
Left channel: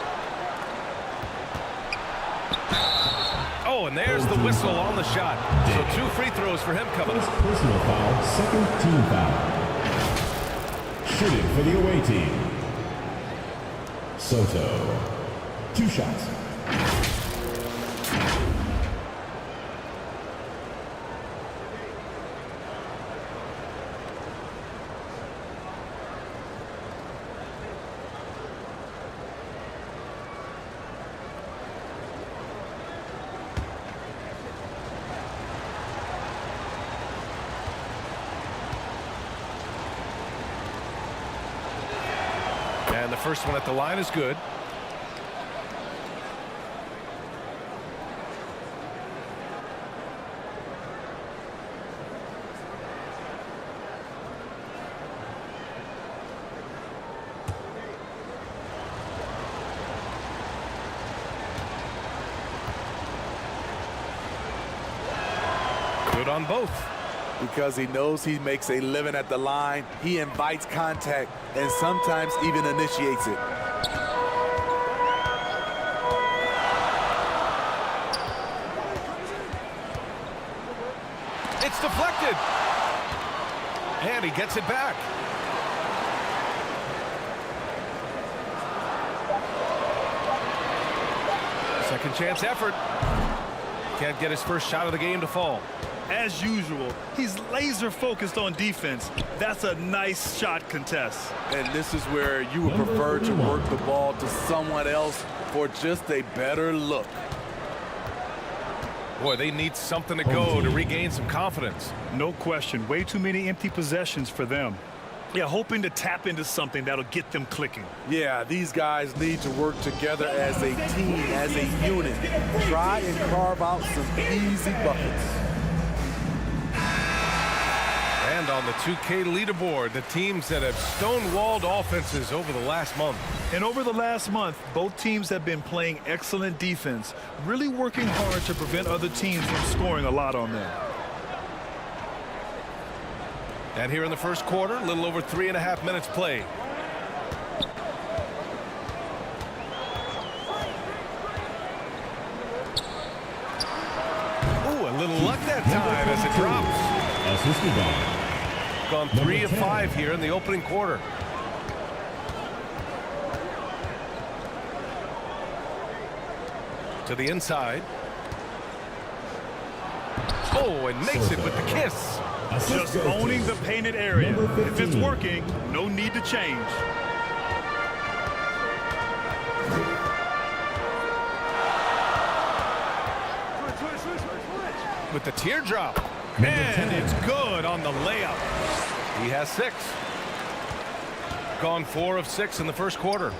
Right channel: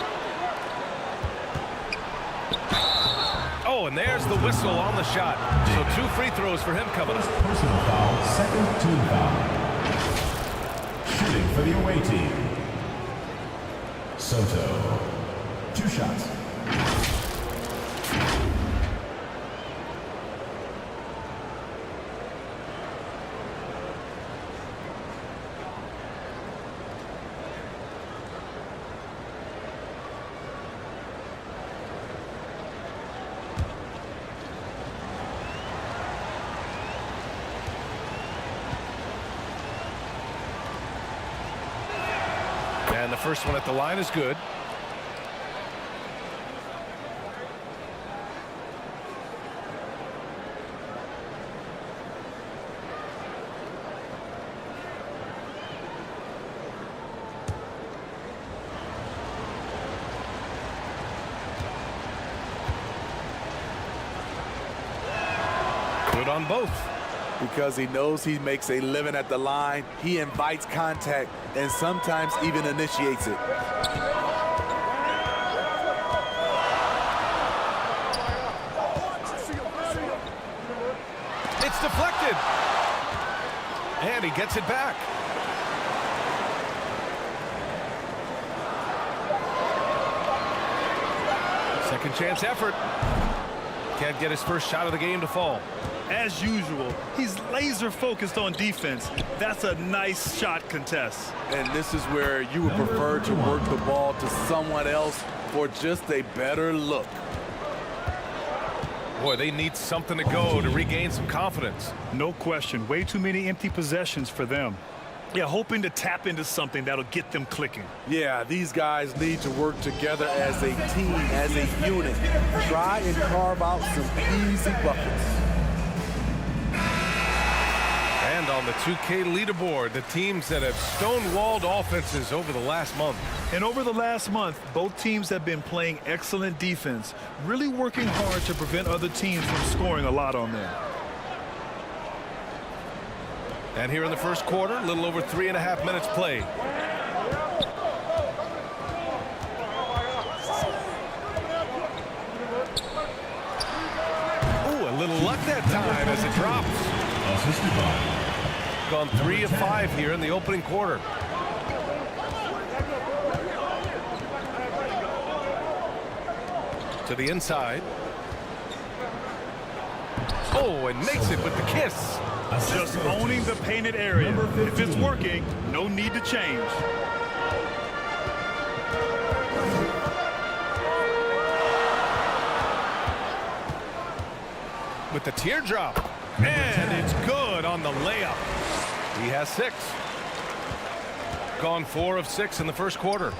Oh, and there's the whistle on the shot. So 2 free throws for him coming up. Personal foul, second team foul. Shooting for the away team, Soto. 2 shots. And the first one at the line is good. Good on both. Because he knows he makes a living at the line, he invites contact and sometimes even initiates it. It's deflected. And he gets it back. Second chance effort. Can't get his first shot of the game to fall. As usual, he's laser focused on defense. That's a nice shot contest. And this is where you would prefer to work the ball to someone else for just a better look. Boy, they need something to go to regain some confidence. No question. Way too many empty possessions for them. Yeah, hoping to tap into something that'll get them clicking. Yeah, these guys need to work together as a team, as a unit. Try and carve out some easy buckets. And on the 2K leaderboard, the teams that have stonewalled offenses over the last month. And over the last month, both teams have been playing excellent defense, really working hard to prevent other teams from scoring a lot on them. And here in the first quarter, a little over 3.5 minutes played. that time as it drops. Assisted by Gone 3 of 5 here in the opening quarter. To the inside. Oh, and makes it with the kiss. Just owning the painted area. If it's working, no need to change. With the teardrop. And it's good on the layup. He has 6. Gone 4 of 6 in the first quarter.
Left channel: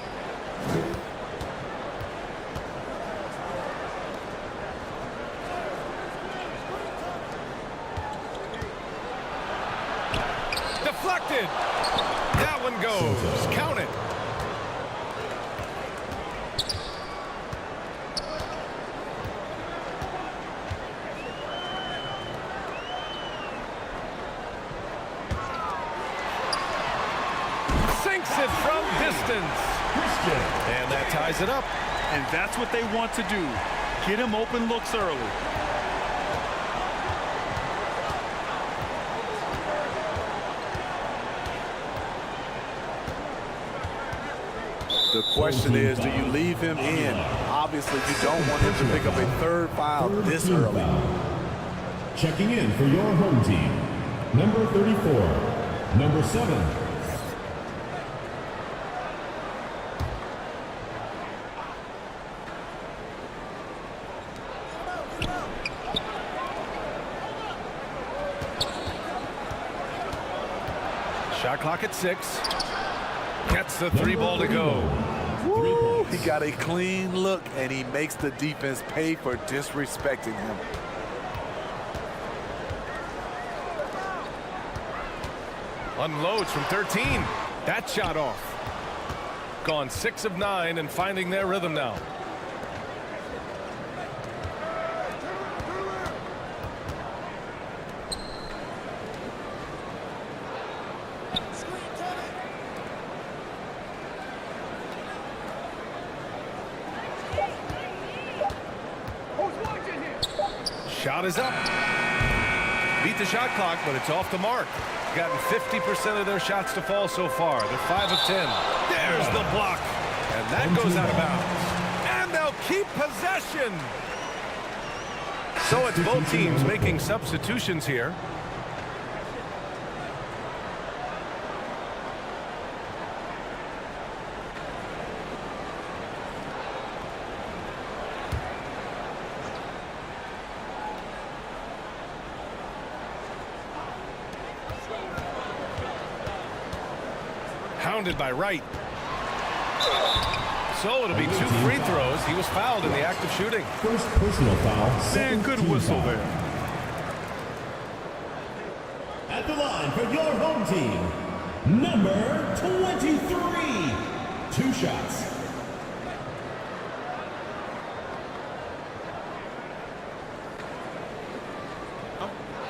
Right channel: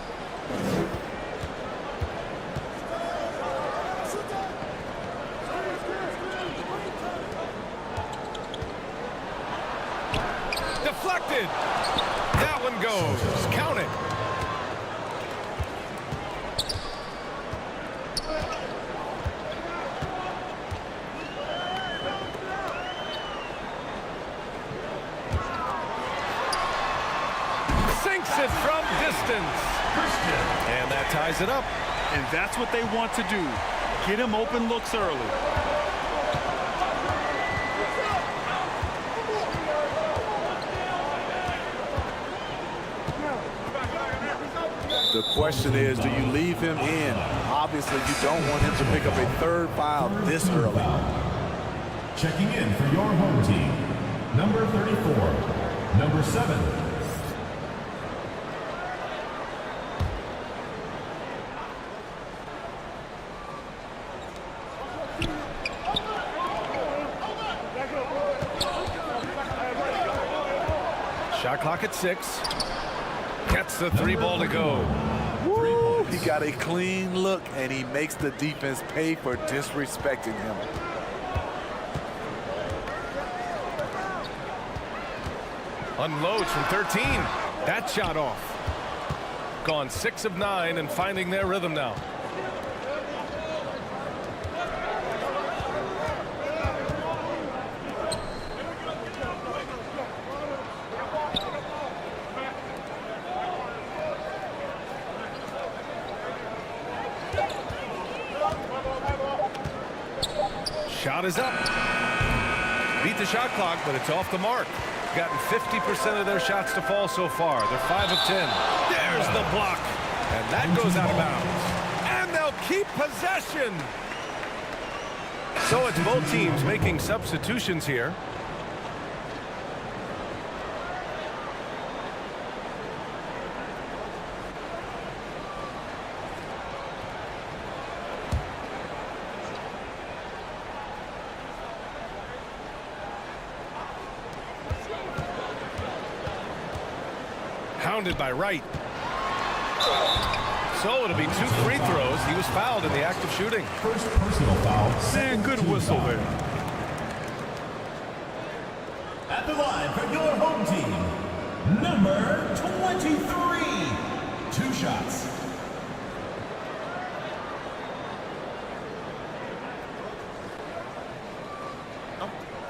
Deflected. That one goes. Count it. Sinks it from distance. And that ties it up. And that's what they want to do. Get him open looks early. The question is, do you leave him in? Obviously, you don't want him to pick up a 3rd foul this early. Checking in for your home team, number 34, number 7. Shot clock at 6. Gets the 3 ball to go. Woo, he got a clean look, and he makes the defense pay for disrespecting him. Unloads from 13. That shot off. Gone 6 of 9 and finding their rhythm now. Shot is up. Beat the shot clock, but it's off the mark. Gotten 50% of their shots to fall so far. They're 5 of 10. There's the block. And that goes out of bounds. And they'll keep possession. So it's both teams making substitutions here. Hounded by Wright. So it'll be 2 free throws. He was fouled in the act of shooting. First personal foul. Man, good whistle there. At the line for your home team, number 23. 2 shots.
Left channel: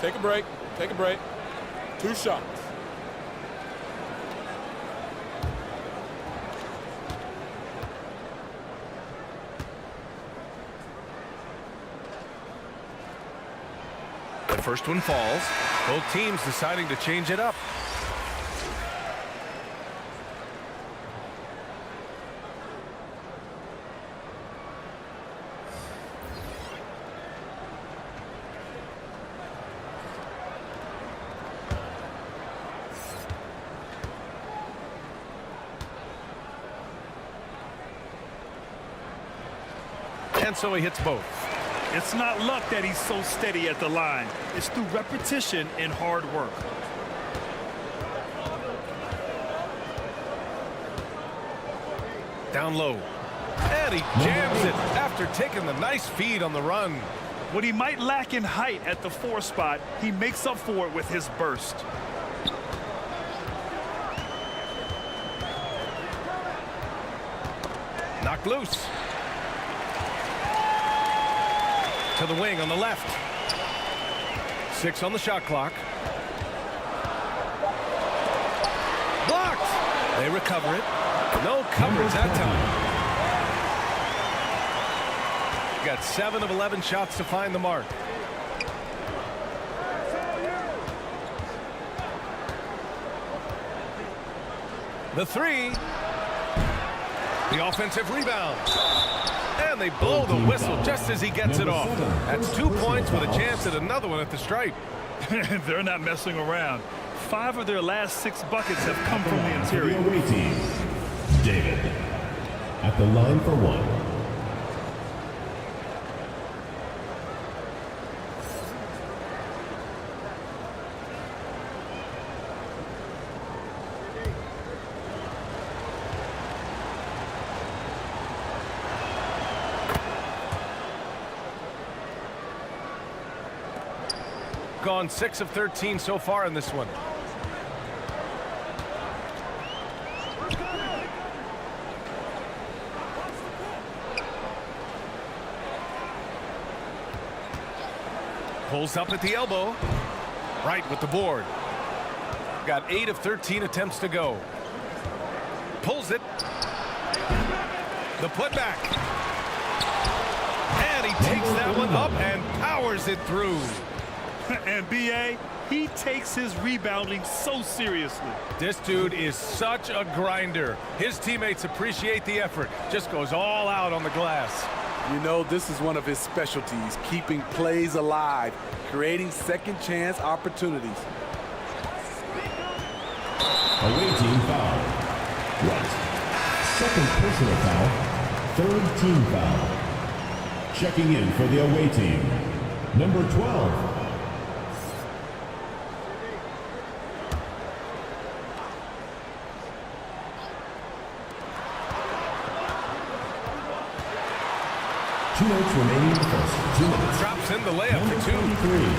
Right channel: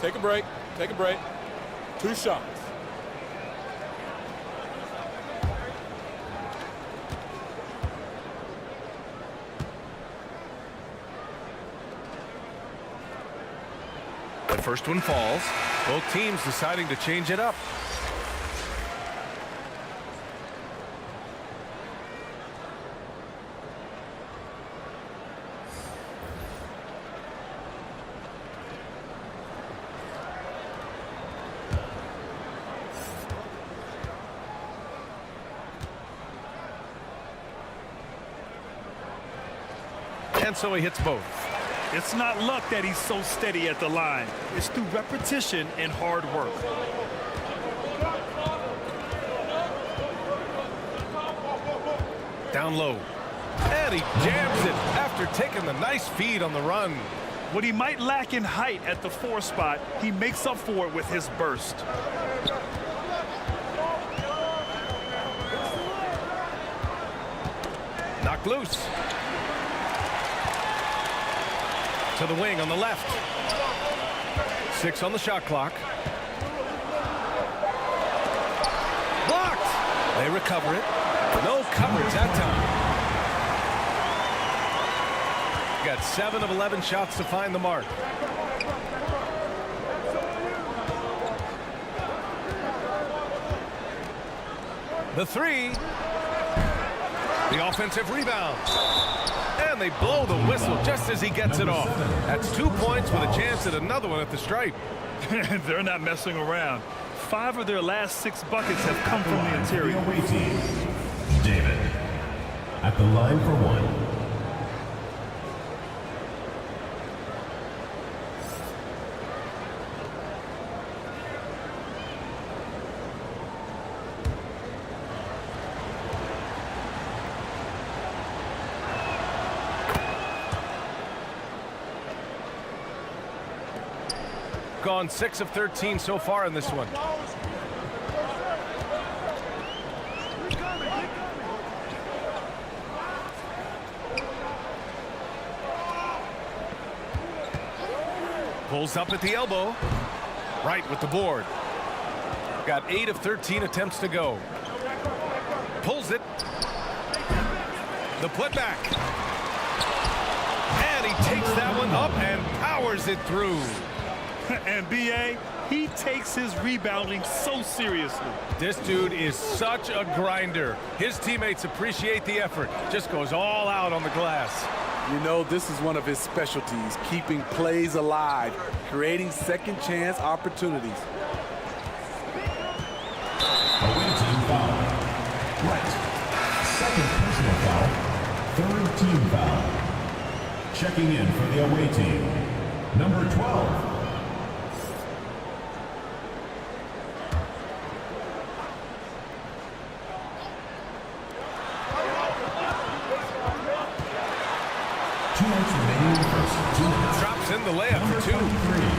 Take a break. Take a break. 2 shots. The first one falls. Both teams deciding to change it up. And so he hits both. It's not luck that he's so steady at the line. It's through repetition and hard work. Down low. And he jams it after taking the nice feed on the run. What he might lack in height at the 4 spot, he makes up for it with his burst. Knocked loose. To the wing on the left. 6 on the shot clock. Blocked. They recover it. No coverage that time. Got 7 of 11 shots to find the mark. The three. The offensive rebound. And they blow the whistle just as he gets it off. That's 2 points with a chance at another one at the stripe. They're not messing around. 5 of their last 6 buckets have come from the interior. Away team, David at the line for one. Gone 6 of 13 so far in this one. Pulls up at the elbow. Right with the board. Got 8 of 13 attempts to go. Pulls it. The putback. And he takes that one up and powers it through. And BA, he takes his rebounding so seriously. This dude is such a grinder. His teammates appreciate the effort. Just goes all out on the glass. You know, this is one of his specialties, keeping plays alive, creating second chance opportunities. Away team foul. Right. Second personal foul. Third team foul. Checking in for the away team, number 12. Two minutes remaining in the first. 2 minutes. Drops in the layup for 2. 23.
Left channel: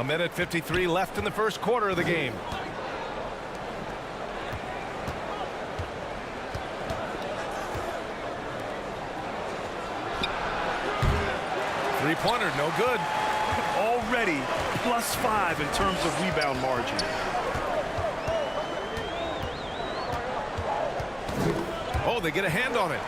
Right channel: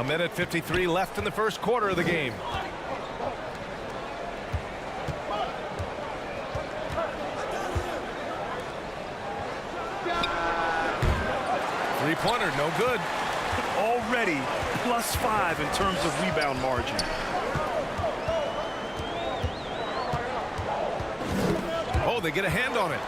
A minute 53 left in the first quarter of the game. Three-pointer, no good. Already +5 in terms of rebound margin. Oh, they get a hand on it.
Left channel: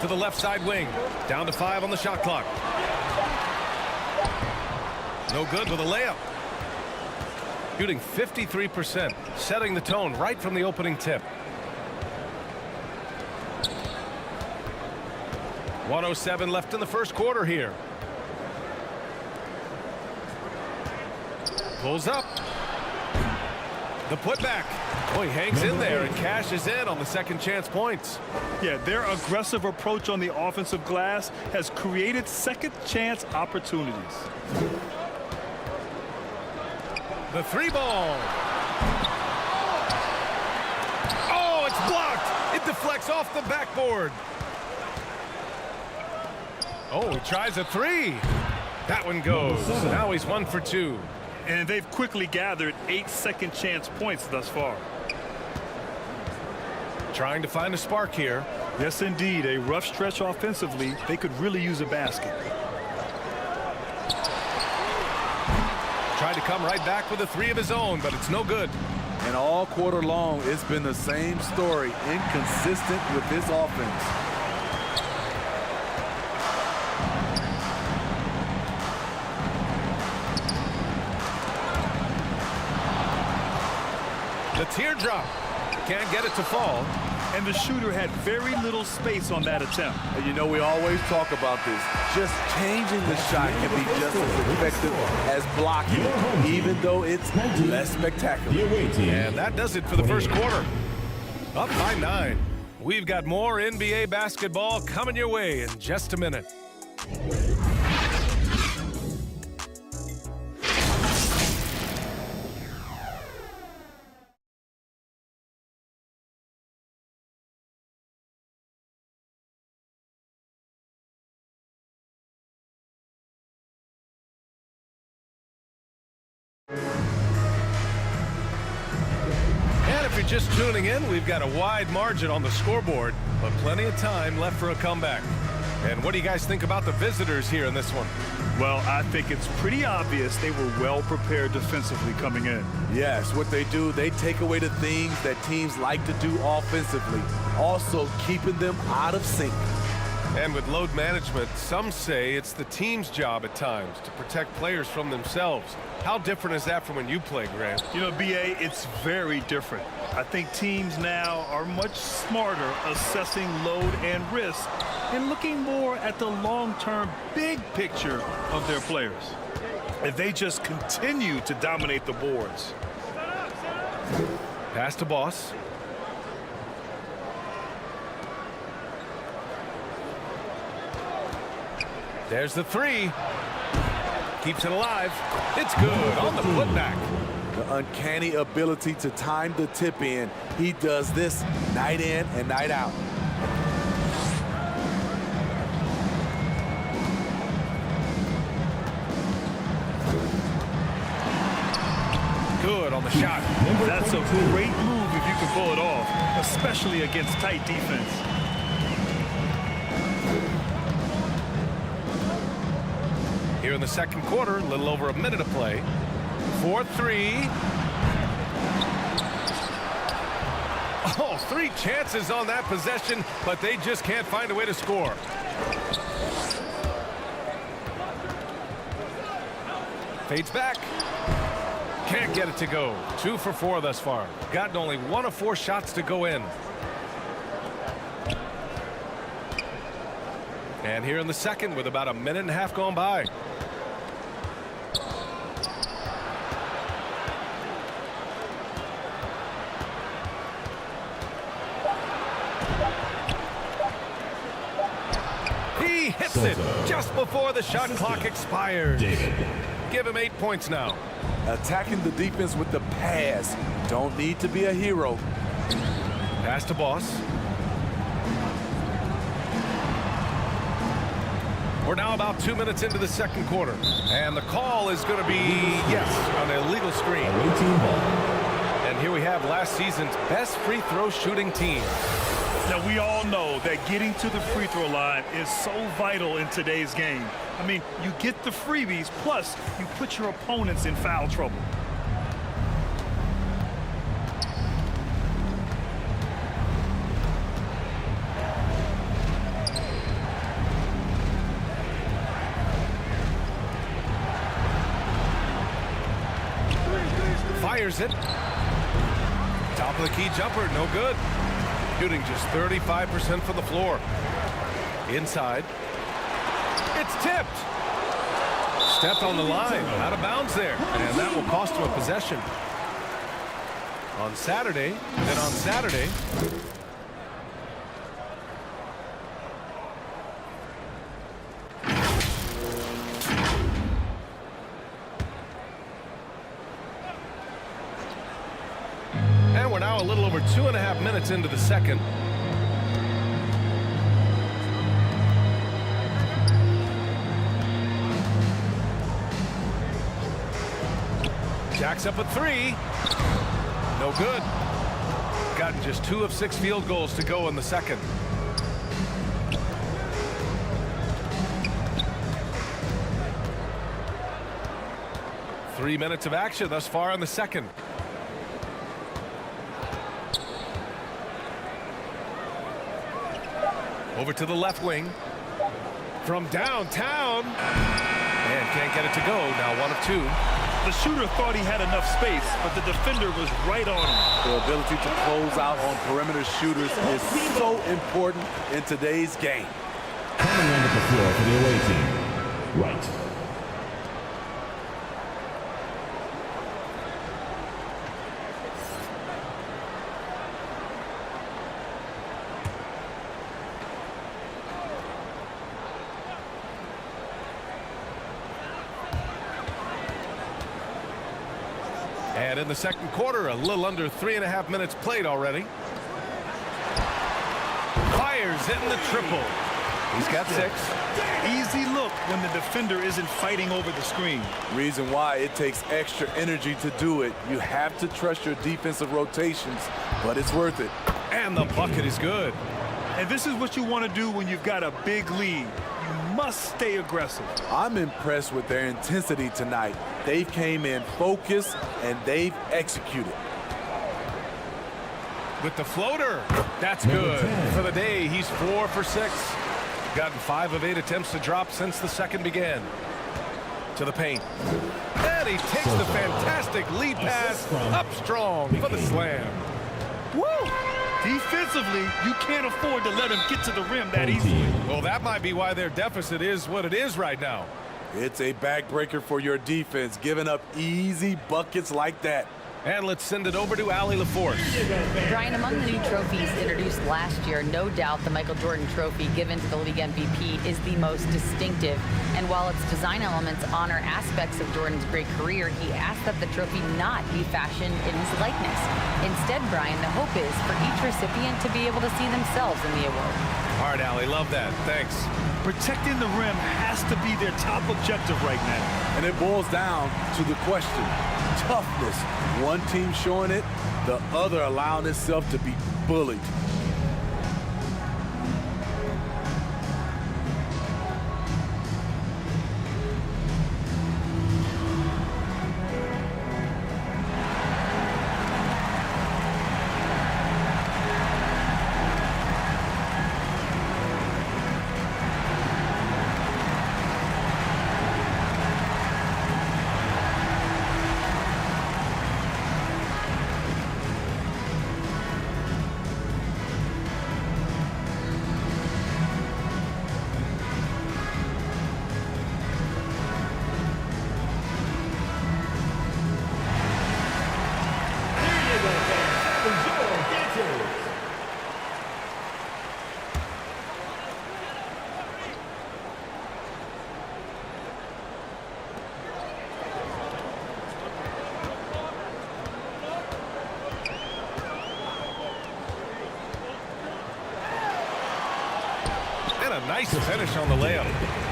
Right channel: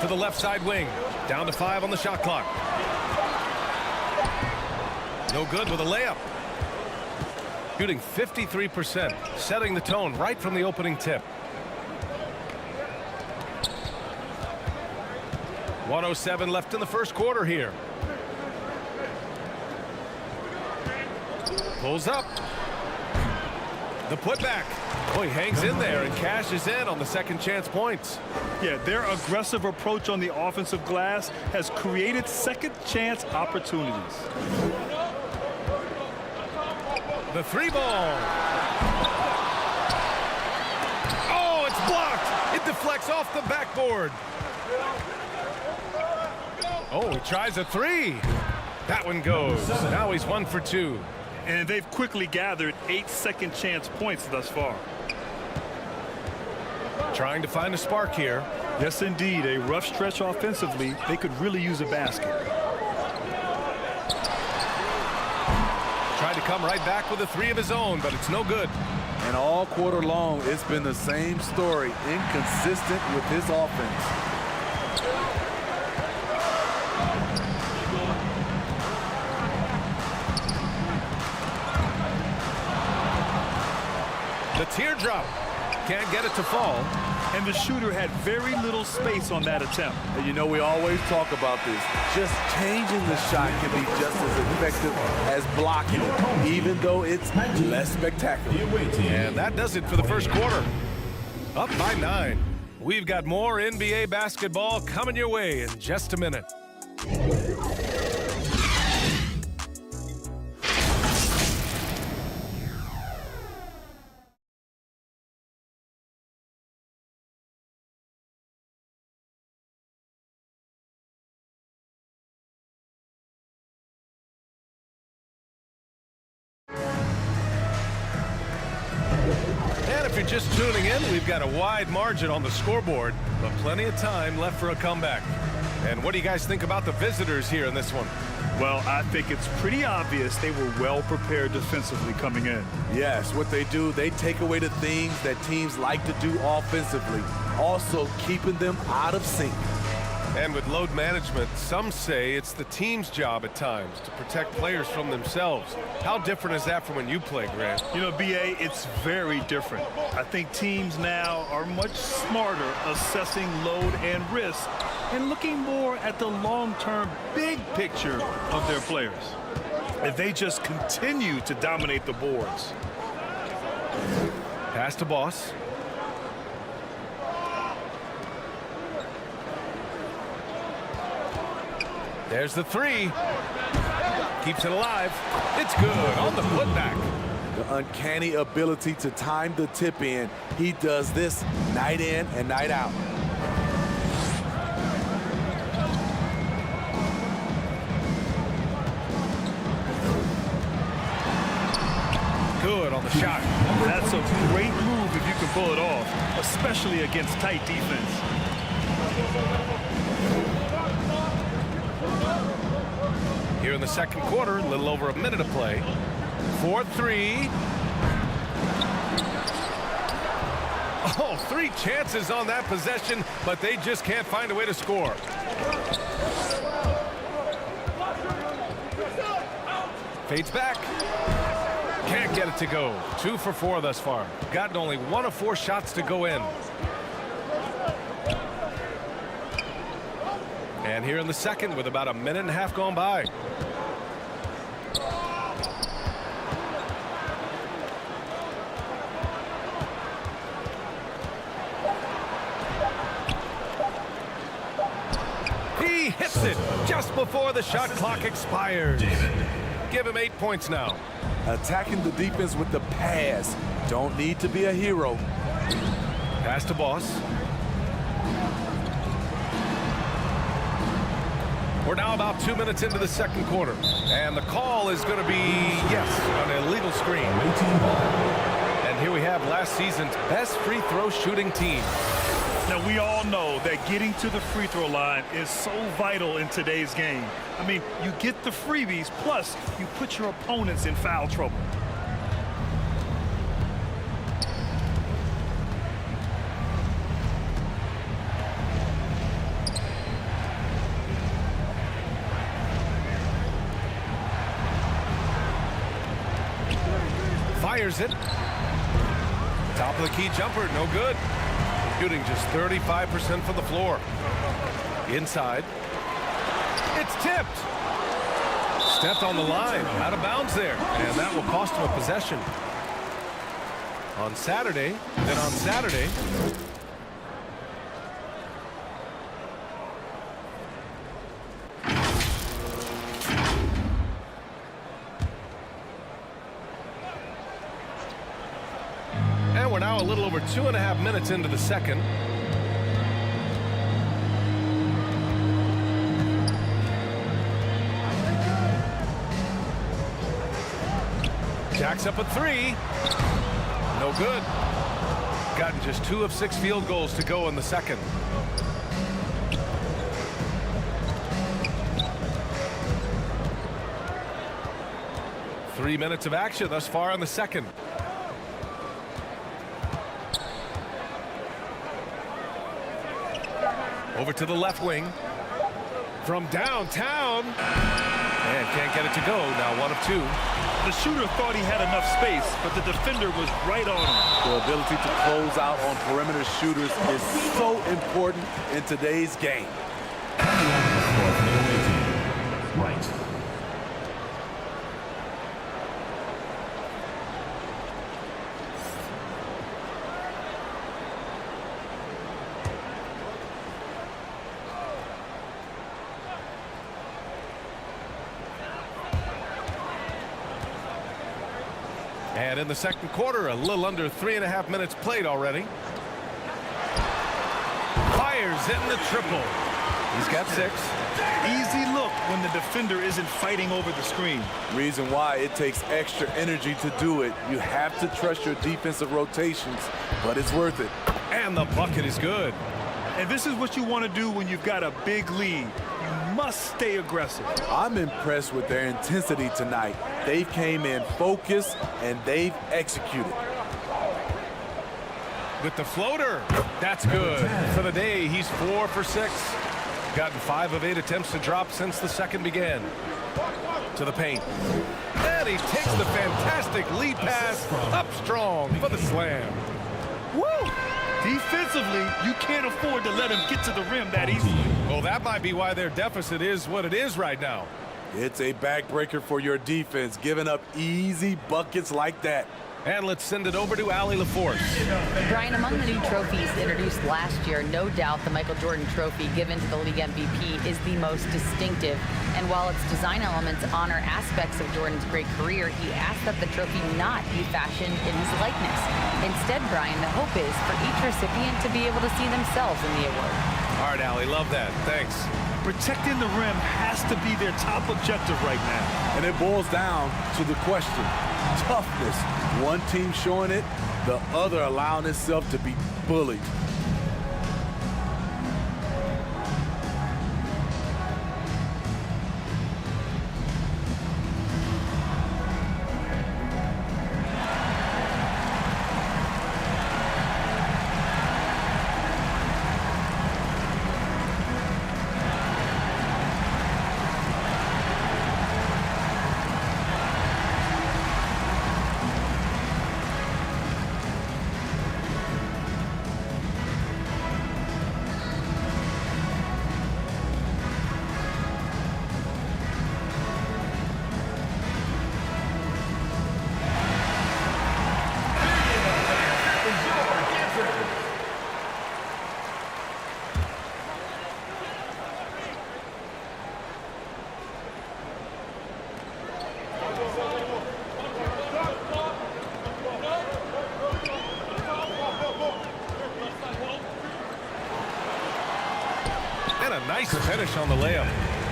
To the left side wing. Down to 5 on the shot clock. No good with a layup. Shooting 53%, setting the tone right from the opening tip. 1:07 left in the first quarter here. Pulls up. The putback. Oh, he hangs in there and cashes in on the second chance points. Yeah, their aggressive approach on the offensive glass has created second chance opportunities. The 3-ball. Oh, it's blocked. It deflects off the backboard. Oh, he tries a 3. That one goes. Now he's 1 for 2. And they've quickly gathered 8 second chance points thus far. Trying to find a spark here. Yes, indeed. A rough stretch offensively. They could really use a basket. Tried to come right back with a 3 of his own, but it's no good. And all quarter long, it's been the same story, inconsistent with his offense. The teardrop. Can't get it to fall. And the shooter had very little space on that attempt. And you know, we always talk about this. Just changing the shot can be just as effective as blocking it, even though it's less spectacular. And that does it for the first quarter. Up by 9. We've got more NBA basketball coming your way in just a minute. And if you're just tuning in, we've got a wide margin on the scoreboard, but plenty of time left for a comeback. And what do you guys think about the visitors here in this one? Well, I think it's pretty obvious they were well prepared defensively coming in. Yes, what they do, they take away the things that teams like to do offensively, also keeping them out of sync. And with load management, some say it's the team's job at times to protect players from themselves. How different is that from when you play, Grant? You know, BA, it's very different. I think teams now are much smarter assessing load and risk and looking more at the long-term big picture of their players. If they just continue to dominate the boards. Pass to Boss. There's the three. Keeps it alive. It's good on the putback. The uncanny ability to time the tip in. He does this night in and night out. Good on the shot. That's a great move if you can pull it off, especially against tight defense. Here in the second quarter, a little over a minute of play. 4-3. Oh, 3 chances on that possession, but they just can't find a way to score. Fades back. Can't get it to go. 2 for 4 thus far. Gotten only 1 of 4 shots to go in. And here in the second with about a minute and a half gone by. He hits it just before the shot clock expires. Give him 8 points now. Attacking the defense with the pass. Don't need to be a hero. Pass to Boss. We're now about 2 minutes into the second quarter. And the call is going to be, yes, an illegal screen. And here we have last season's best free throw shooting team. Now, we all know that getting to the free throw line is so vital in today's game. I mean, you get the freebies, plus you put your opponents in foul trouble. Fires it. Top of the key jumper, no good. Shooting just 35% from the floor. Inside. It's tipped. Stepped on the line. Out of bounds there. And that will cost him a possession. On Saturday. And we're now a little over 2.5 minutes into the second. Jacks up at 3. No good. Gotten just 2 of 6 field goals to go in the second. Three minutes of action thus far in the second. Over to the left wing. From downtown. And can't get it to go. Now 1 of 2. The shooter thought he had enough space, but the defender was right on him. The ability to close out on perimeter shooters is so important in today's game. Coming onto the floor for the away team. Right. And in the second quarter, a little under 3.5 minutes played already. Fires in the triple. He's got 6. Easy look when the defender isn't fighting over the screen. Reason why it takes extra energy to do it. You have to trust your defensive rotations, but it's worth it. And the bucket is good. And this is what you want to do when you've got a big lead. You must stay aggressive. I'm impressed with their intensity tonight. They came in focused and they've executed. With the floater, that's good. For the day, he's 4 for 6. Gotten 5 of 8 attempts to drop since the second began. To the paint. And he takes the fantastic lead pass up strong for the slam. Woo! Defensively, you can't afford to let him get to the rim that easily. Well, that might be why their deficit is what it is right now. It's a backbreaker for your defense, giving up easy buckets like that. And let's send it over to Allie LaForce. Brian, among the new trophies introduced last year, no doubt the Michael Jordan Trophy given to the league MVP is the most distinctive. And while its design elements honor aspects of Jordan's great career, he asked that the trophy not be fashioned in his likeness. Instead, Brian, the hope is for each recipient to be able to see themselves in the award. All right, Allie, love that. Thanks. Protecting the rim has to be their top objective right now. And it boils down to the question, toughness. One team showing it, the other allowing itself to be bullied. And a nice finish on the layup.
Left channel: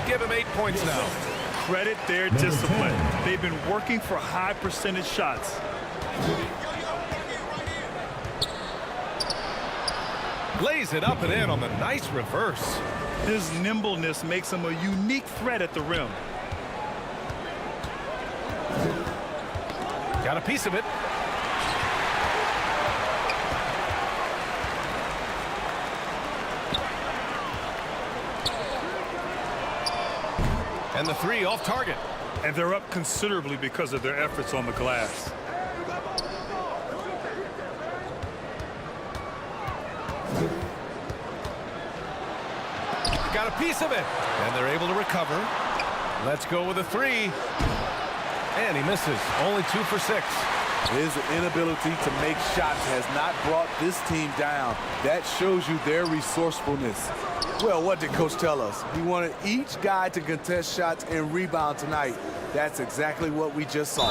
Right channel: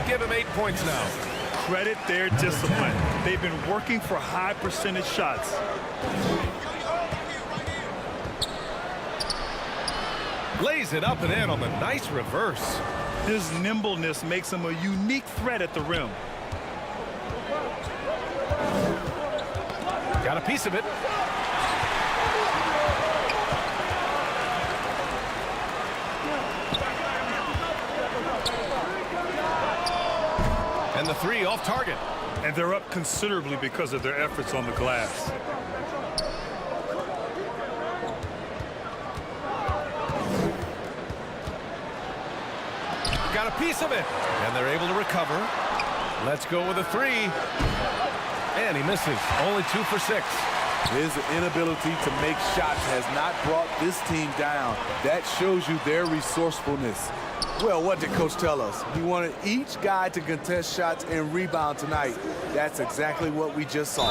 Give him 8 points now. Credit their discipline. They've been working for high percentage shots. Lays it up and in on the nice reverse. His nimbleness makes him a unique threat at the rim. Got a piece of it. And the 3 off target. And they're up considerably because of their efforts on the glass. Got a piece of it. And they're able to recover. Let's go with a 3. And he misses. Only 2 for 6. His inability to make shots has not brought this team down. That shows you their resourcefulness. Well, what did Coach tell us? He wanted each guy to contest shots and rebound tonight. That's exactly what we just saw.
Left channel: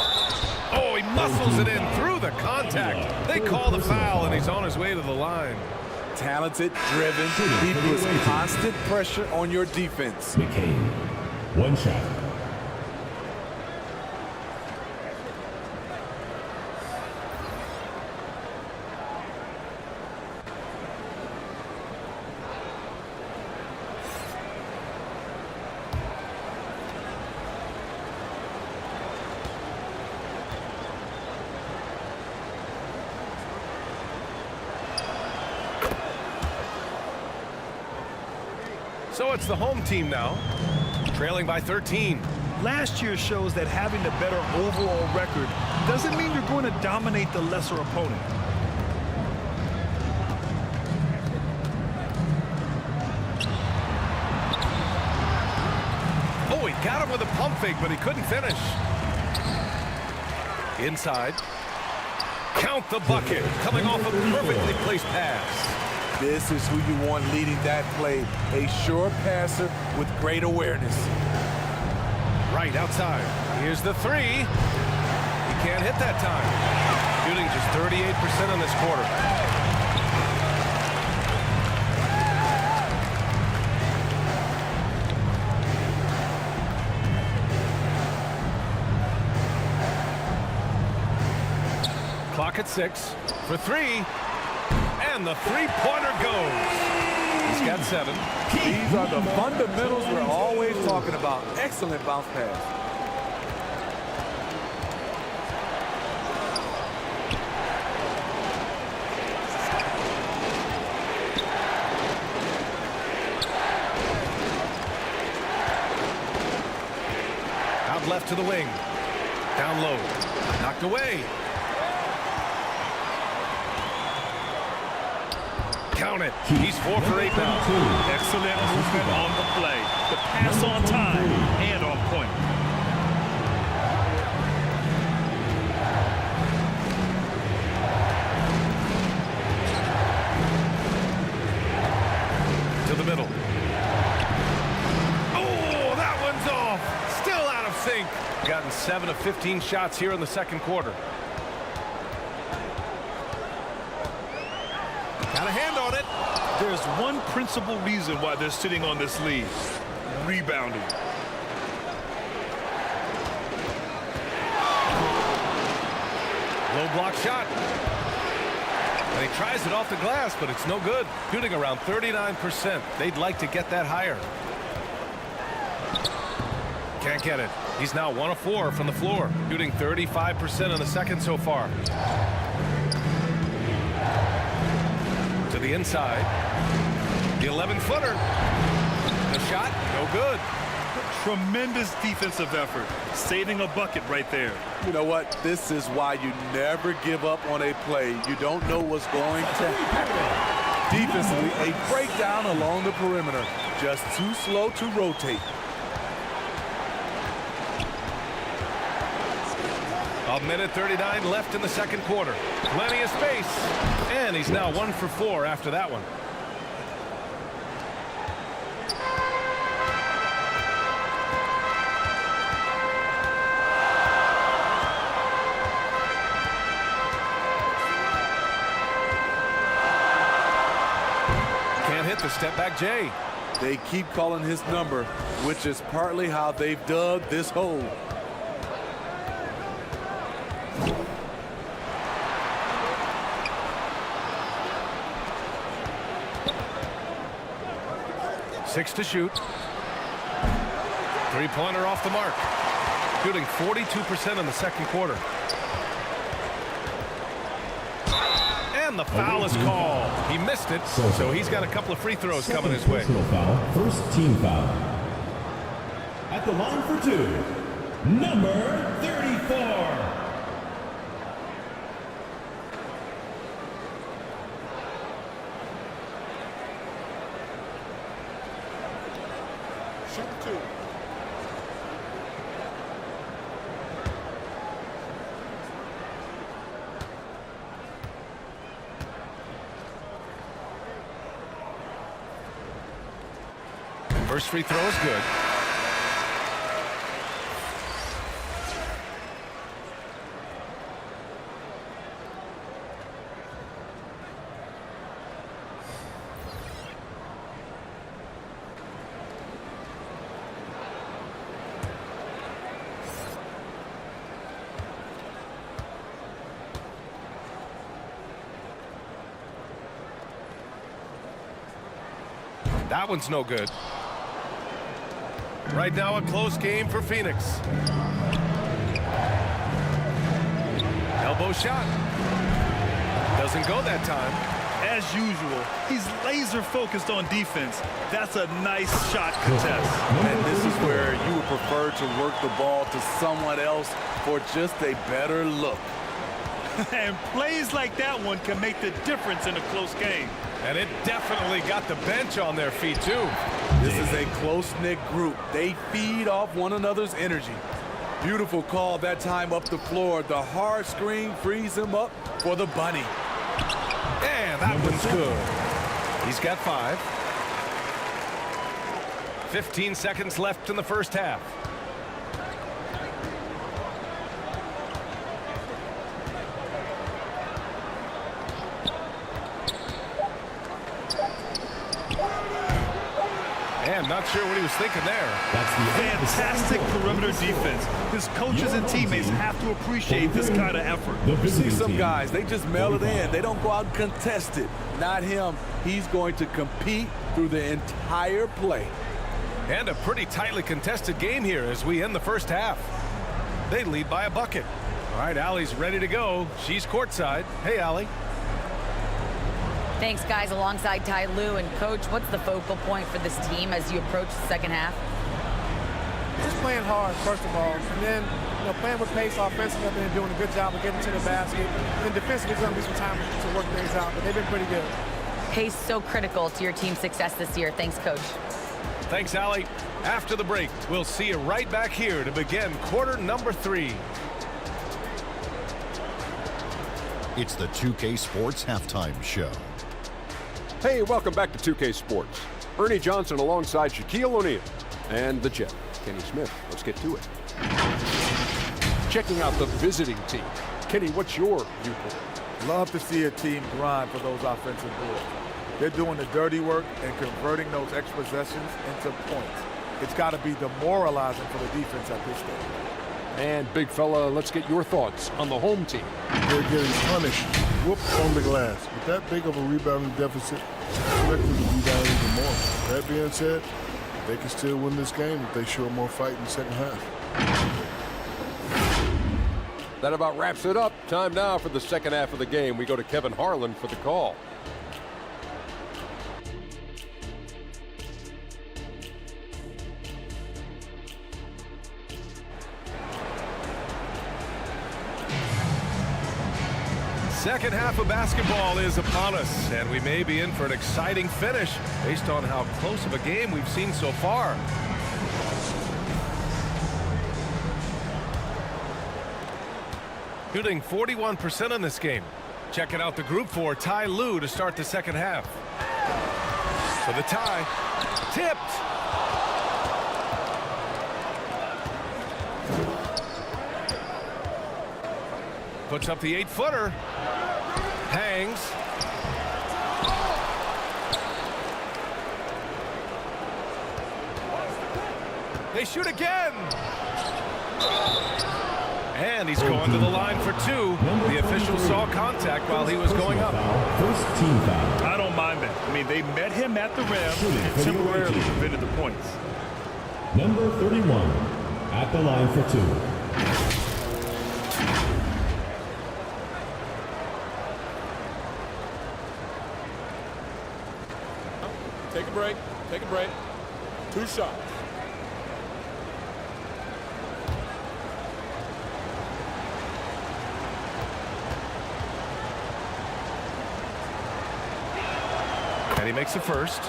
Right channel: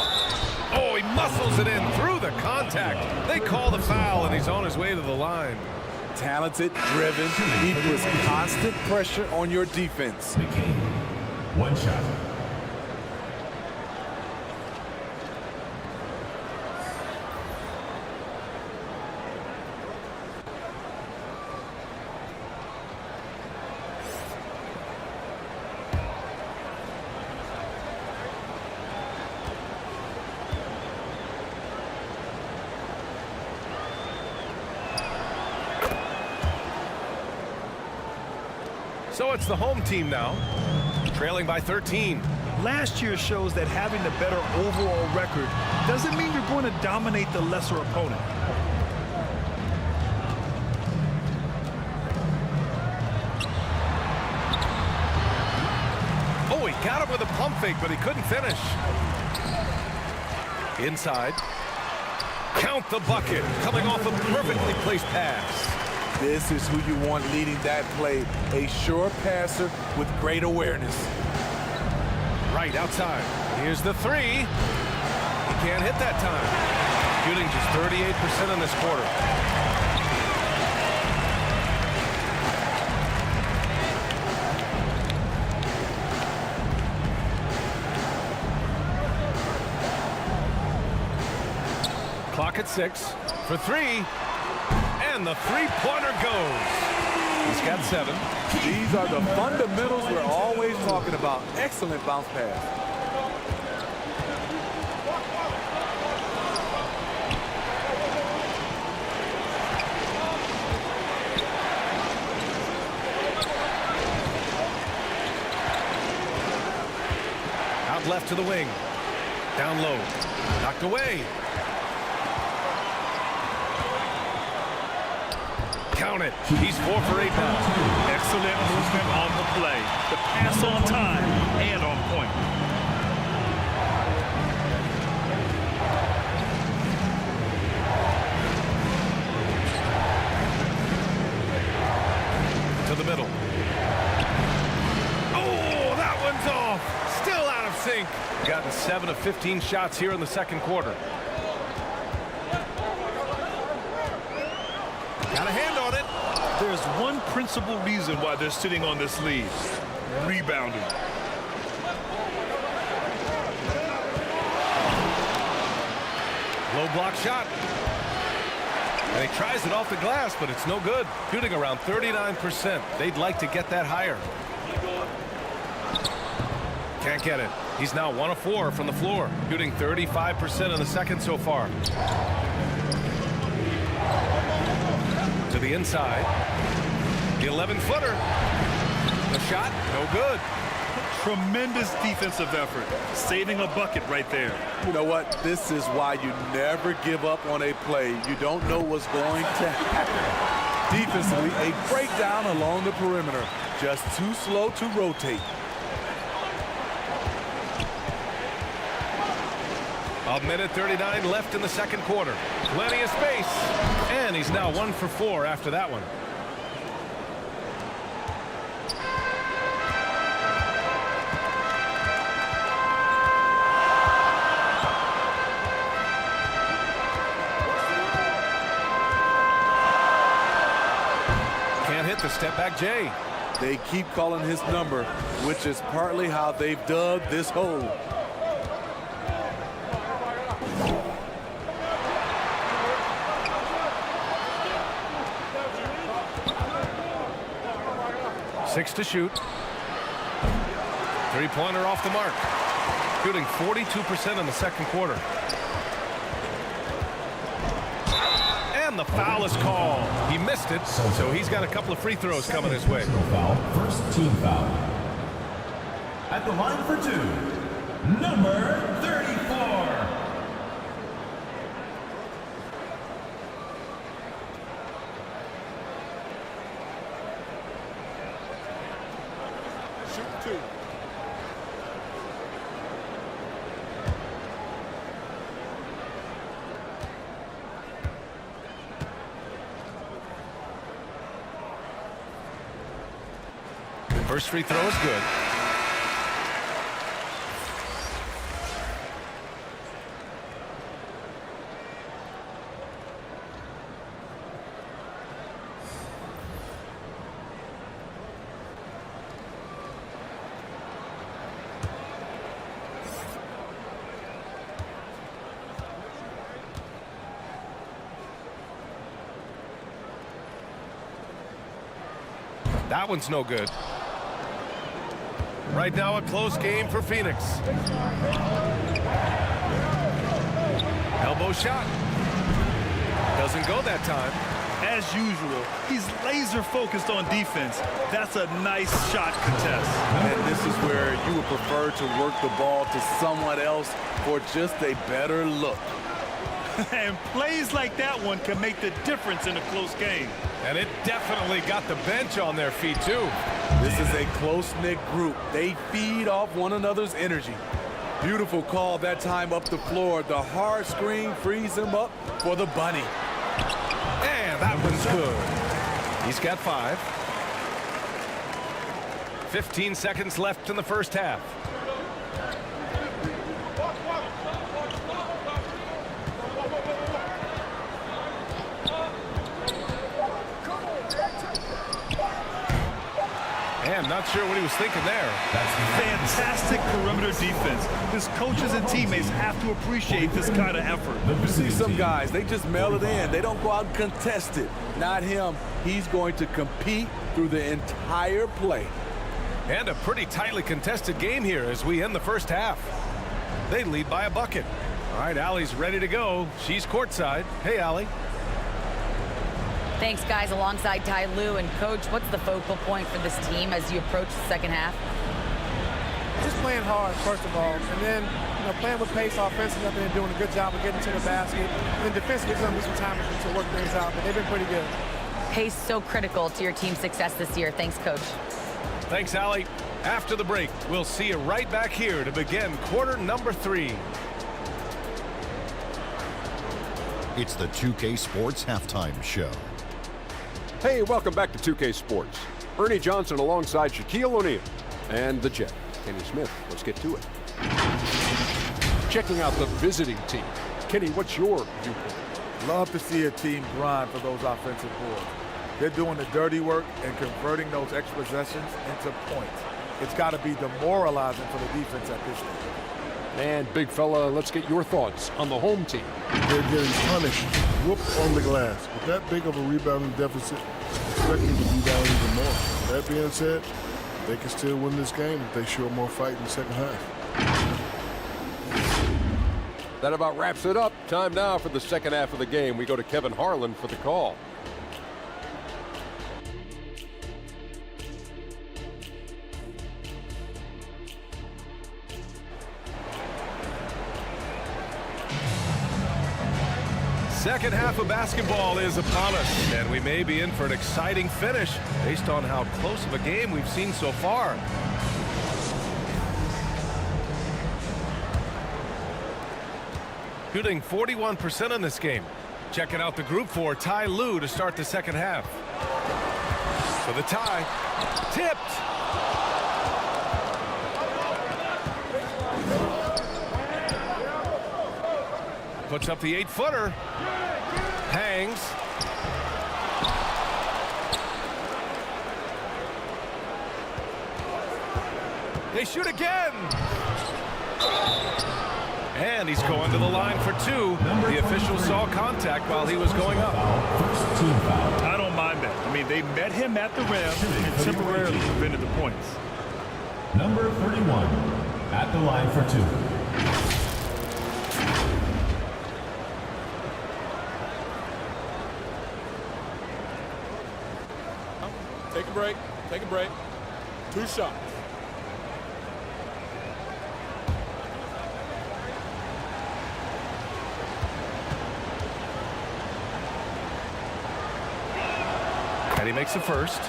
Oh, he muscles it in through the contact. They call the foul, and he's on his way to the line. Talented, driven. He puts constant pressure on your defense. McCain, 1 shot. So it's the home team now, trailing by 13. Last year shows that having the better overall record doesn't mean you're going to dominate the lesser opponent. Oh, he got him with a pump fake, but he couldn't finish. Inside. Count the bucket, coming off a perfectly placed pass. This is who you want leading that play. A sure passer with great awareness. Right outside. Here's the 3. He can't hit that time. Shooting just 38% in this quarter. Clock at 6 for 3. And the 3-pointer goes. He's got 7. These are the fundamentals we're always talking about. Excellent bounce pass. left to the wing. Down low. Knocked away. Count it. He's 4 for 8 now. Excellent movement on the play. The pass on time and on point. To the middle. Oh, that one's off. Still out of sync. Gotten 7 of 15 shots here in the second quarter. Got a hand on it. There's one principal reason why they're sitting on this lead. Rebounding. Low block shot. And he tries it off the glass, but it's no good. Shooting around 39%. They'd like to get that higher. Can't get it. He's now 1 of 4 from the floor. Shooting 35% in the second so far. To the inside. The 11-footer. The shot, no good. Tremendous defensive effort. Saving a bucket right there. You know what? This is why you never give up on a play. You don't know what's going to happen. Defensively, a breakdown along the perimeter. Just too slow to rotate. A minute 39 left in the second quarter. Plenty of space. And he's now 1 for 4 after that one. Can't hit the step back J. They keep calling his number, which is partly how they've dug this hole. Six to shoot. Three-pointer off the mark. Shooting 42% in the second quarter. And the foul is called. He missed it, so he's got a couple of free throws coming his way. Personal foul, first team foul. At the line for 2, number 34. Shoot 2. First free throw is good. That one's no good. Right now, a close game for Phoenix. Elbow shot. Doesn't go that time. As usual, he's laser focused on defense. That's a nice shot contest. And this is where you would prefer to work the ball to someone else for just a better look. And plays like that one can make the difference in a close game. And it definitely got the bench on their feet, too. This is a close-knit group. They feed off one another's energy. Beautiful call that time up the floor. The hard screen frees him up for the bunny. And that one's good. He's got 5. 15 seconds left in the first half. And not sure what he was thinking there. Fantastic perimeter defense. His coaches and teammates have to appreciate this kind of effort. You see some guys, they just mail it in. They don't go out and contest it. Not him. He's going to compete through the entire play. And a pretty tightly contested game here as we end the first half. They lead by a bucket. All right, Allie's ready to go. She's courtside. Hey, Allie. Thanks, guys. Alongside Ty Lue and Coach, what's the focal point for this team as you approach the second half? just playing hard, first of all, and then playing with pace offensively. I think they're doing a good job of getting to the basket. And then defensively, there's going to be some time to work things out, but they've been pretty good. Pace so critical to your team's success this year. Thanks, Coach. Thanks, Allie. After the break, we'll see you right back here to begin quarter number 3. It's the 2K Sports Halftime Show. Hey, welcome back to 2K Sports. Ernie Johnson alongside Shaquille O'Neal and the Jet, Kenny Smith. Let's get to it. Checking out the visiting team. Kenny, what's your viewpoint? Love to see a team grind for those offensive boards. They're doing the dirty work and converting those extra possessions into points. It's got to be demoralizing for the defense at this stage. And big fella, let's get your thoughts on the home team. They're getting punished, whooped on the glass. With that big of a rebounding deficit, expect them to be down even more. That being said, they can still win this game if they show more fight in the second half. That about wraps it up. Time now for the second half of the game. We go to Kevin Harlan for the call. Second half of basketball is upon us, and we may be in for an exciting finish based on how close of a game we've seen so far. Shooting 41% in this game. Checking out the group for Ty Lue to start the second half. For the tie. Tipped. Puts up the 8-footer. Hangs. They shoot again. And he's going to the line for 2. The official saw contact while he was going up. First team foul. I don't mind that. I mean, they met him at the rim and temporarily prevented the points. Number 31 at the line for 2. Take a break. Take a break. 2 shots. And he makes the first.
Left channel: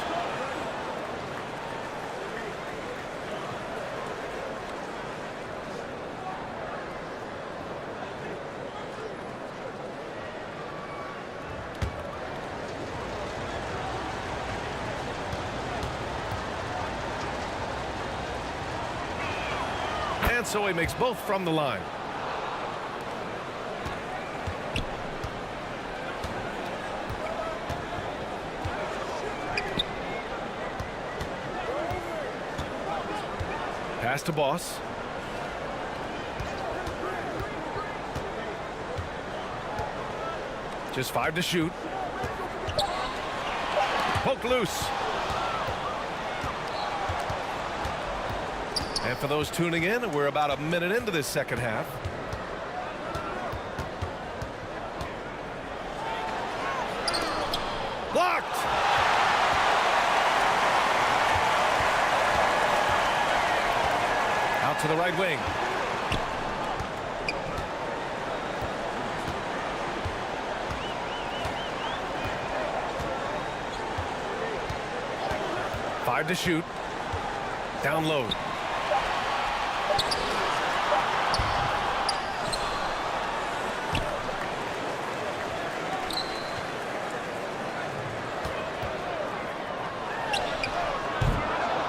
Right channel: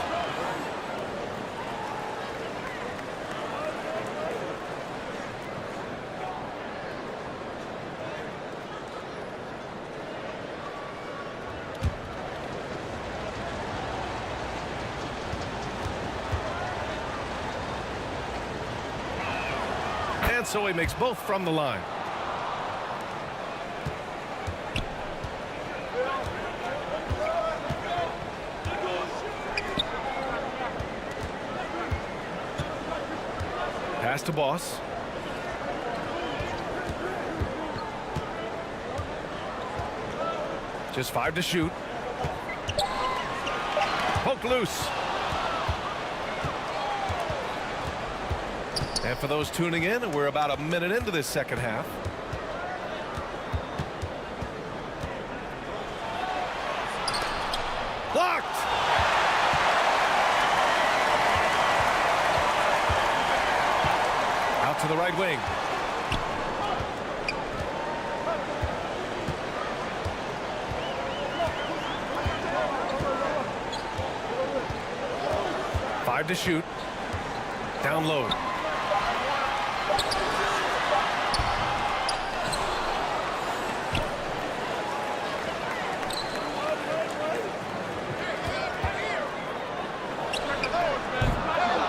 And so he makes both from the line. Pass to Boss. Just 5 to shoot. Poke loose. And for those tuning in, we're about a minute into this second half. Blocked. Out to the right wing. Five to shoot. Down low.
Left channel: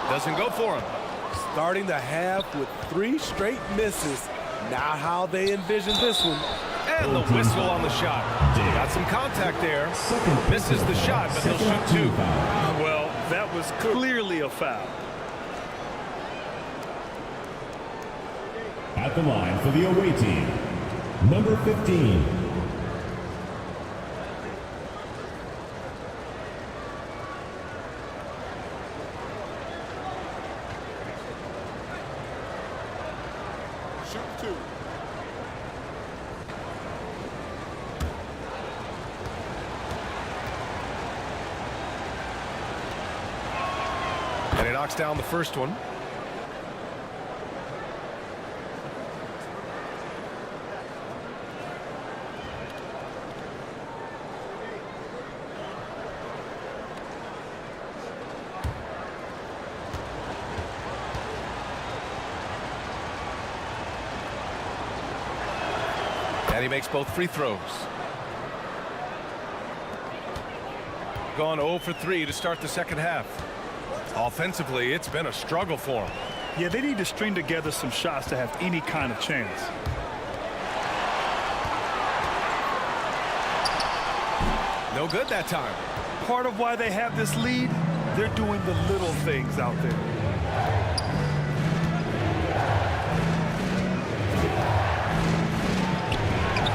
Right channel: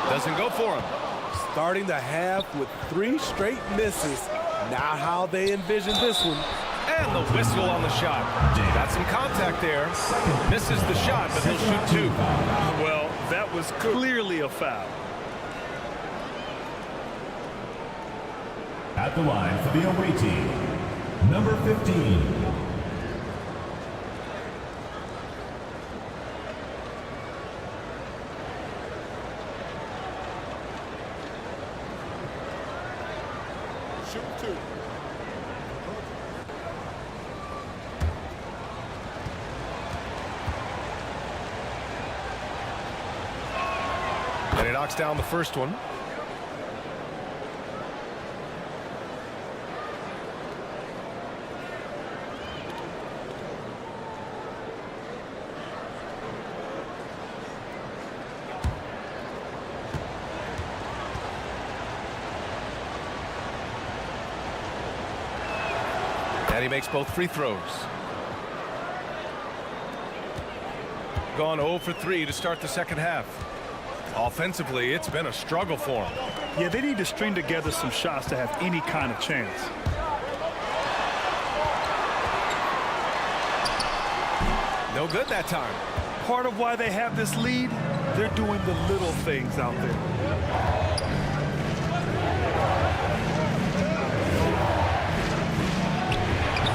Doesn't go for him. Starting the half with 3 straight misses. Not how they envisioned this one. And the whistle on the shot. Got some contact there. Misses the shot, but he'll shoot 2. Well, that was clearly a foul. At the line for the away team, number 15. Shooting 2. And he knocks down the first one. And he makes both free throws. Gone 0 for 3 to start the second half. Offensively, it's been a struggle for him. Yeah, they need to string together some shots to have any kind of chance. No good that time. Part of why they have this lead, they're doing the little things out there.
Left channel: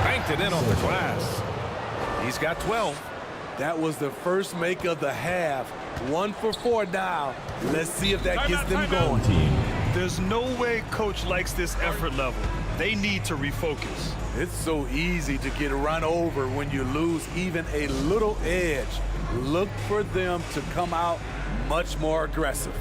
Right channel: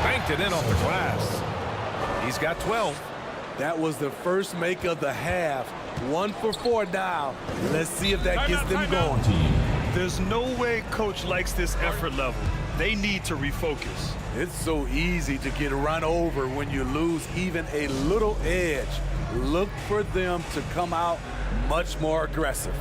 Banked it in off the glass. He's got 12. That was the first make of the half. 1 for 4 now. Let's see if that gets them going. There's no way coach likes this effort level. They need to refocus. It's so easy to get run over when you lose even a little edge. Look for them to come out much more aggressive.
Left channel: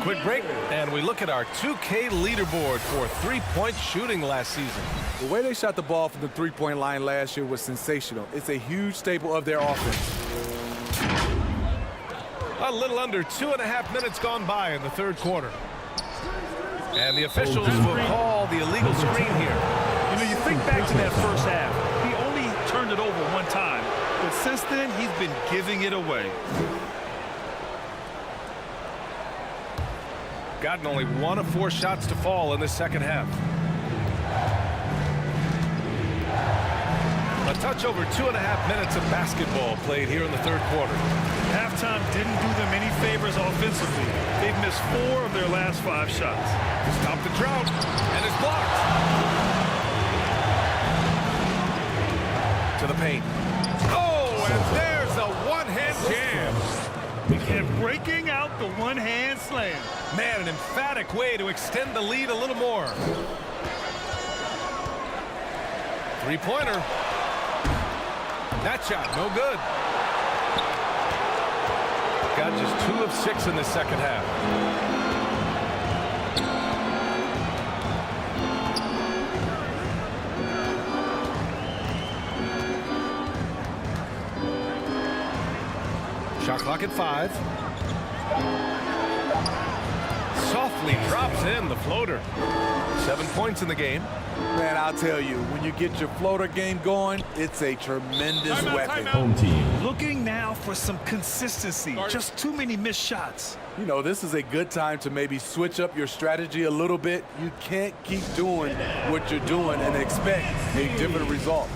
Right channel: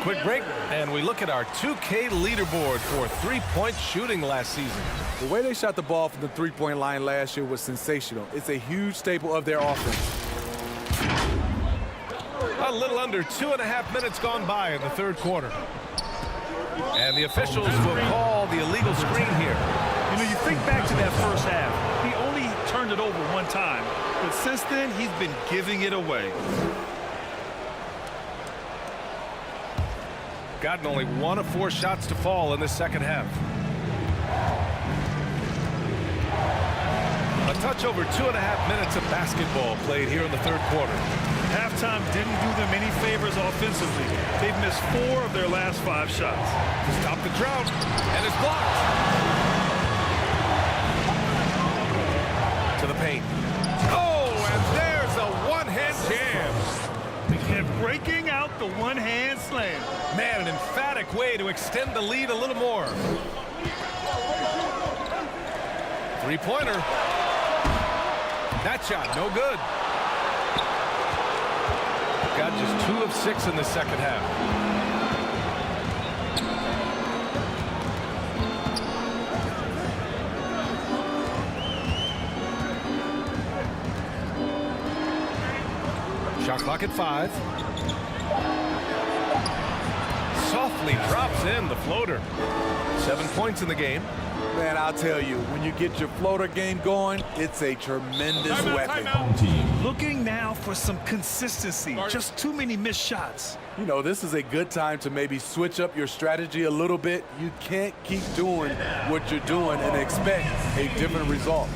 Quick break, and we look at our 2K leaderboard for three-point shooting last season. The way they shot the ball from the three-point line last year was sensational. It's a huge staple of their offense. A little under 2.5 minutes gone by in the third quarter. And the officials will call the illegal screen here. You know, you think back to that first half. He only turned it over one time, but since then, he's been giving it away. Gotten only 1 of 4 shots to fall in this second half. A touch over 2.5 minutes of basketball played here in the third quarter. Halftime didn't do them any favors offensively. They've missed 4 of their last 5 shots. To stop the drought, and it's blocked. To the paint. Oh, and there's a one-hand jam. And breaking out the one-hand slam. Man, an emphatic way to extend the lead a little more. Three-pointer. That shot, no good. Got just 2 of 6 in the second half. Shot clock at 5. Softly drops in the floater. 7 points in the game. Man, I'll tell you, when you get your floater game going, it's a tremendous weapon. Home team. Looking now for some consistency. Just too many missed shots. You know, this is a good time to maybe switch up your strategy a little bit. You can't keep doing what you're doing and expect a different result.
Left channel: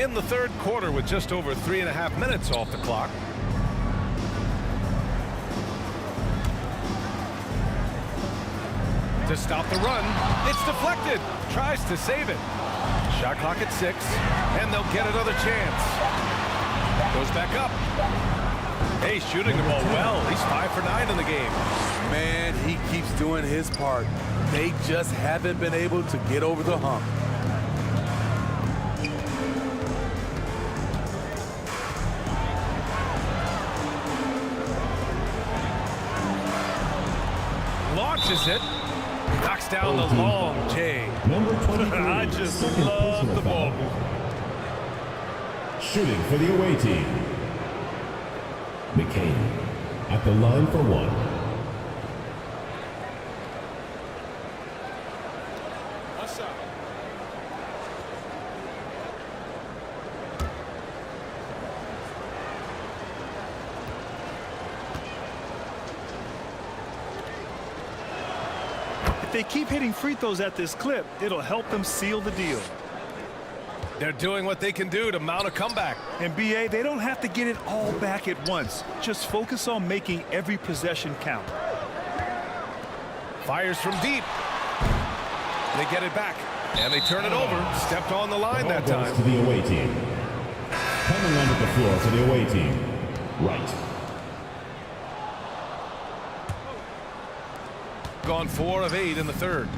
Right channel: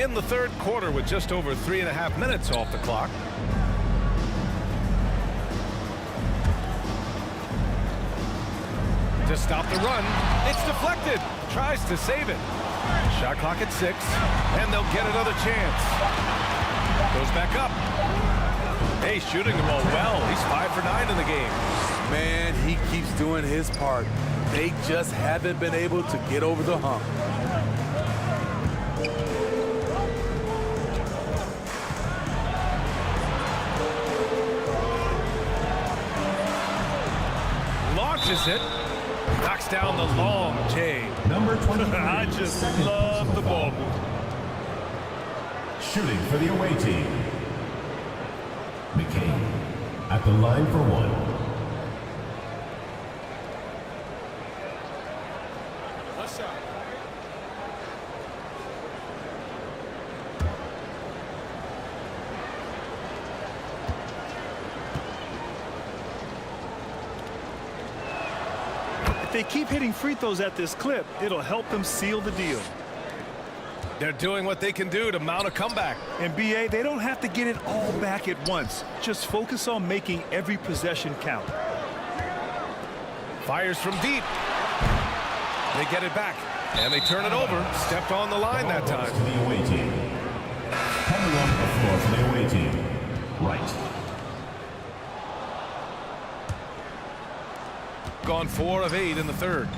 In the third quarter with just over 3.5 minutes off the clock. To stop the run, it's deflected. Tries to save it. Shot clock at 6, and they'll get another chance. Goes back up. Hey, shooting the ball well. He's 5 for 9 in the game. Man, he keeps doing his part. They just haven't been able to get over the hump. Launches it. Knocks down the long J. Number 23. I just love the ball move. Shooting for the away team. McCain at the line for 1. One shot. If they keep hitting free throws at this clip, it'll help them seal the deal. They're doing what they can do to mount a comeback. And BA, they don't have to get it all back at once. Just focus on making every possession count. Fires from deep. They get it back, and they turn it over. Stepped on the line that time. To the away team. Coming onto the floor for the away team. Right. Gone 4 of 8 in the third.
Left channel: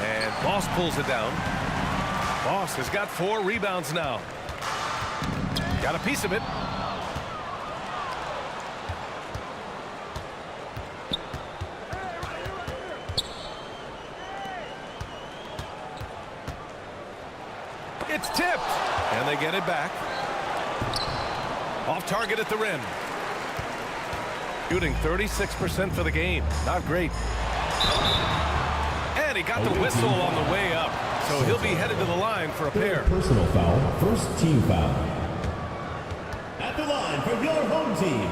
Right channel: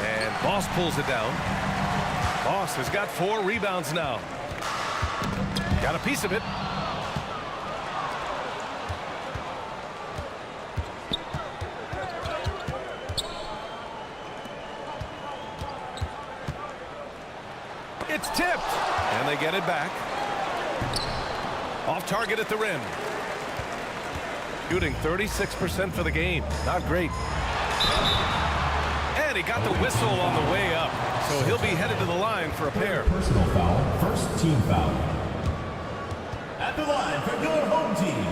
And Boss pulls it down. Boss has got 4 rebounds now. Got a piece of it. It's tipped, and they get it back. Off target at the rim. Shooting 36% for the game. Not great. And he got the whistle on the way up, so he'll be headed to the line for a pair. Personal foul, first team foul. At the line for your home team,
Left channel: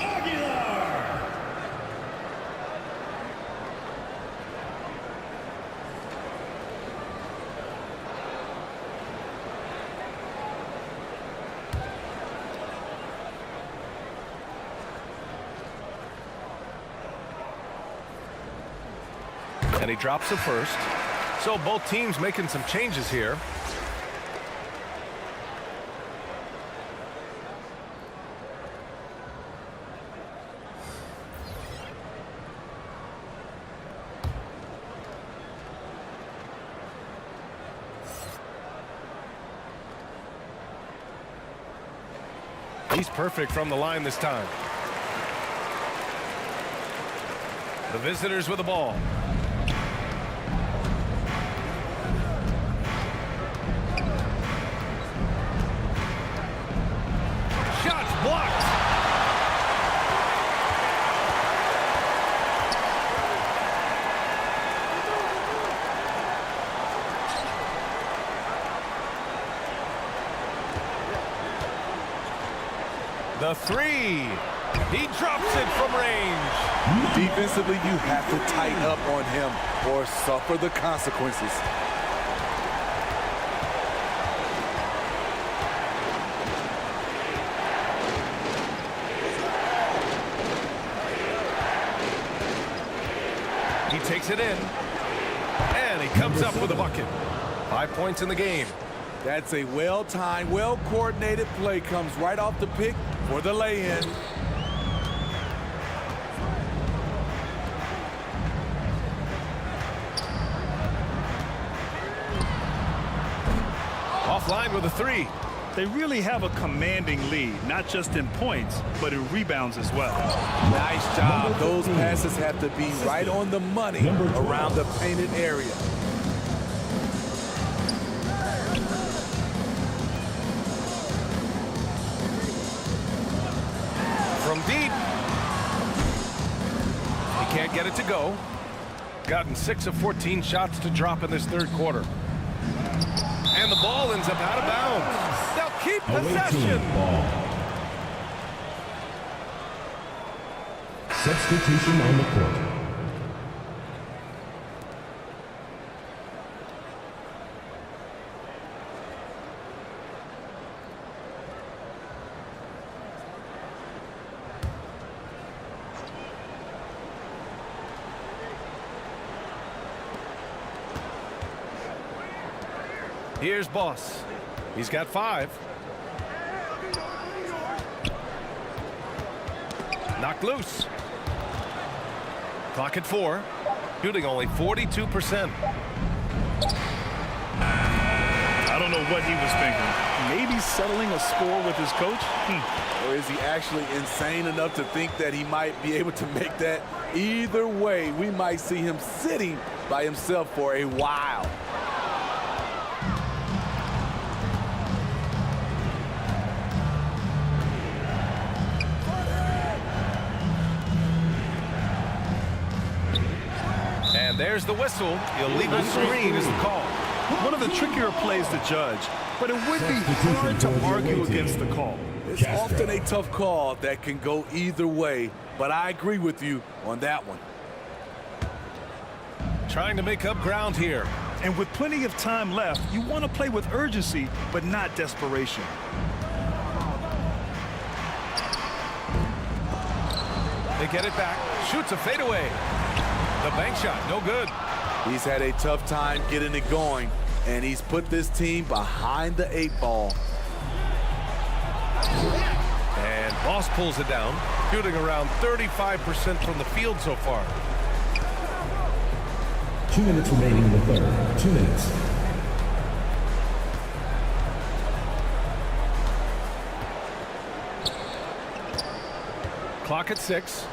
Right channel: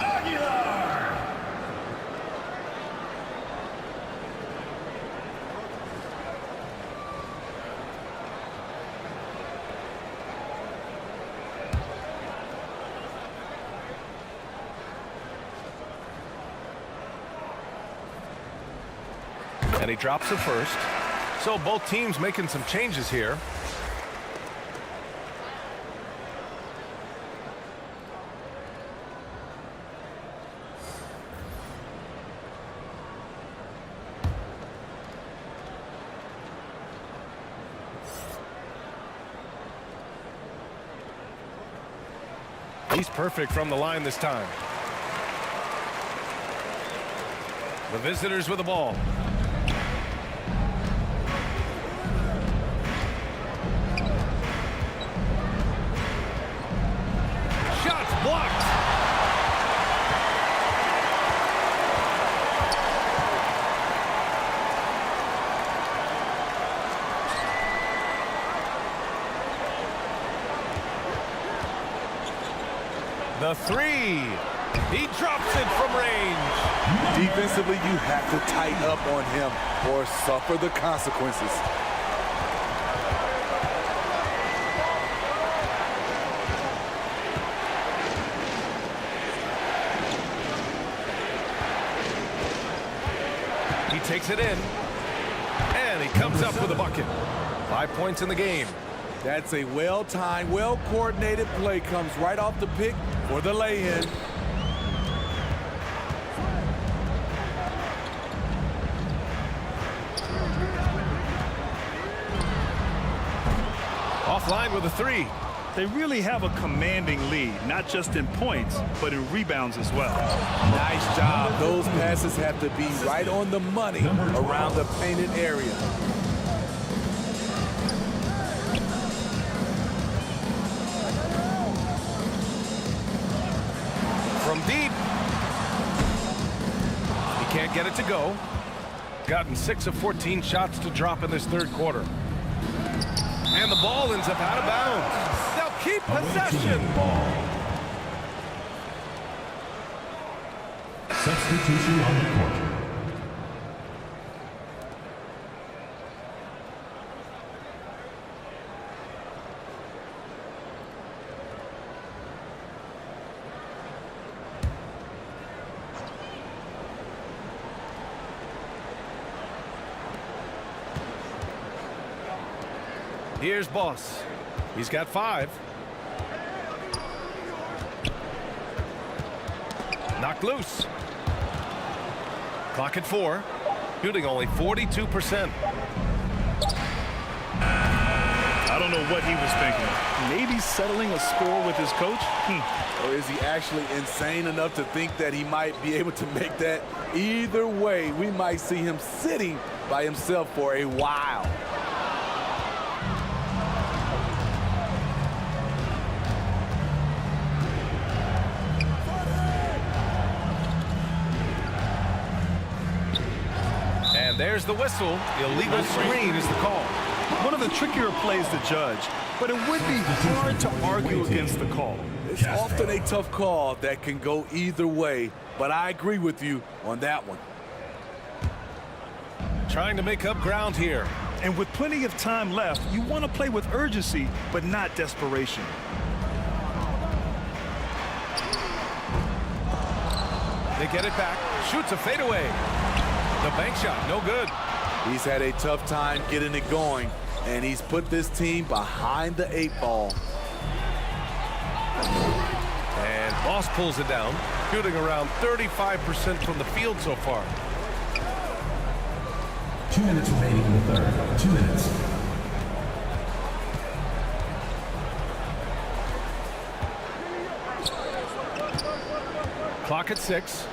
Aguilar. And he drops the first. So both teams making some changes here. He's perfect from the line this time. The visitors with the ball. Shots blocked. The 3. He drops it from range. Defensively, you have to tighten up on him or suffer the consequences. He takes it in, and he comes up with a bucket. 5 points in the game. That's a well-timed, well-coordinated play. Comes right off the pick for the lay-in. Offline with a 3. They really have a commanding lead, not just in points, but in rebounds as well. Nice job. Those passes have to be right on the money around the painted area. From deep. He can't get it to go. Gotten 6 of 14 shots to drop in this third quarter. And the ball ends up out of bounds. They'll keep possession. Substitution on the court. Here's Boss. He's got 5. Knocked loose. Clock at 4. Shooting only 42%. I don't know what he was thinking. Maybe settling a score with his coach? Or is he actually insane enough to think that he might be able to make that? Either way, we might see him sitting by himself for a while. And there's the whistle. Illegal screen is the call. One of the trickier plays to judge, but it would be hard to argue against the call. It's often a tough call that can go either way, but I agree with you on that one. Trying to make up ground here. And with plenty of time left, you want to play with urgency, but not desperation. They get it back. Shoots a fadeaway. The bank shot, no good. He's had a tough time getting it going, and he's put this team behind the 8 ball. And Boss pulls it down, shooting around 35% from the field so far. 2 minutes remaining in the third. 2 minutes. Clock at 6.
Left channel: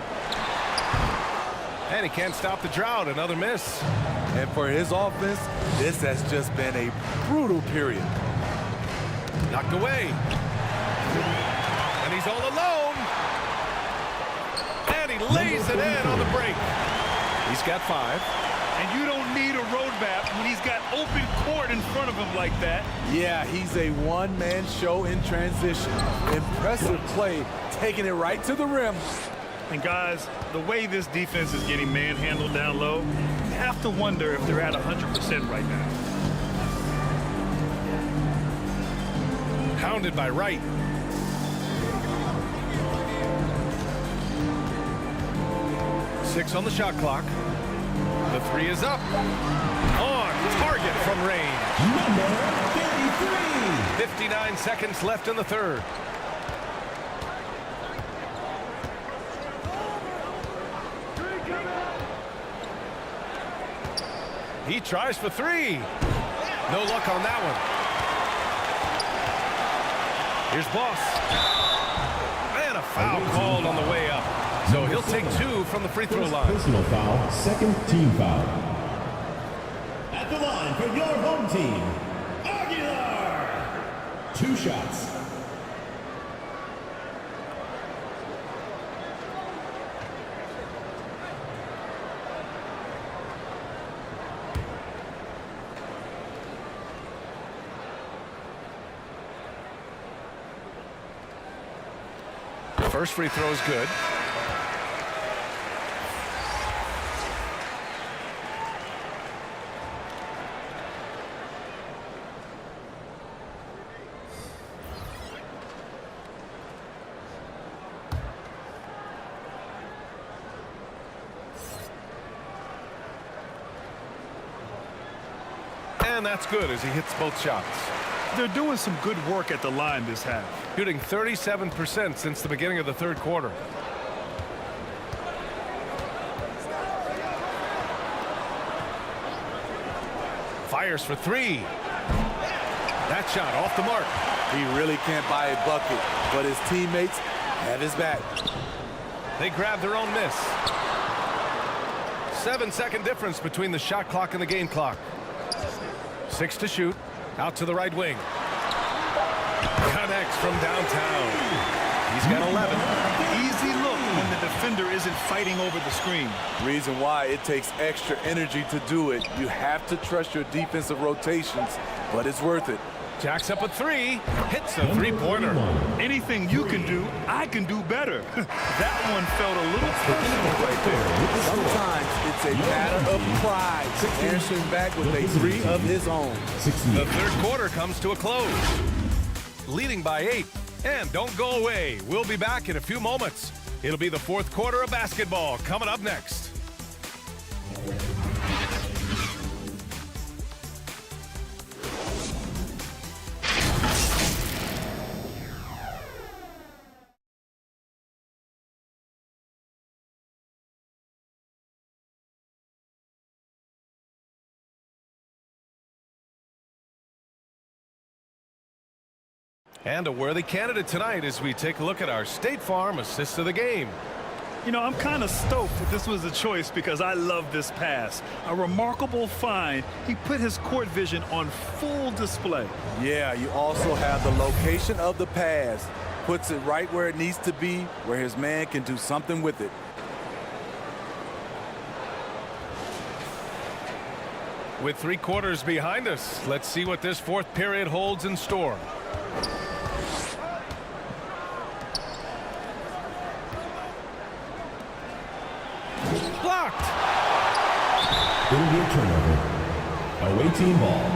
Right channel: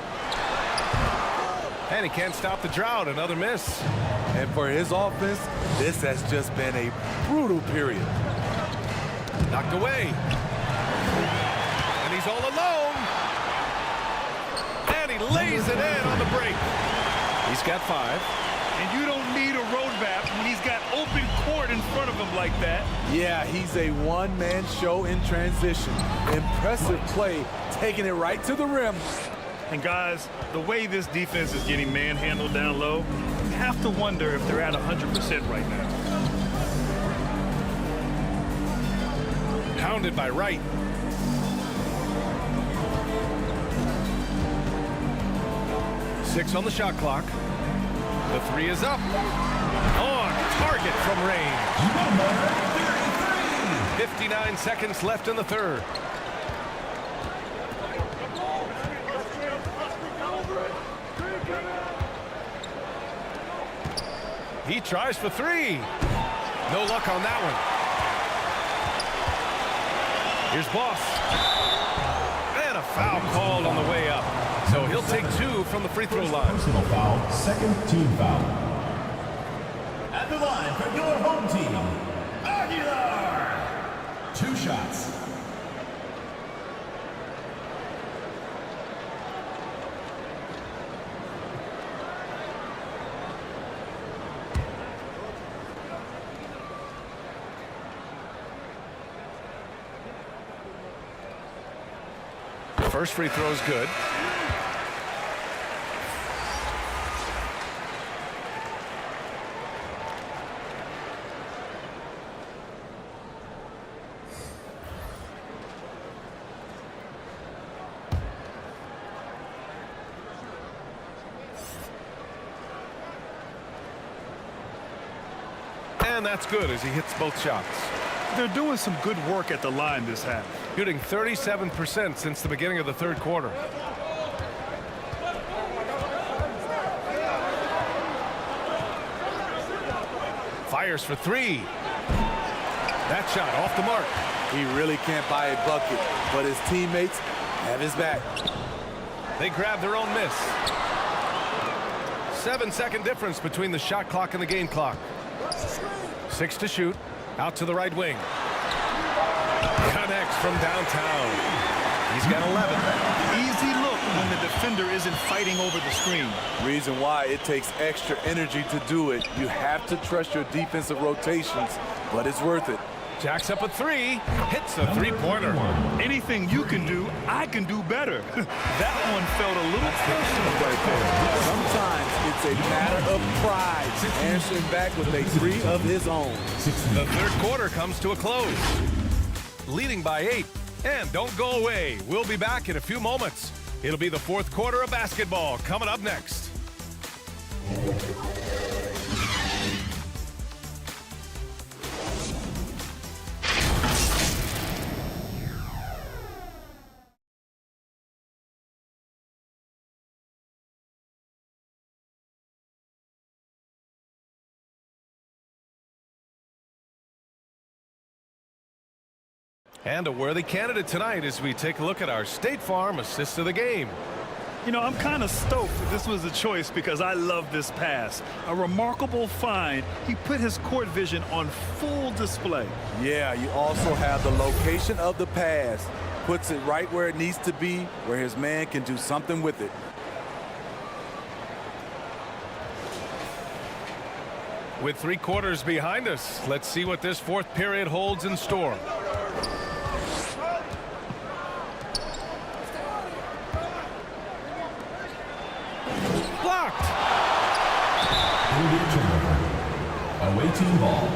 And he can't stop the drought. Another miss. And for his offense, this has just been a brutal period. Knocked away. And he's all alone. And he lays it in on the break. He's got 5. And you don't need a roadmap when he's got open court in front of him like that. Yeah, he's a one-man show in transition. Impressive play, taking it right to the rim. And guys, the way this defense is getting manhandled down low, you have to wonder if they're at 100% right now. Pounded by Wright. Six on the shot clock. The 3 is up. On target from range. Number 33. 59 seconds left in the third. He tries for 3. No luck on that one. Here's Boss. And a foul called on the way up. So he'll take 2 from the free throw line. Personal foul, second team foul. At the line for your home team, Aguilar. 2 shots. First free throw is good. And that's good as he hits both shots. They're doing some good work at the line this half. Shooting 37% since the beginning of the third quarter. Fires for 3. That shot off the mark. He really can't buy a bucket, but his teammates have his back. They grab their own miss. 7-second difference between the shot clock and the game clock. 6 to shoot. Out to the right wing. Connects from downtown. He's got 11. Easy look when the defender isn't fighting over the screen. Reason why it takes extra energy to do it. You have to trust your defensive rotations, but it's worth it. Jacks up a three, hits a three-pointer. Anything you can do, I can do better. That one felt a little personal right there. Sometimes it's a matter of pride, answering back with a three of his own. The third quarter comes to a close. Leading by 8. And don't go away. We'll be back in a few moments. It'll be the fourth quarter of basketball coming up next. And a worthy candidate tonight as we take a look at our State Farm assist of the game. You know, I'm kind of stoked that this was a choice because I love this pass. A remarkable find. He put his court vision on full display. Yeah, you also have the location of the pass. Puts it right where it needs to be, where his man can do something with it. With 3 quarters behind us, let's see what this fourth period holds in store. Blocked. It'll be a turnover. Away team ball.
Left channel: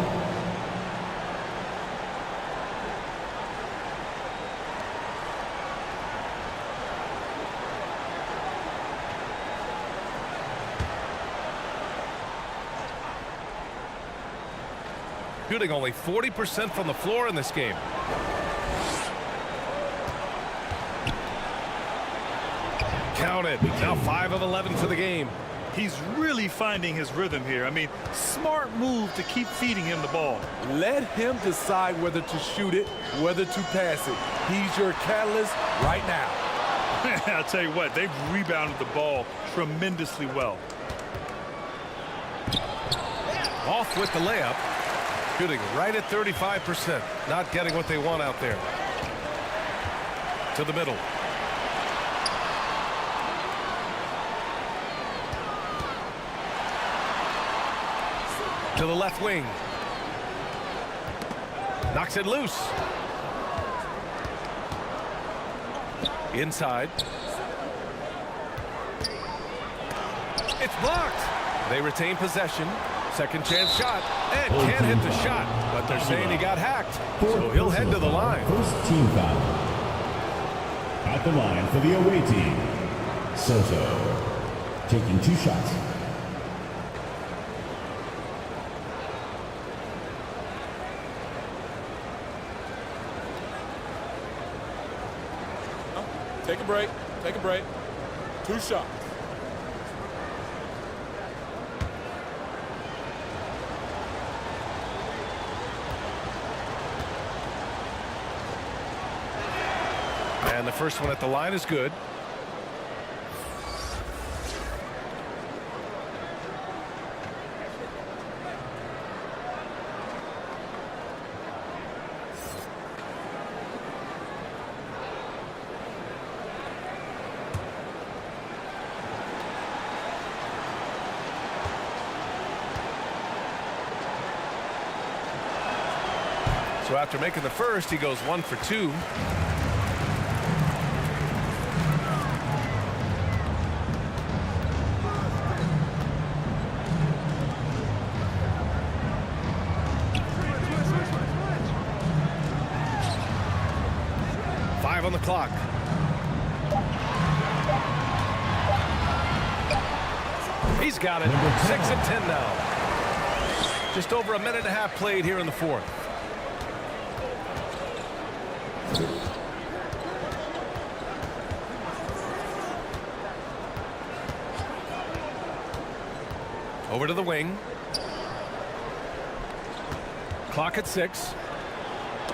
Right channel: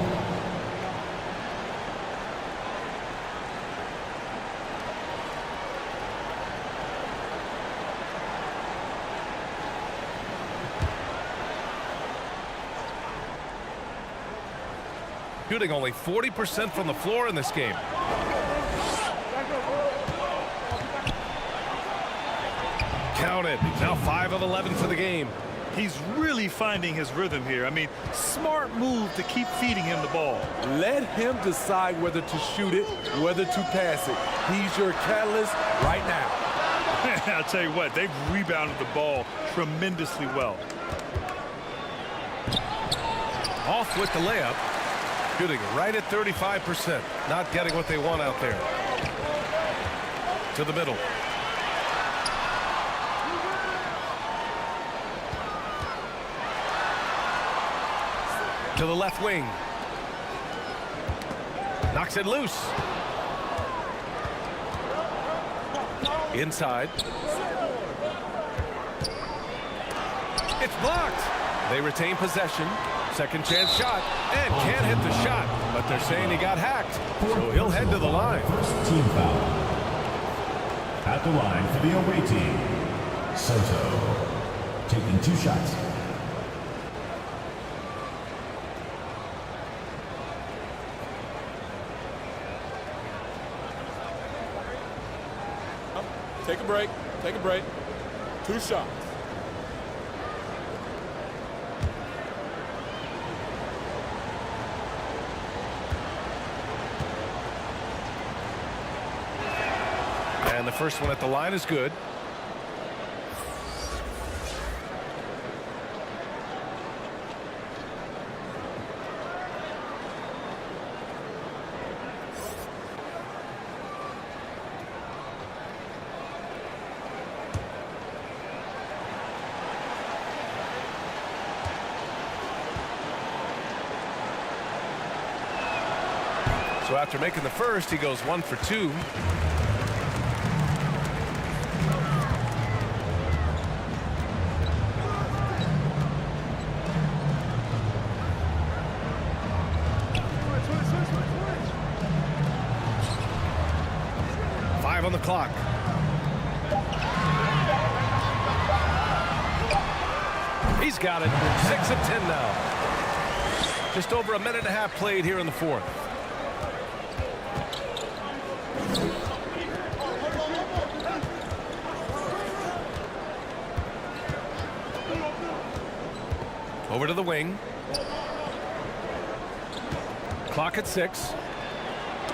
Shooting only 40% from the floor in this game. Counted. Now 5 of 11 for the game. He's really finding his rhythm here. I mean, smart move to keep feeding him the ball. Let him decide whether to shoot it, whether to pass it. He's your catalyst right now. I'll tell you what, they've rebounded the ball tremendously well. Off with the layup. Shooting right at 35%. Not getting what they want out there. To the middle. To the left wing. Knocks it loose. Inside. It's blocked. They retain possession. Second chance shot. And can't hit the shot. But they're saying he got hacked. So he'll head to the line. First team foul. At the line for the away team, Soto. Taking 2 shots. Take a break. Take a break. 2 shots. And the first one at the line is good. So after making the first, he goes 1 for 2. On the clock. He's got it. 6 of 10 now. Just over a minute and a half played here in the fourth. Over to the wing. Clock at 6.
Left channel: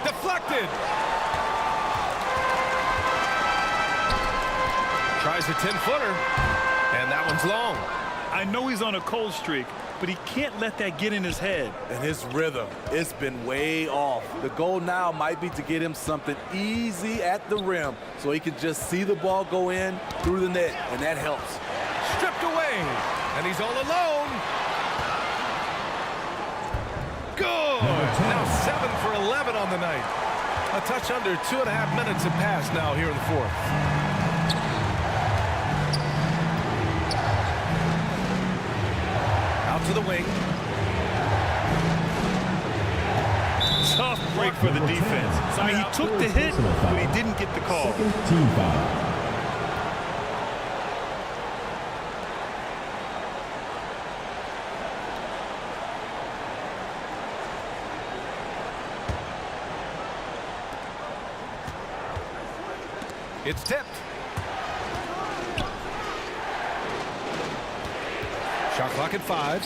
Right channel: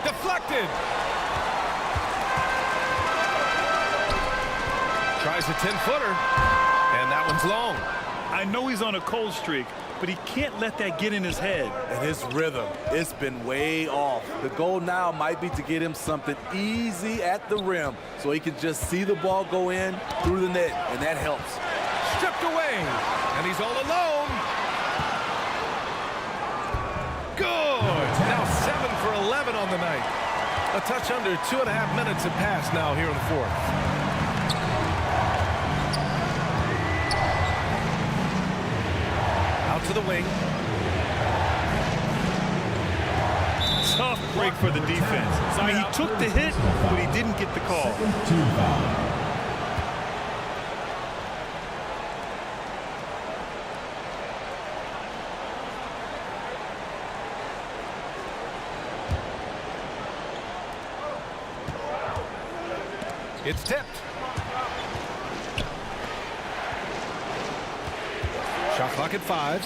Deflected. Tries a 10-footer, and that one's long. I know he's on a cold streak, but he can't let that get in his head. And his rhythm, it's been way off. The goal now might be to get him something easy at the rim so he can just see the ball go in through the net, and that helps. Stripped away, and he's all alone. Good. Now now 7 for 11 on the night. A touch under 2.5 minutes have passed now here in the fourth. Out to the wing. Tough break for the defense. I mean, he took the hit, but he didn't get the call. Second team foul. It's tipped. Shot clock at 5.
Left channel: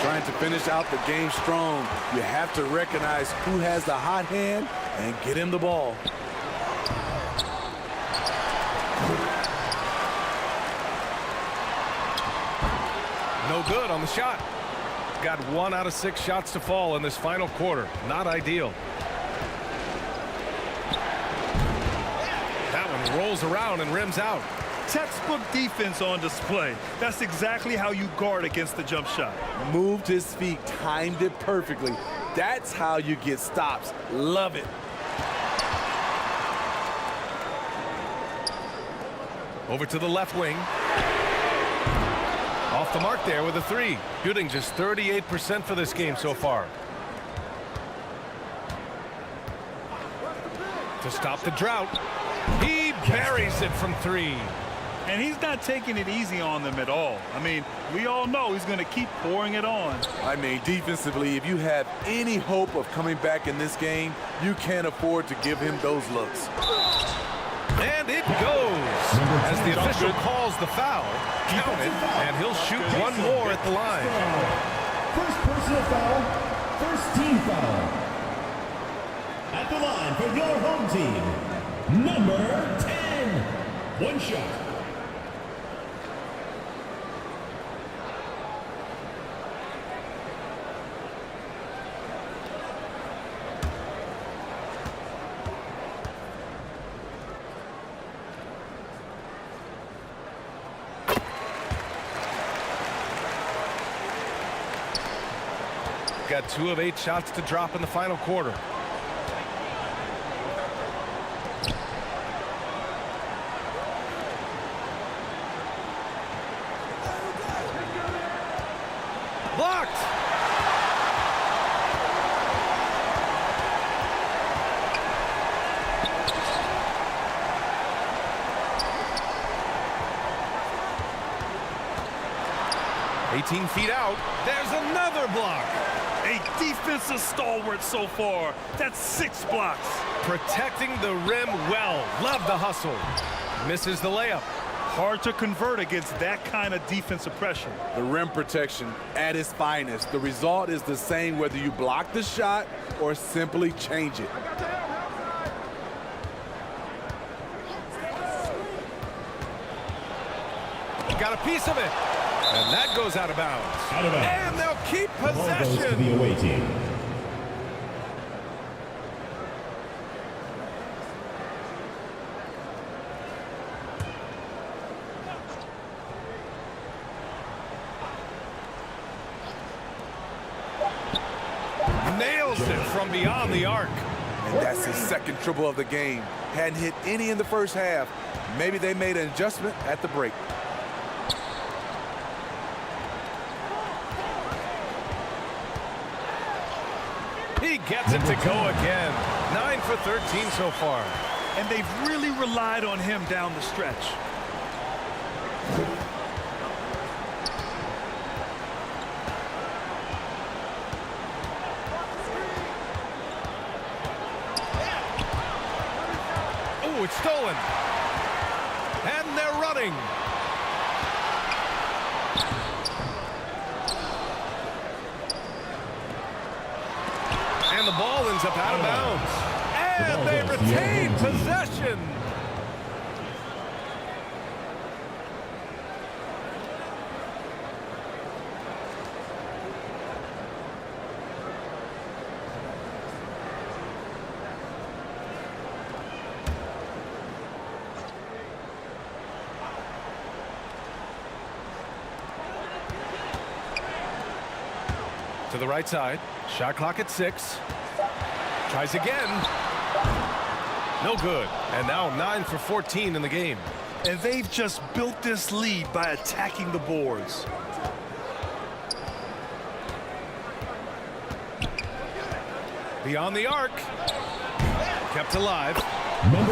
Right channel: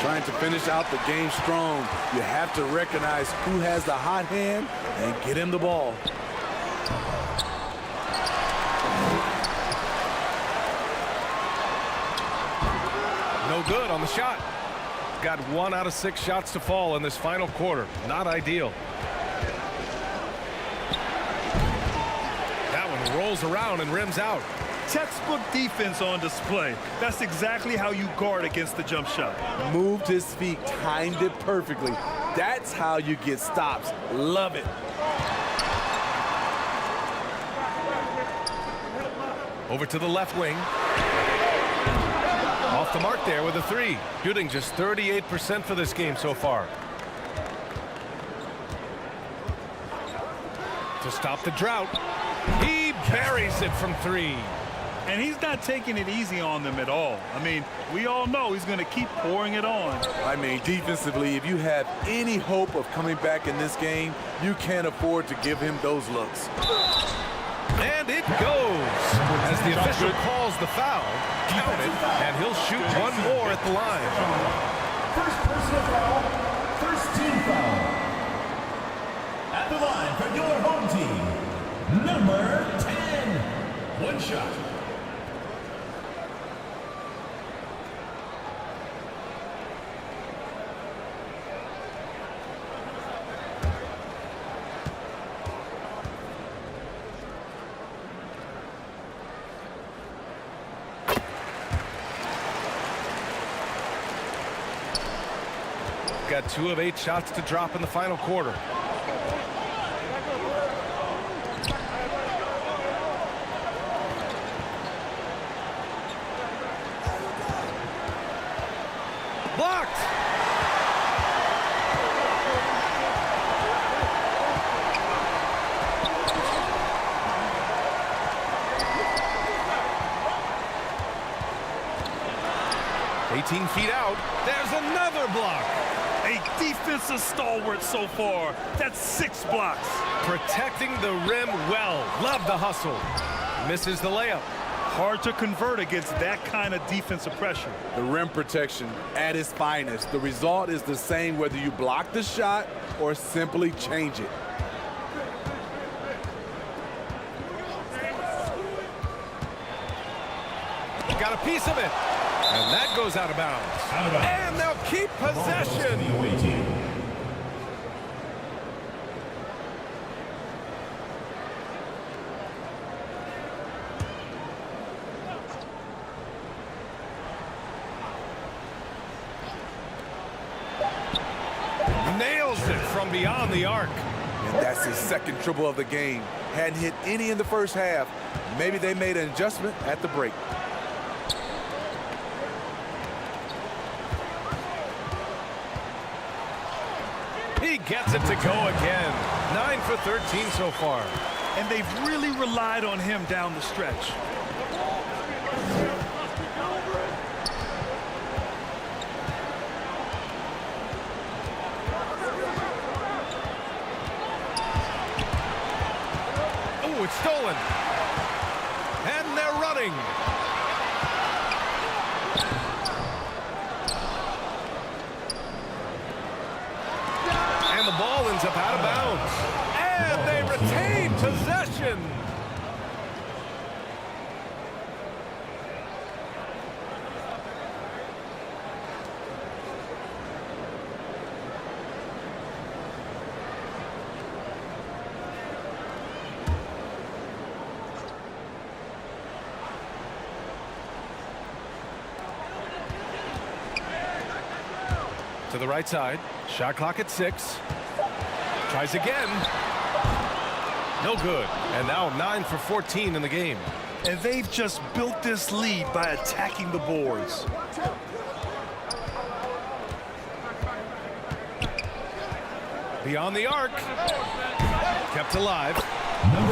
Trying to finish out the game strong. You have to recognize who has the hot hand and get him the ball. No good on the shot. Got 1 out of 6 shots to fall in this final quarter. Not ideal. That one rolls around and rims out. Textbook defense on display. That's exactly how you guard against the jump shot. Moved his feet, timed it perfectly. That's how you get stops. Love it. Over to the left wing. Off the mark there with a 3. Shooting just 38% for this game so far. To stop the drought. He buries it from 3. And he's not taking it easy on them at all. I mean, we all know he's going to keep pouring it on. I mean, defensively, if you have any hope of coming back in this game, you can't afford to give him those looks. And it goes. As the official calls the foul, count it, and he'll shoot one more at the line. First personal foul, first team foul. At the line for your home team, number 10. One shot. Got 2 of 8 shots to drop in the final quarter. Blocked. "18 feet out. There's another block." A defensive stalwart so far. That's 6 blocks. Protecting the rim well. Love the hustle. Misses the layup. Hard to convert against that kind of defensive pressure. The rim protection at its finest. The result is the same whether you block the shot or simply change it. Got a piece of it. And that goes out of bounds. Out of bounds. And they'll keep possession. The away team. Nails it from beyond the arc. And that's his second triple of the game. Hadn't hit any in the first half. Maybe they made an adjustment at the break. He gets it to go again. 9 for 13 so far. And they've really relied on him down the stretch. Oh, it's stolen. And they're running. And the ball ends up out of bounds. And they retain possession. To the right side. Shot clock at 6. Tries again. No good. And now 9 for 14 in the game. And they've just built this lead by attacking the boards. Beyond the arc. Kept alive.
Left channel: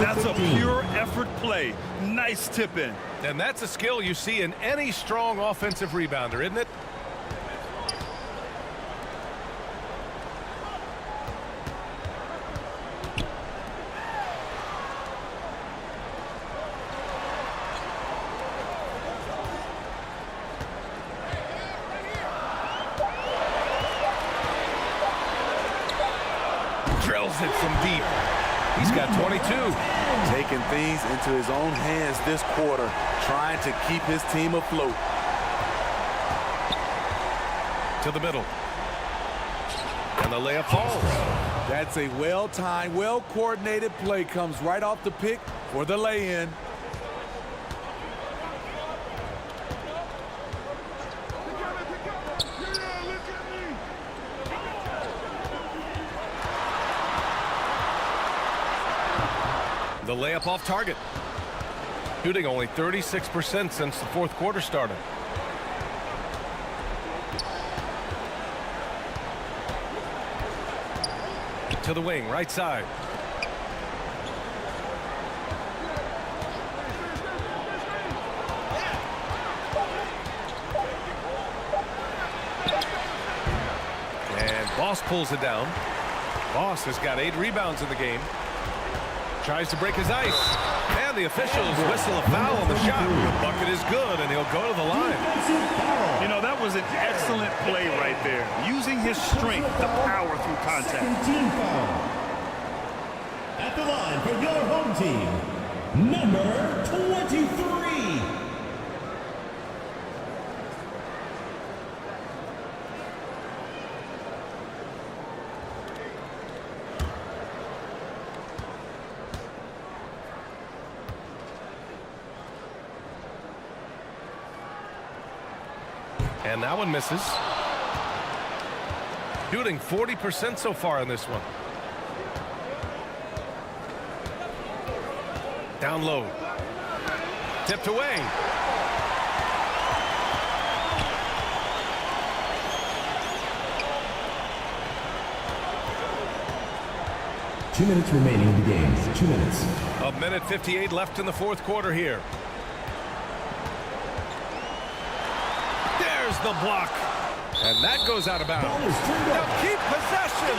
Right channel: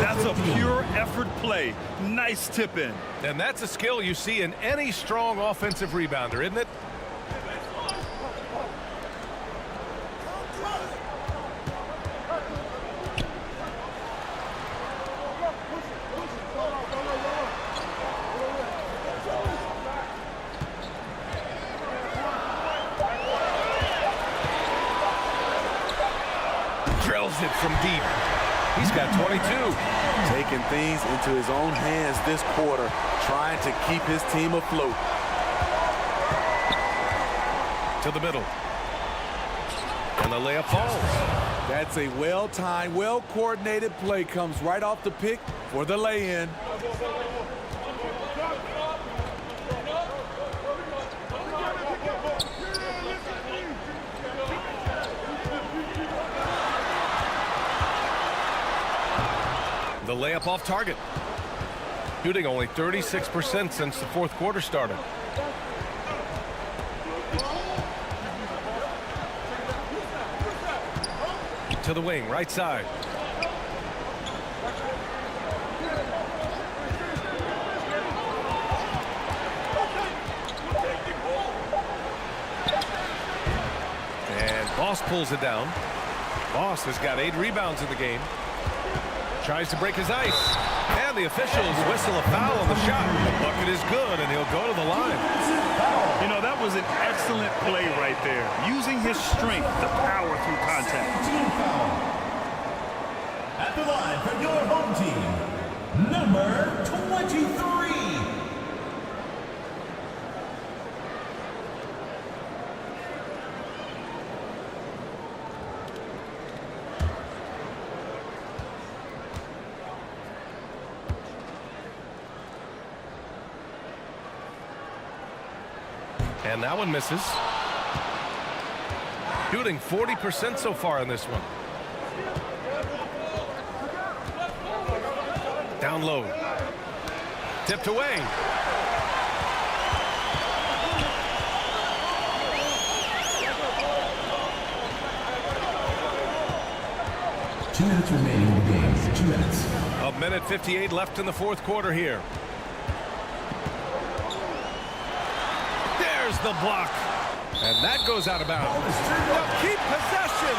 That's a pure effort play. Nice tip in. And that's a skill you see in any strong offensive rebounder, isn't it? Drills it from deep. He's got 22. Taking things into his own hands this quarter, trying to keep his team afloat. To the middle. And the layup falls. That's a well-timed, well-coordinated play. Comes right off the pick for the lay-in. The layup off target. Shooting only 36% since the fourth quarter started. To the wing, right side. And Boss pulls it down. Boss has got 8 rebounds in the game. Tries to break his ice. And the officials whistle a foul on the shot. The bucket is good, and he'll go to the line. You know, that was an excellent play right there. Using his strength to power through contact. Team foul. At the line for your home team, number 23. And that one misses. Shooting 40% so far in this one. Down low. Tipped away. Two minutes remaining in the game. 2 minutes. A minute 58 left in the fourth quarter here. There's the block. And that goes out of bounds. Now keep possession.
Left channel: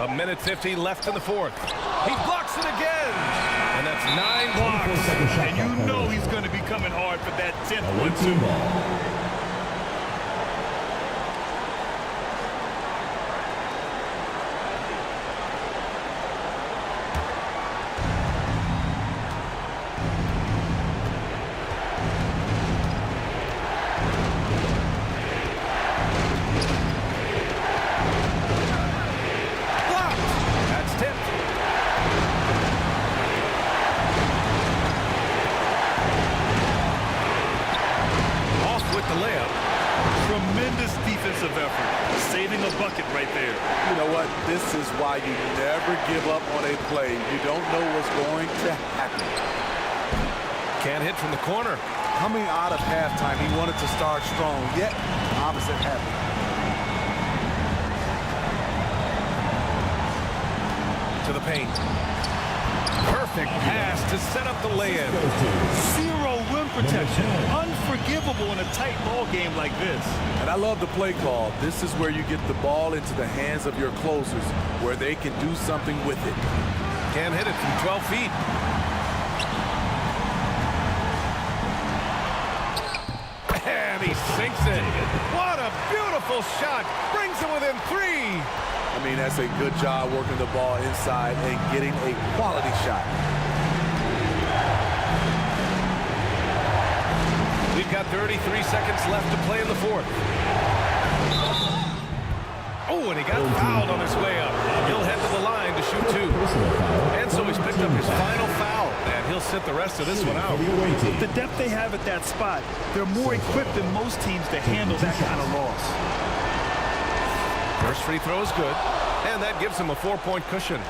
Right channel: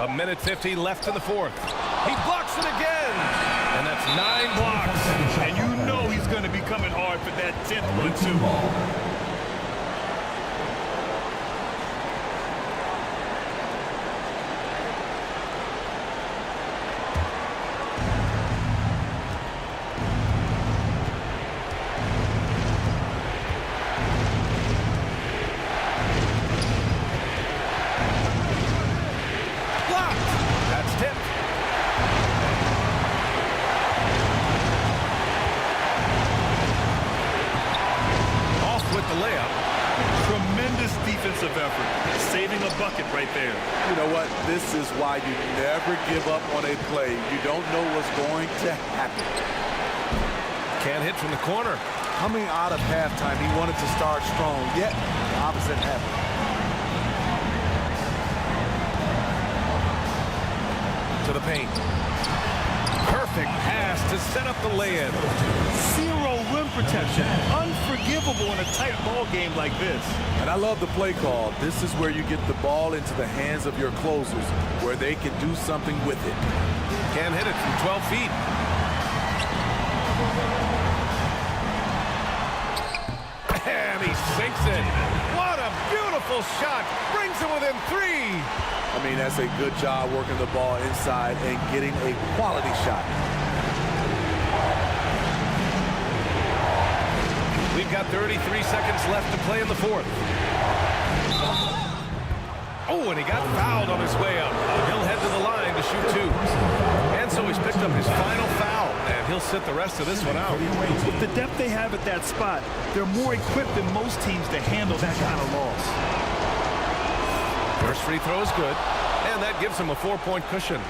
A minute 50 left in the fourth. He blocks it again. And that's 9 blocks. And you know he's going to be coming hard for that 10th one, too. The layup. Tremendous defensive effort, saving a bucket right there. You know what? This is why you never give up on a play. You don't know what's going to happen. Can't hit from the corner. Coming out of halftime, he wanted to start strong, yet the opposite happened. To the paint. Perfect pass to set up the lay-in. Zero rim protection. Unforgivable in a tight ball game like this. And I love the play call. This is where you get the ball into the hands of your closers, where they can do something with it. Can't hit it from 12 feet. And he sinks it. What a beautiful shot. Brings it within 3. I mean, that's a good job working the ball inside and getting a quality shot. We've got 33 seconds left to play in the fourth. Oh, and he got fouled on his way up. He'll head to the line to shoot 2. And so he's picked up his final foul, and he'll sit the rest of this one out. With the depth they have at that spot, they're more equipped than most teams to handle that kind of loss. First free throw is good, and that gives him a 4-point cushion.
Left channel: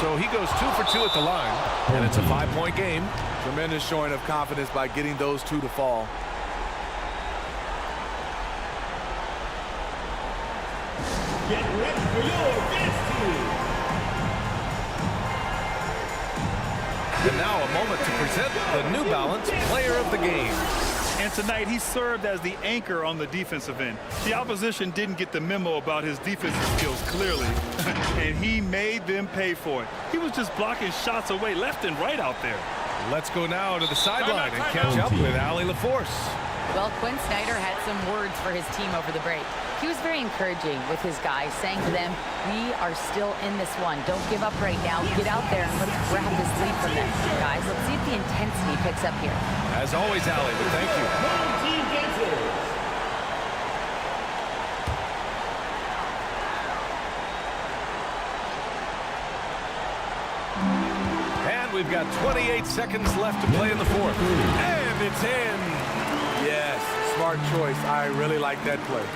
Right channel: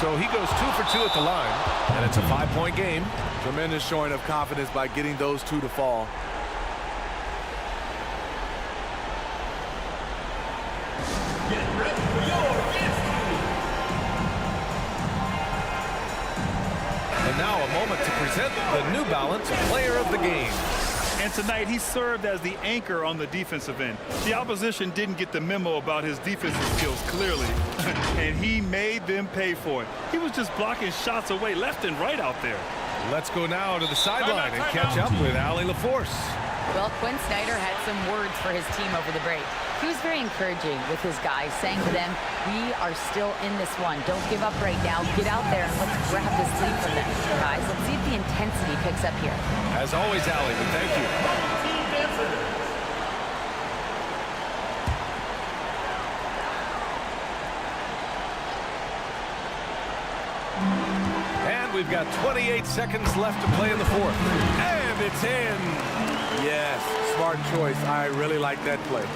So he goes 2 for 2 at the line, and it's a 5-point game. Tremendous showing of confidence by getting those 2 to fall. Get ready for your dance team. And now a moment to present the New Balance Player of the Game. And tonight, he served as the anchor on the defensive end. The opposition didn't get the memo about his defensive skills clearly, and he made them pay for it. He was just blocking shots away left and right out there. Let's go now to the sideline and catch up with Allie LaForce. Well, Quinn Snyder had some words for his team over the break. He was very encouraging with his guys, saying to them, we are still in this one. Don't give up right now. Get out there and let's grab this lead from them. Guys, let's see if the intensity picks up here. As always, Allie, but thank you. Home team dancers. And we've got 28 seconds left to play in the fourth. And it's in. Yes, smart choice. I really like that play.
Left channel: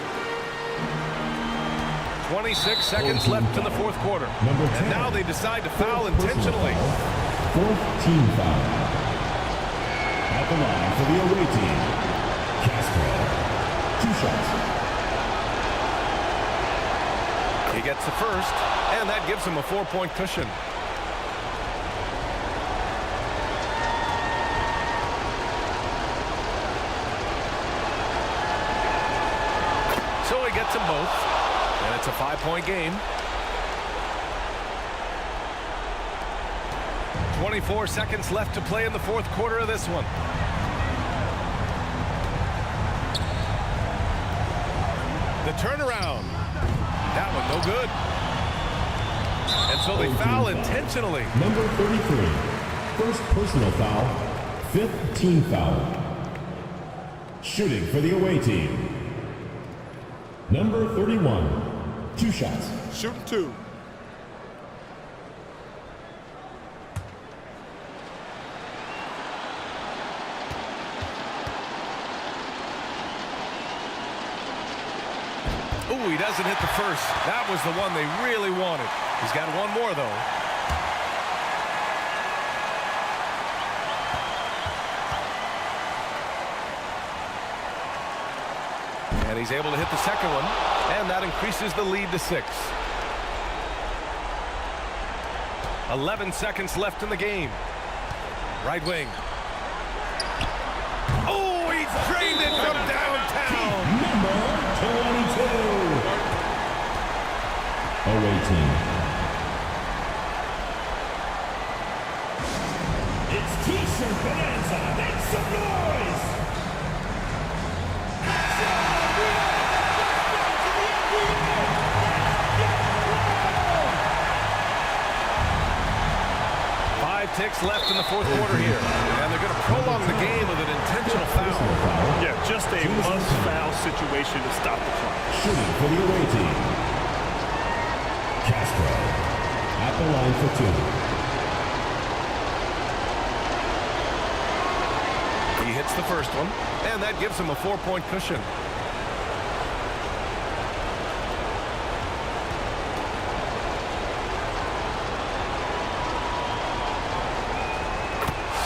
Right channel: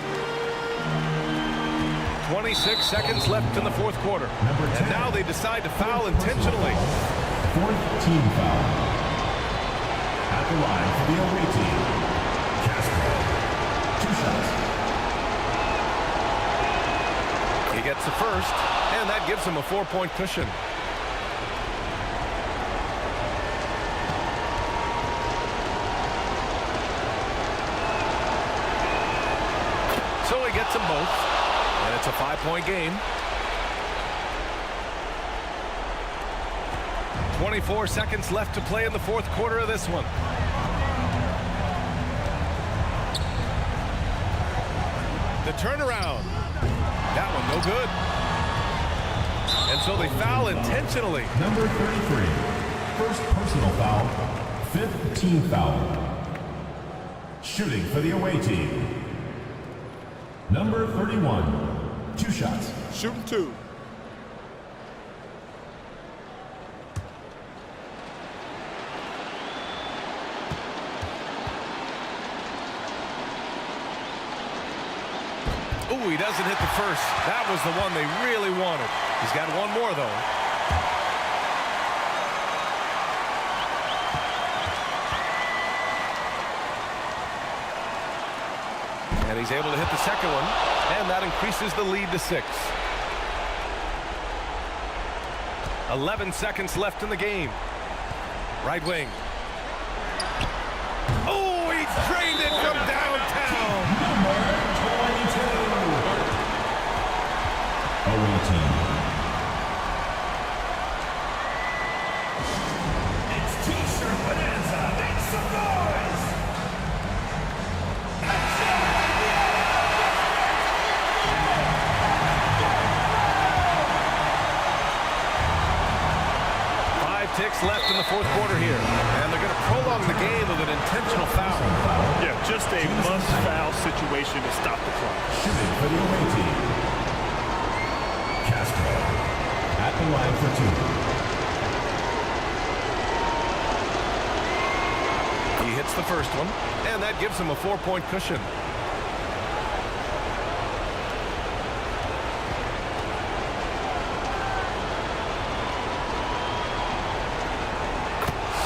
26 seconds left in the fourth quarter. And now they decide to foul intentionally. 4th team foul. At the line for the away team, Castro. 2 shots. He gets the first, and that gives him a 4-point cushion. So he gets them both, and it's a 5-point game. 24 seconds left to play in the fourth quarter of this one. The turnaround. That one no good. And so they foul intentionally. Number 33. First personal foul. 5th team foul. Shooting for the away team. Number 31. 2 shots. Shooting 2. Ooh, he doesn't hit the first. That was the one they really wanted. He's got one more, though. And he's able to hit the second one, and that increases the lead to 6. 11 seconds left in the game. Right wing. Oh, he drained it from downtown. Number 22. Away team. It's T-shirt bonanza. Make some noise. Action! 5 ticks left in the fourth quarter here, and they're going to prolong the game with an intentional foul. Yeah, just a must-foul situation to stop the clock. Shooting for the away team. Castro at the line for 2. He hits the first one, and that gives him a 4-point cushion.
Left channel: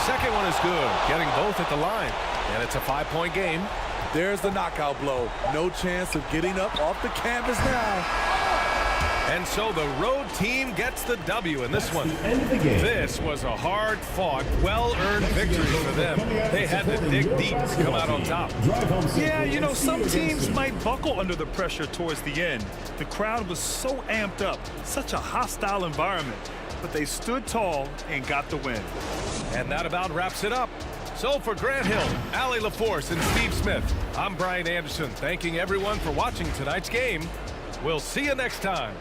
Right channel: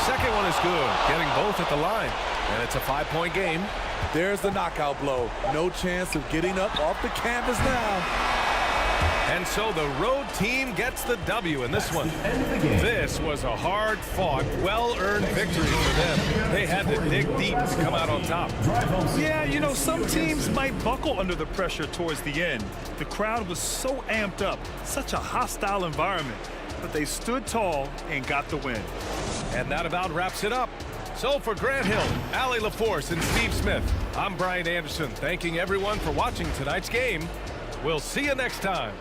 Second one is good, getting both at the line, and it's a 5-point game. There's the knockout blow. No chance of getting up off the canvas now. And so the road team gets the W in this one. End of the game. This was a hard-fought, well-earned victory for them. They had to dig deep to come out on top. Yeah, you know, some teams might buckle under the pressure towards the end. The crowd was so amped up, such a hostile environment. But they stood tall and got the win. And that about wraps it up. So for Grant Hill, Allie LaForce, and Steve Smith, I'm Brian Anderson, thanking everyone for watching tonight's game. We'll see you next time.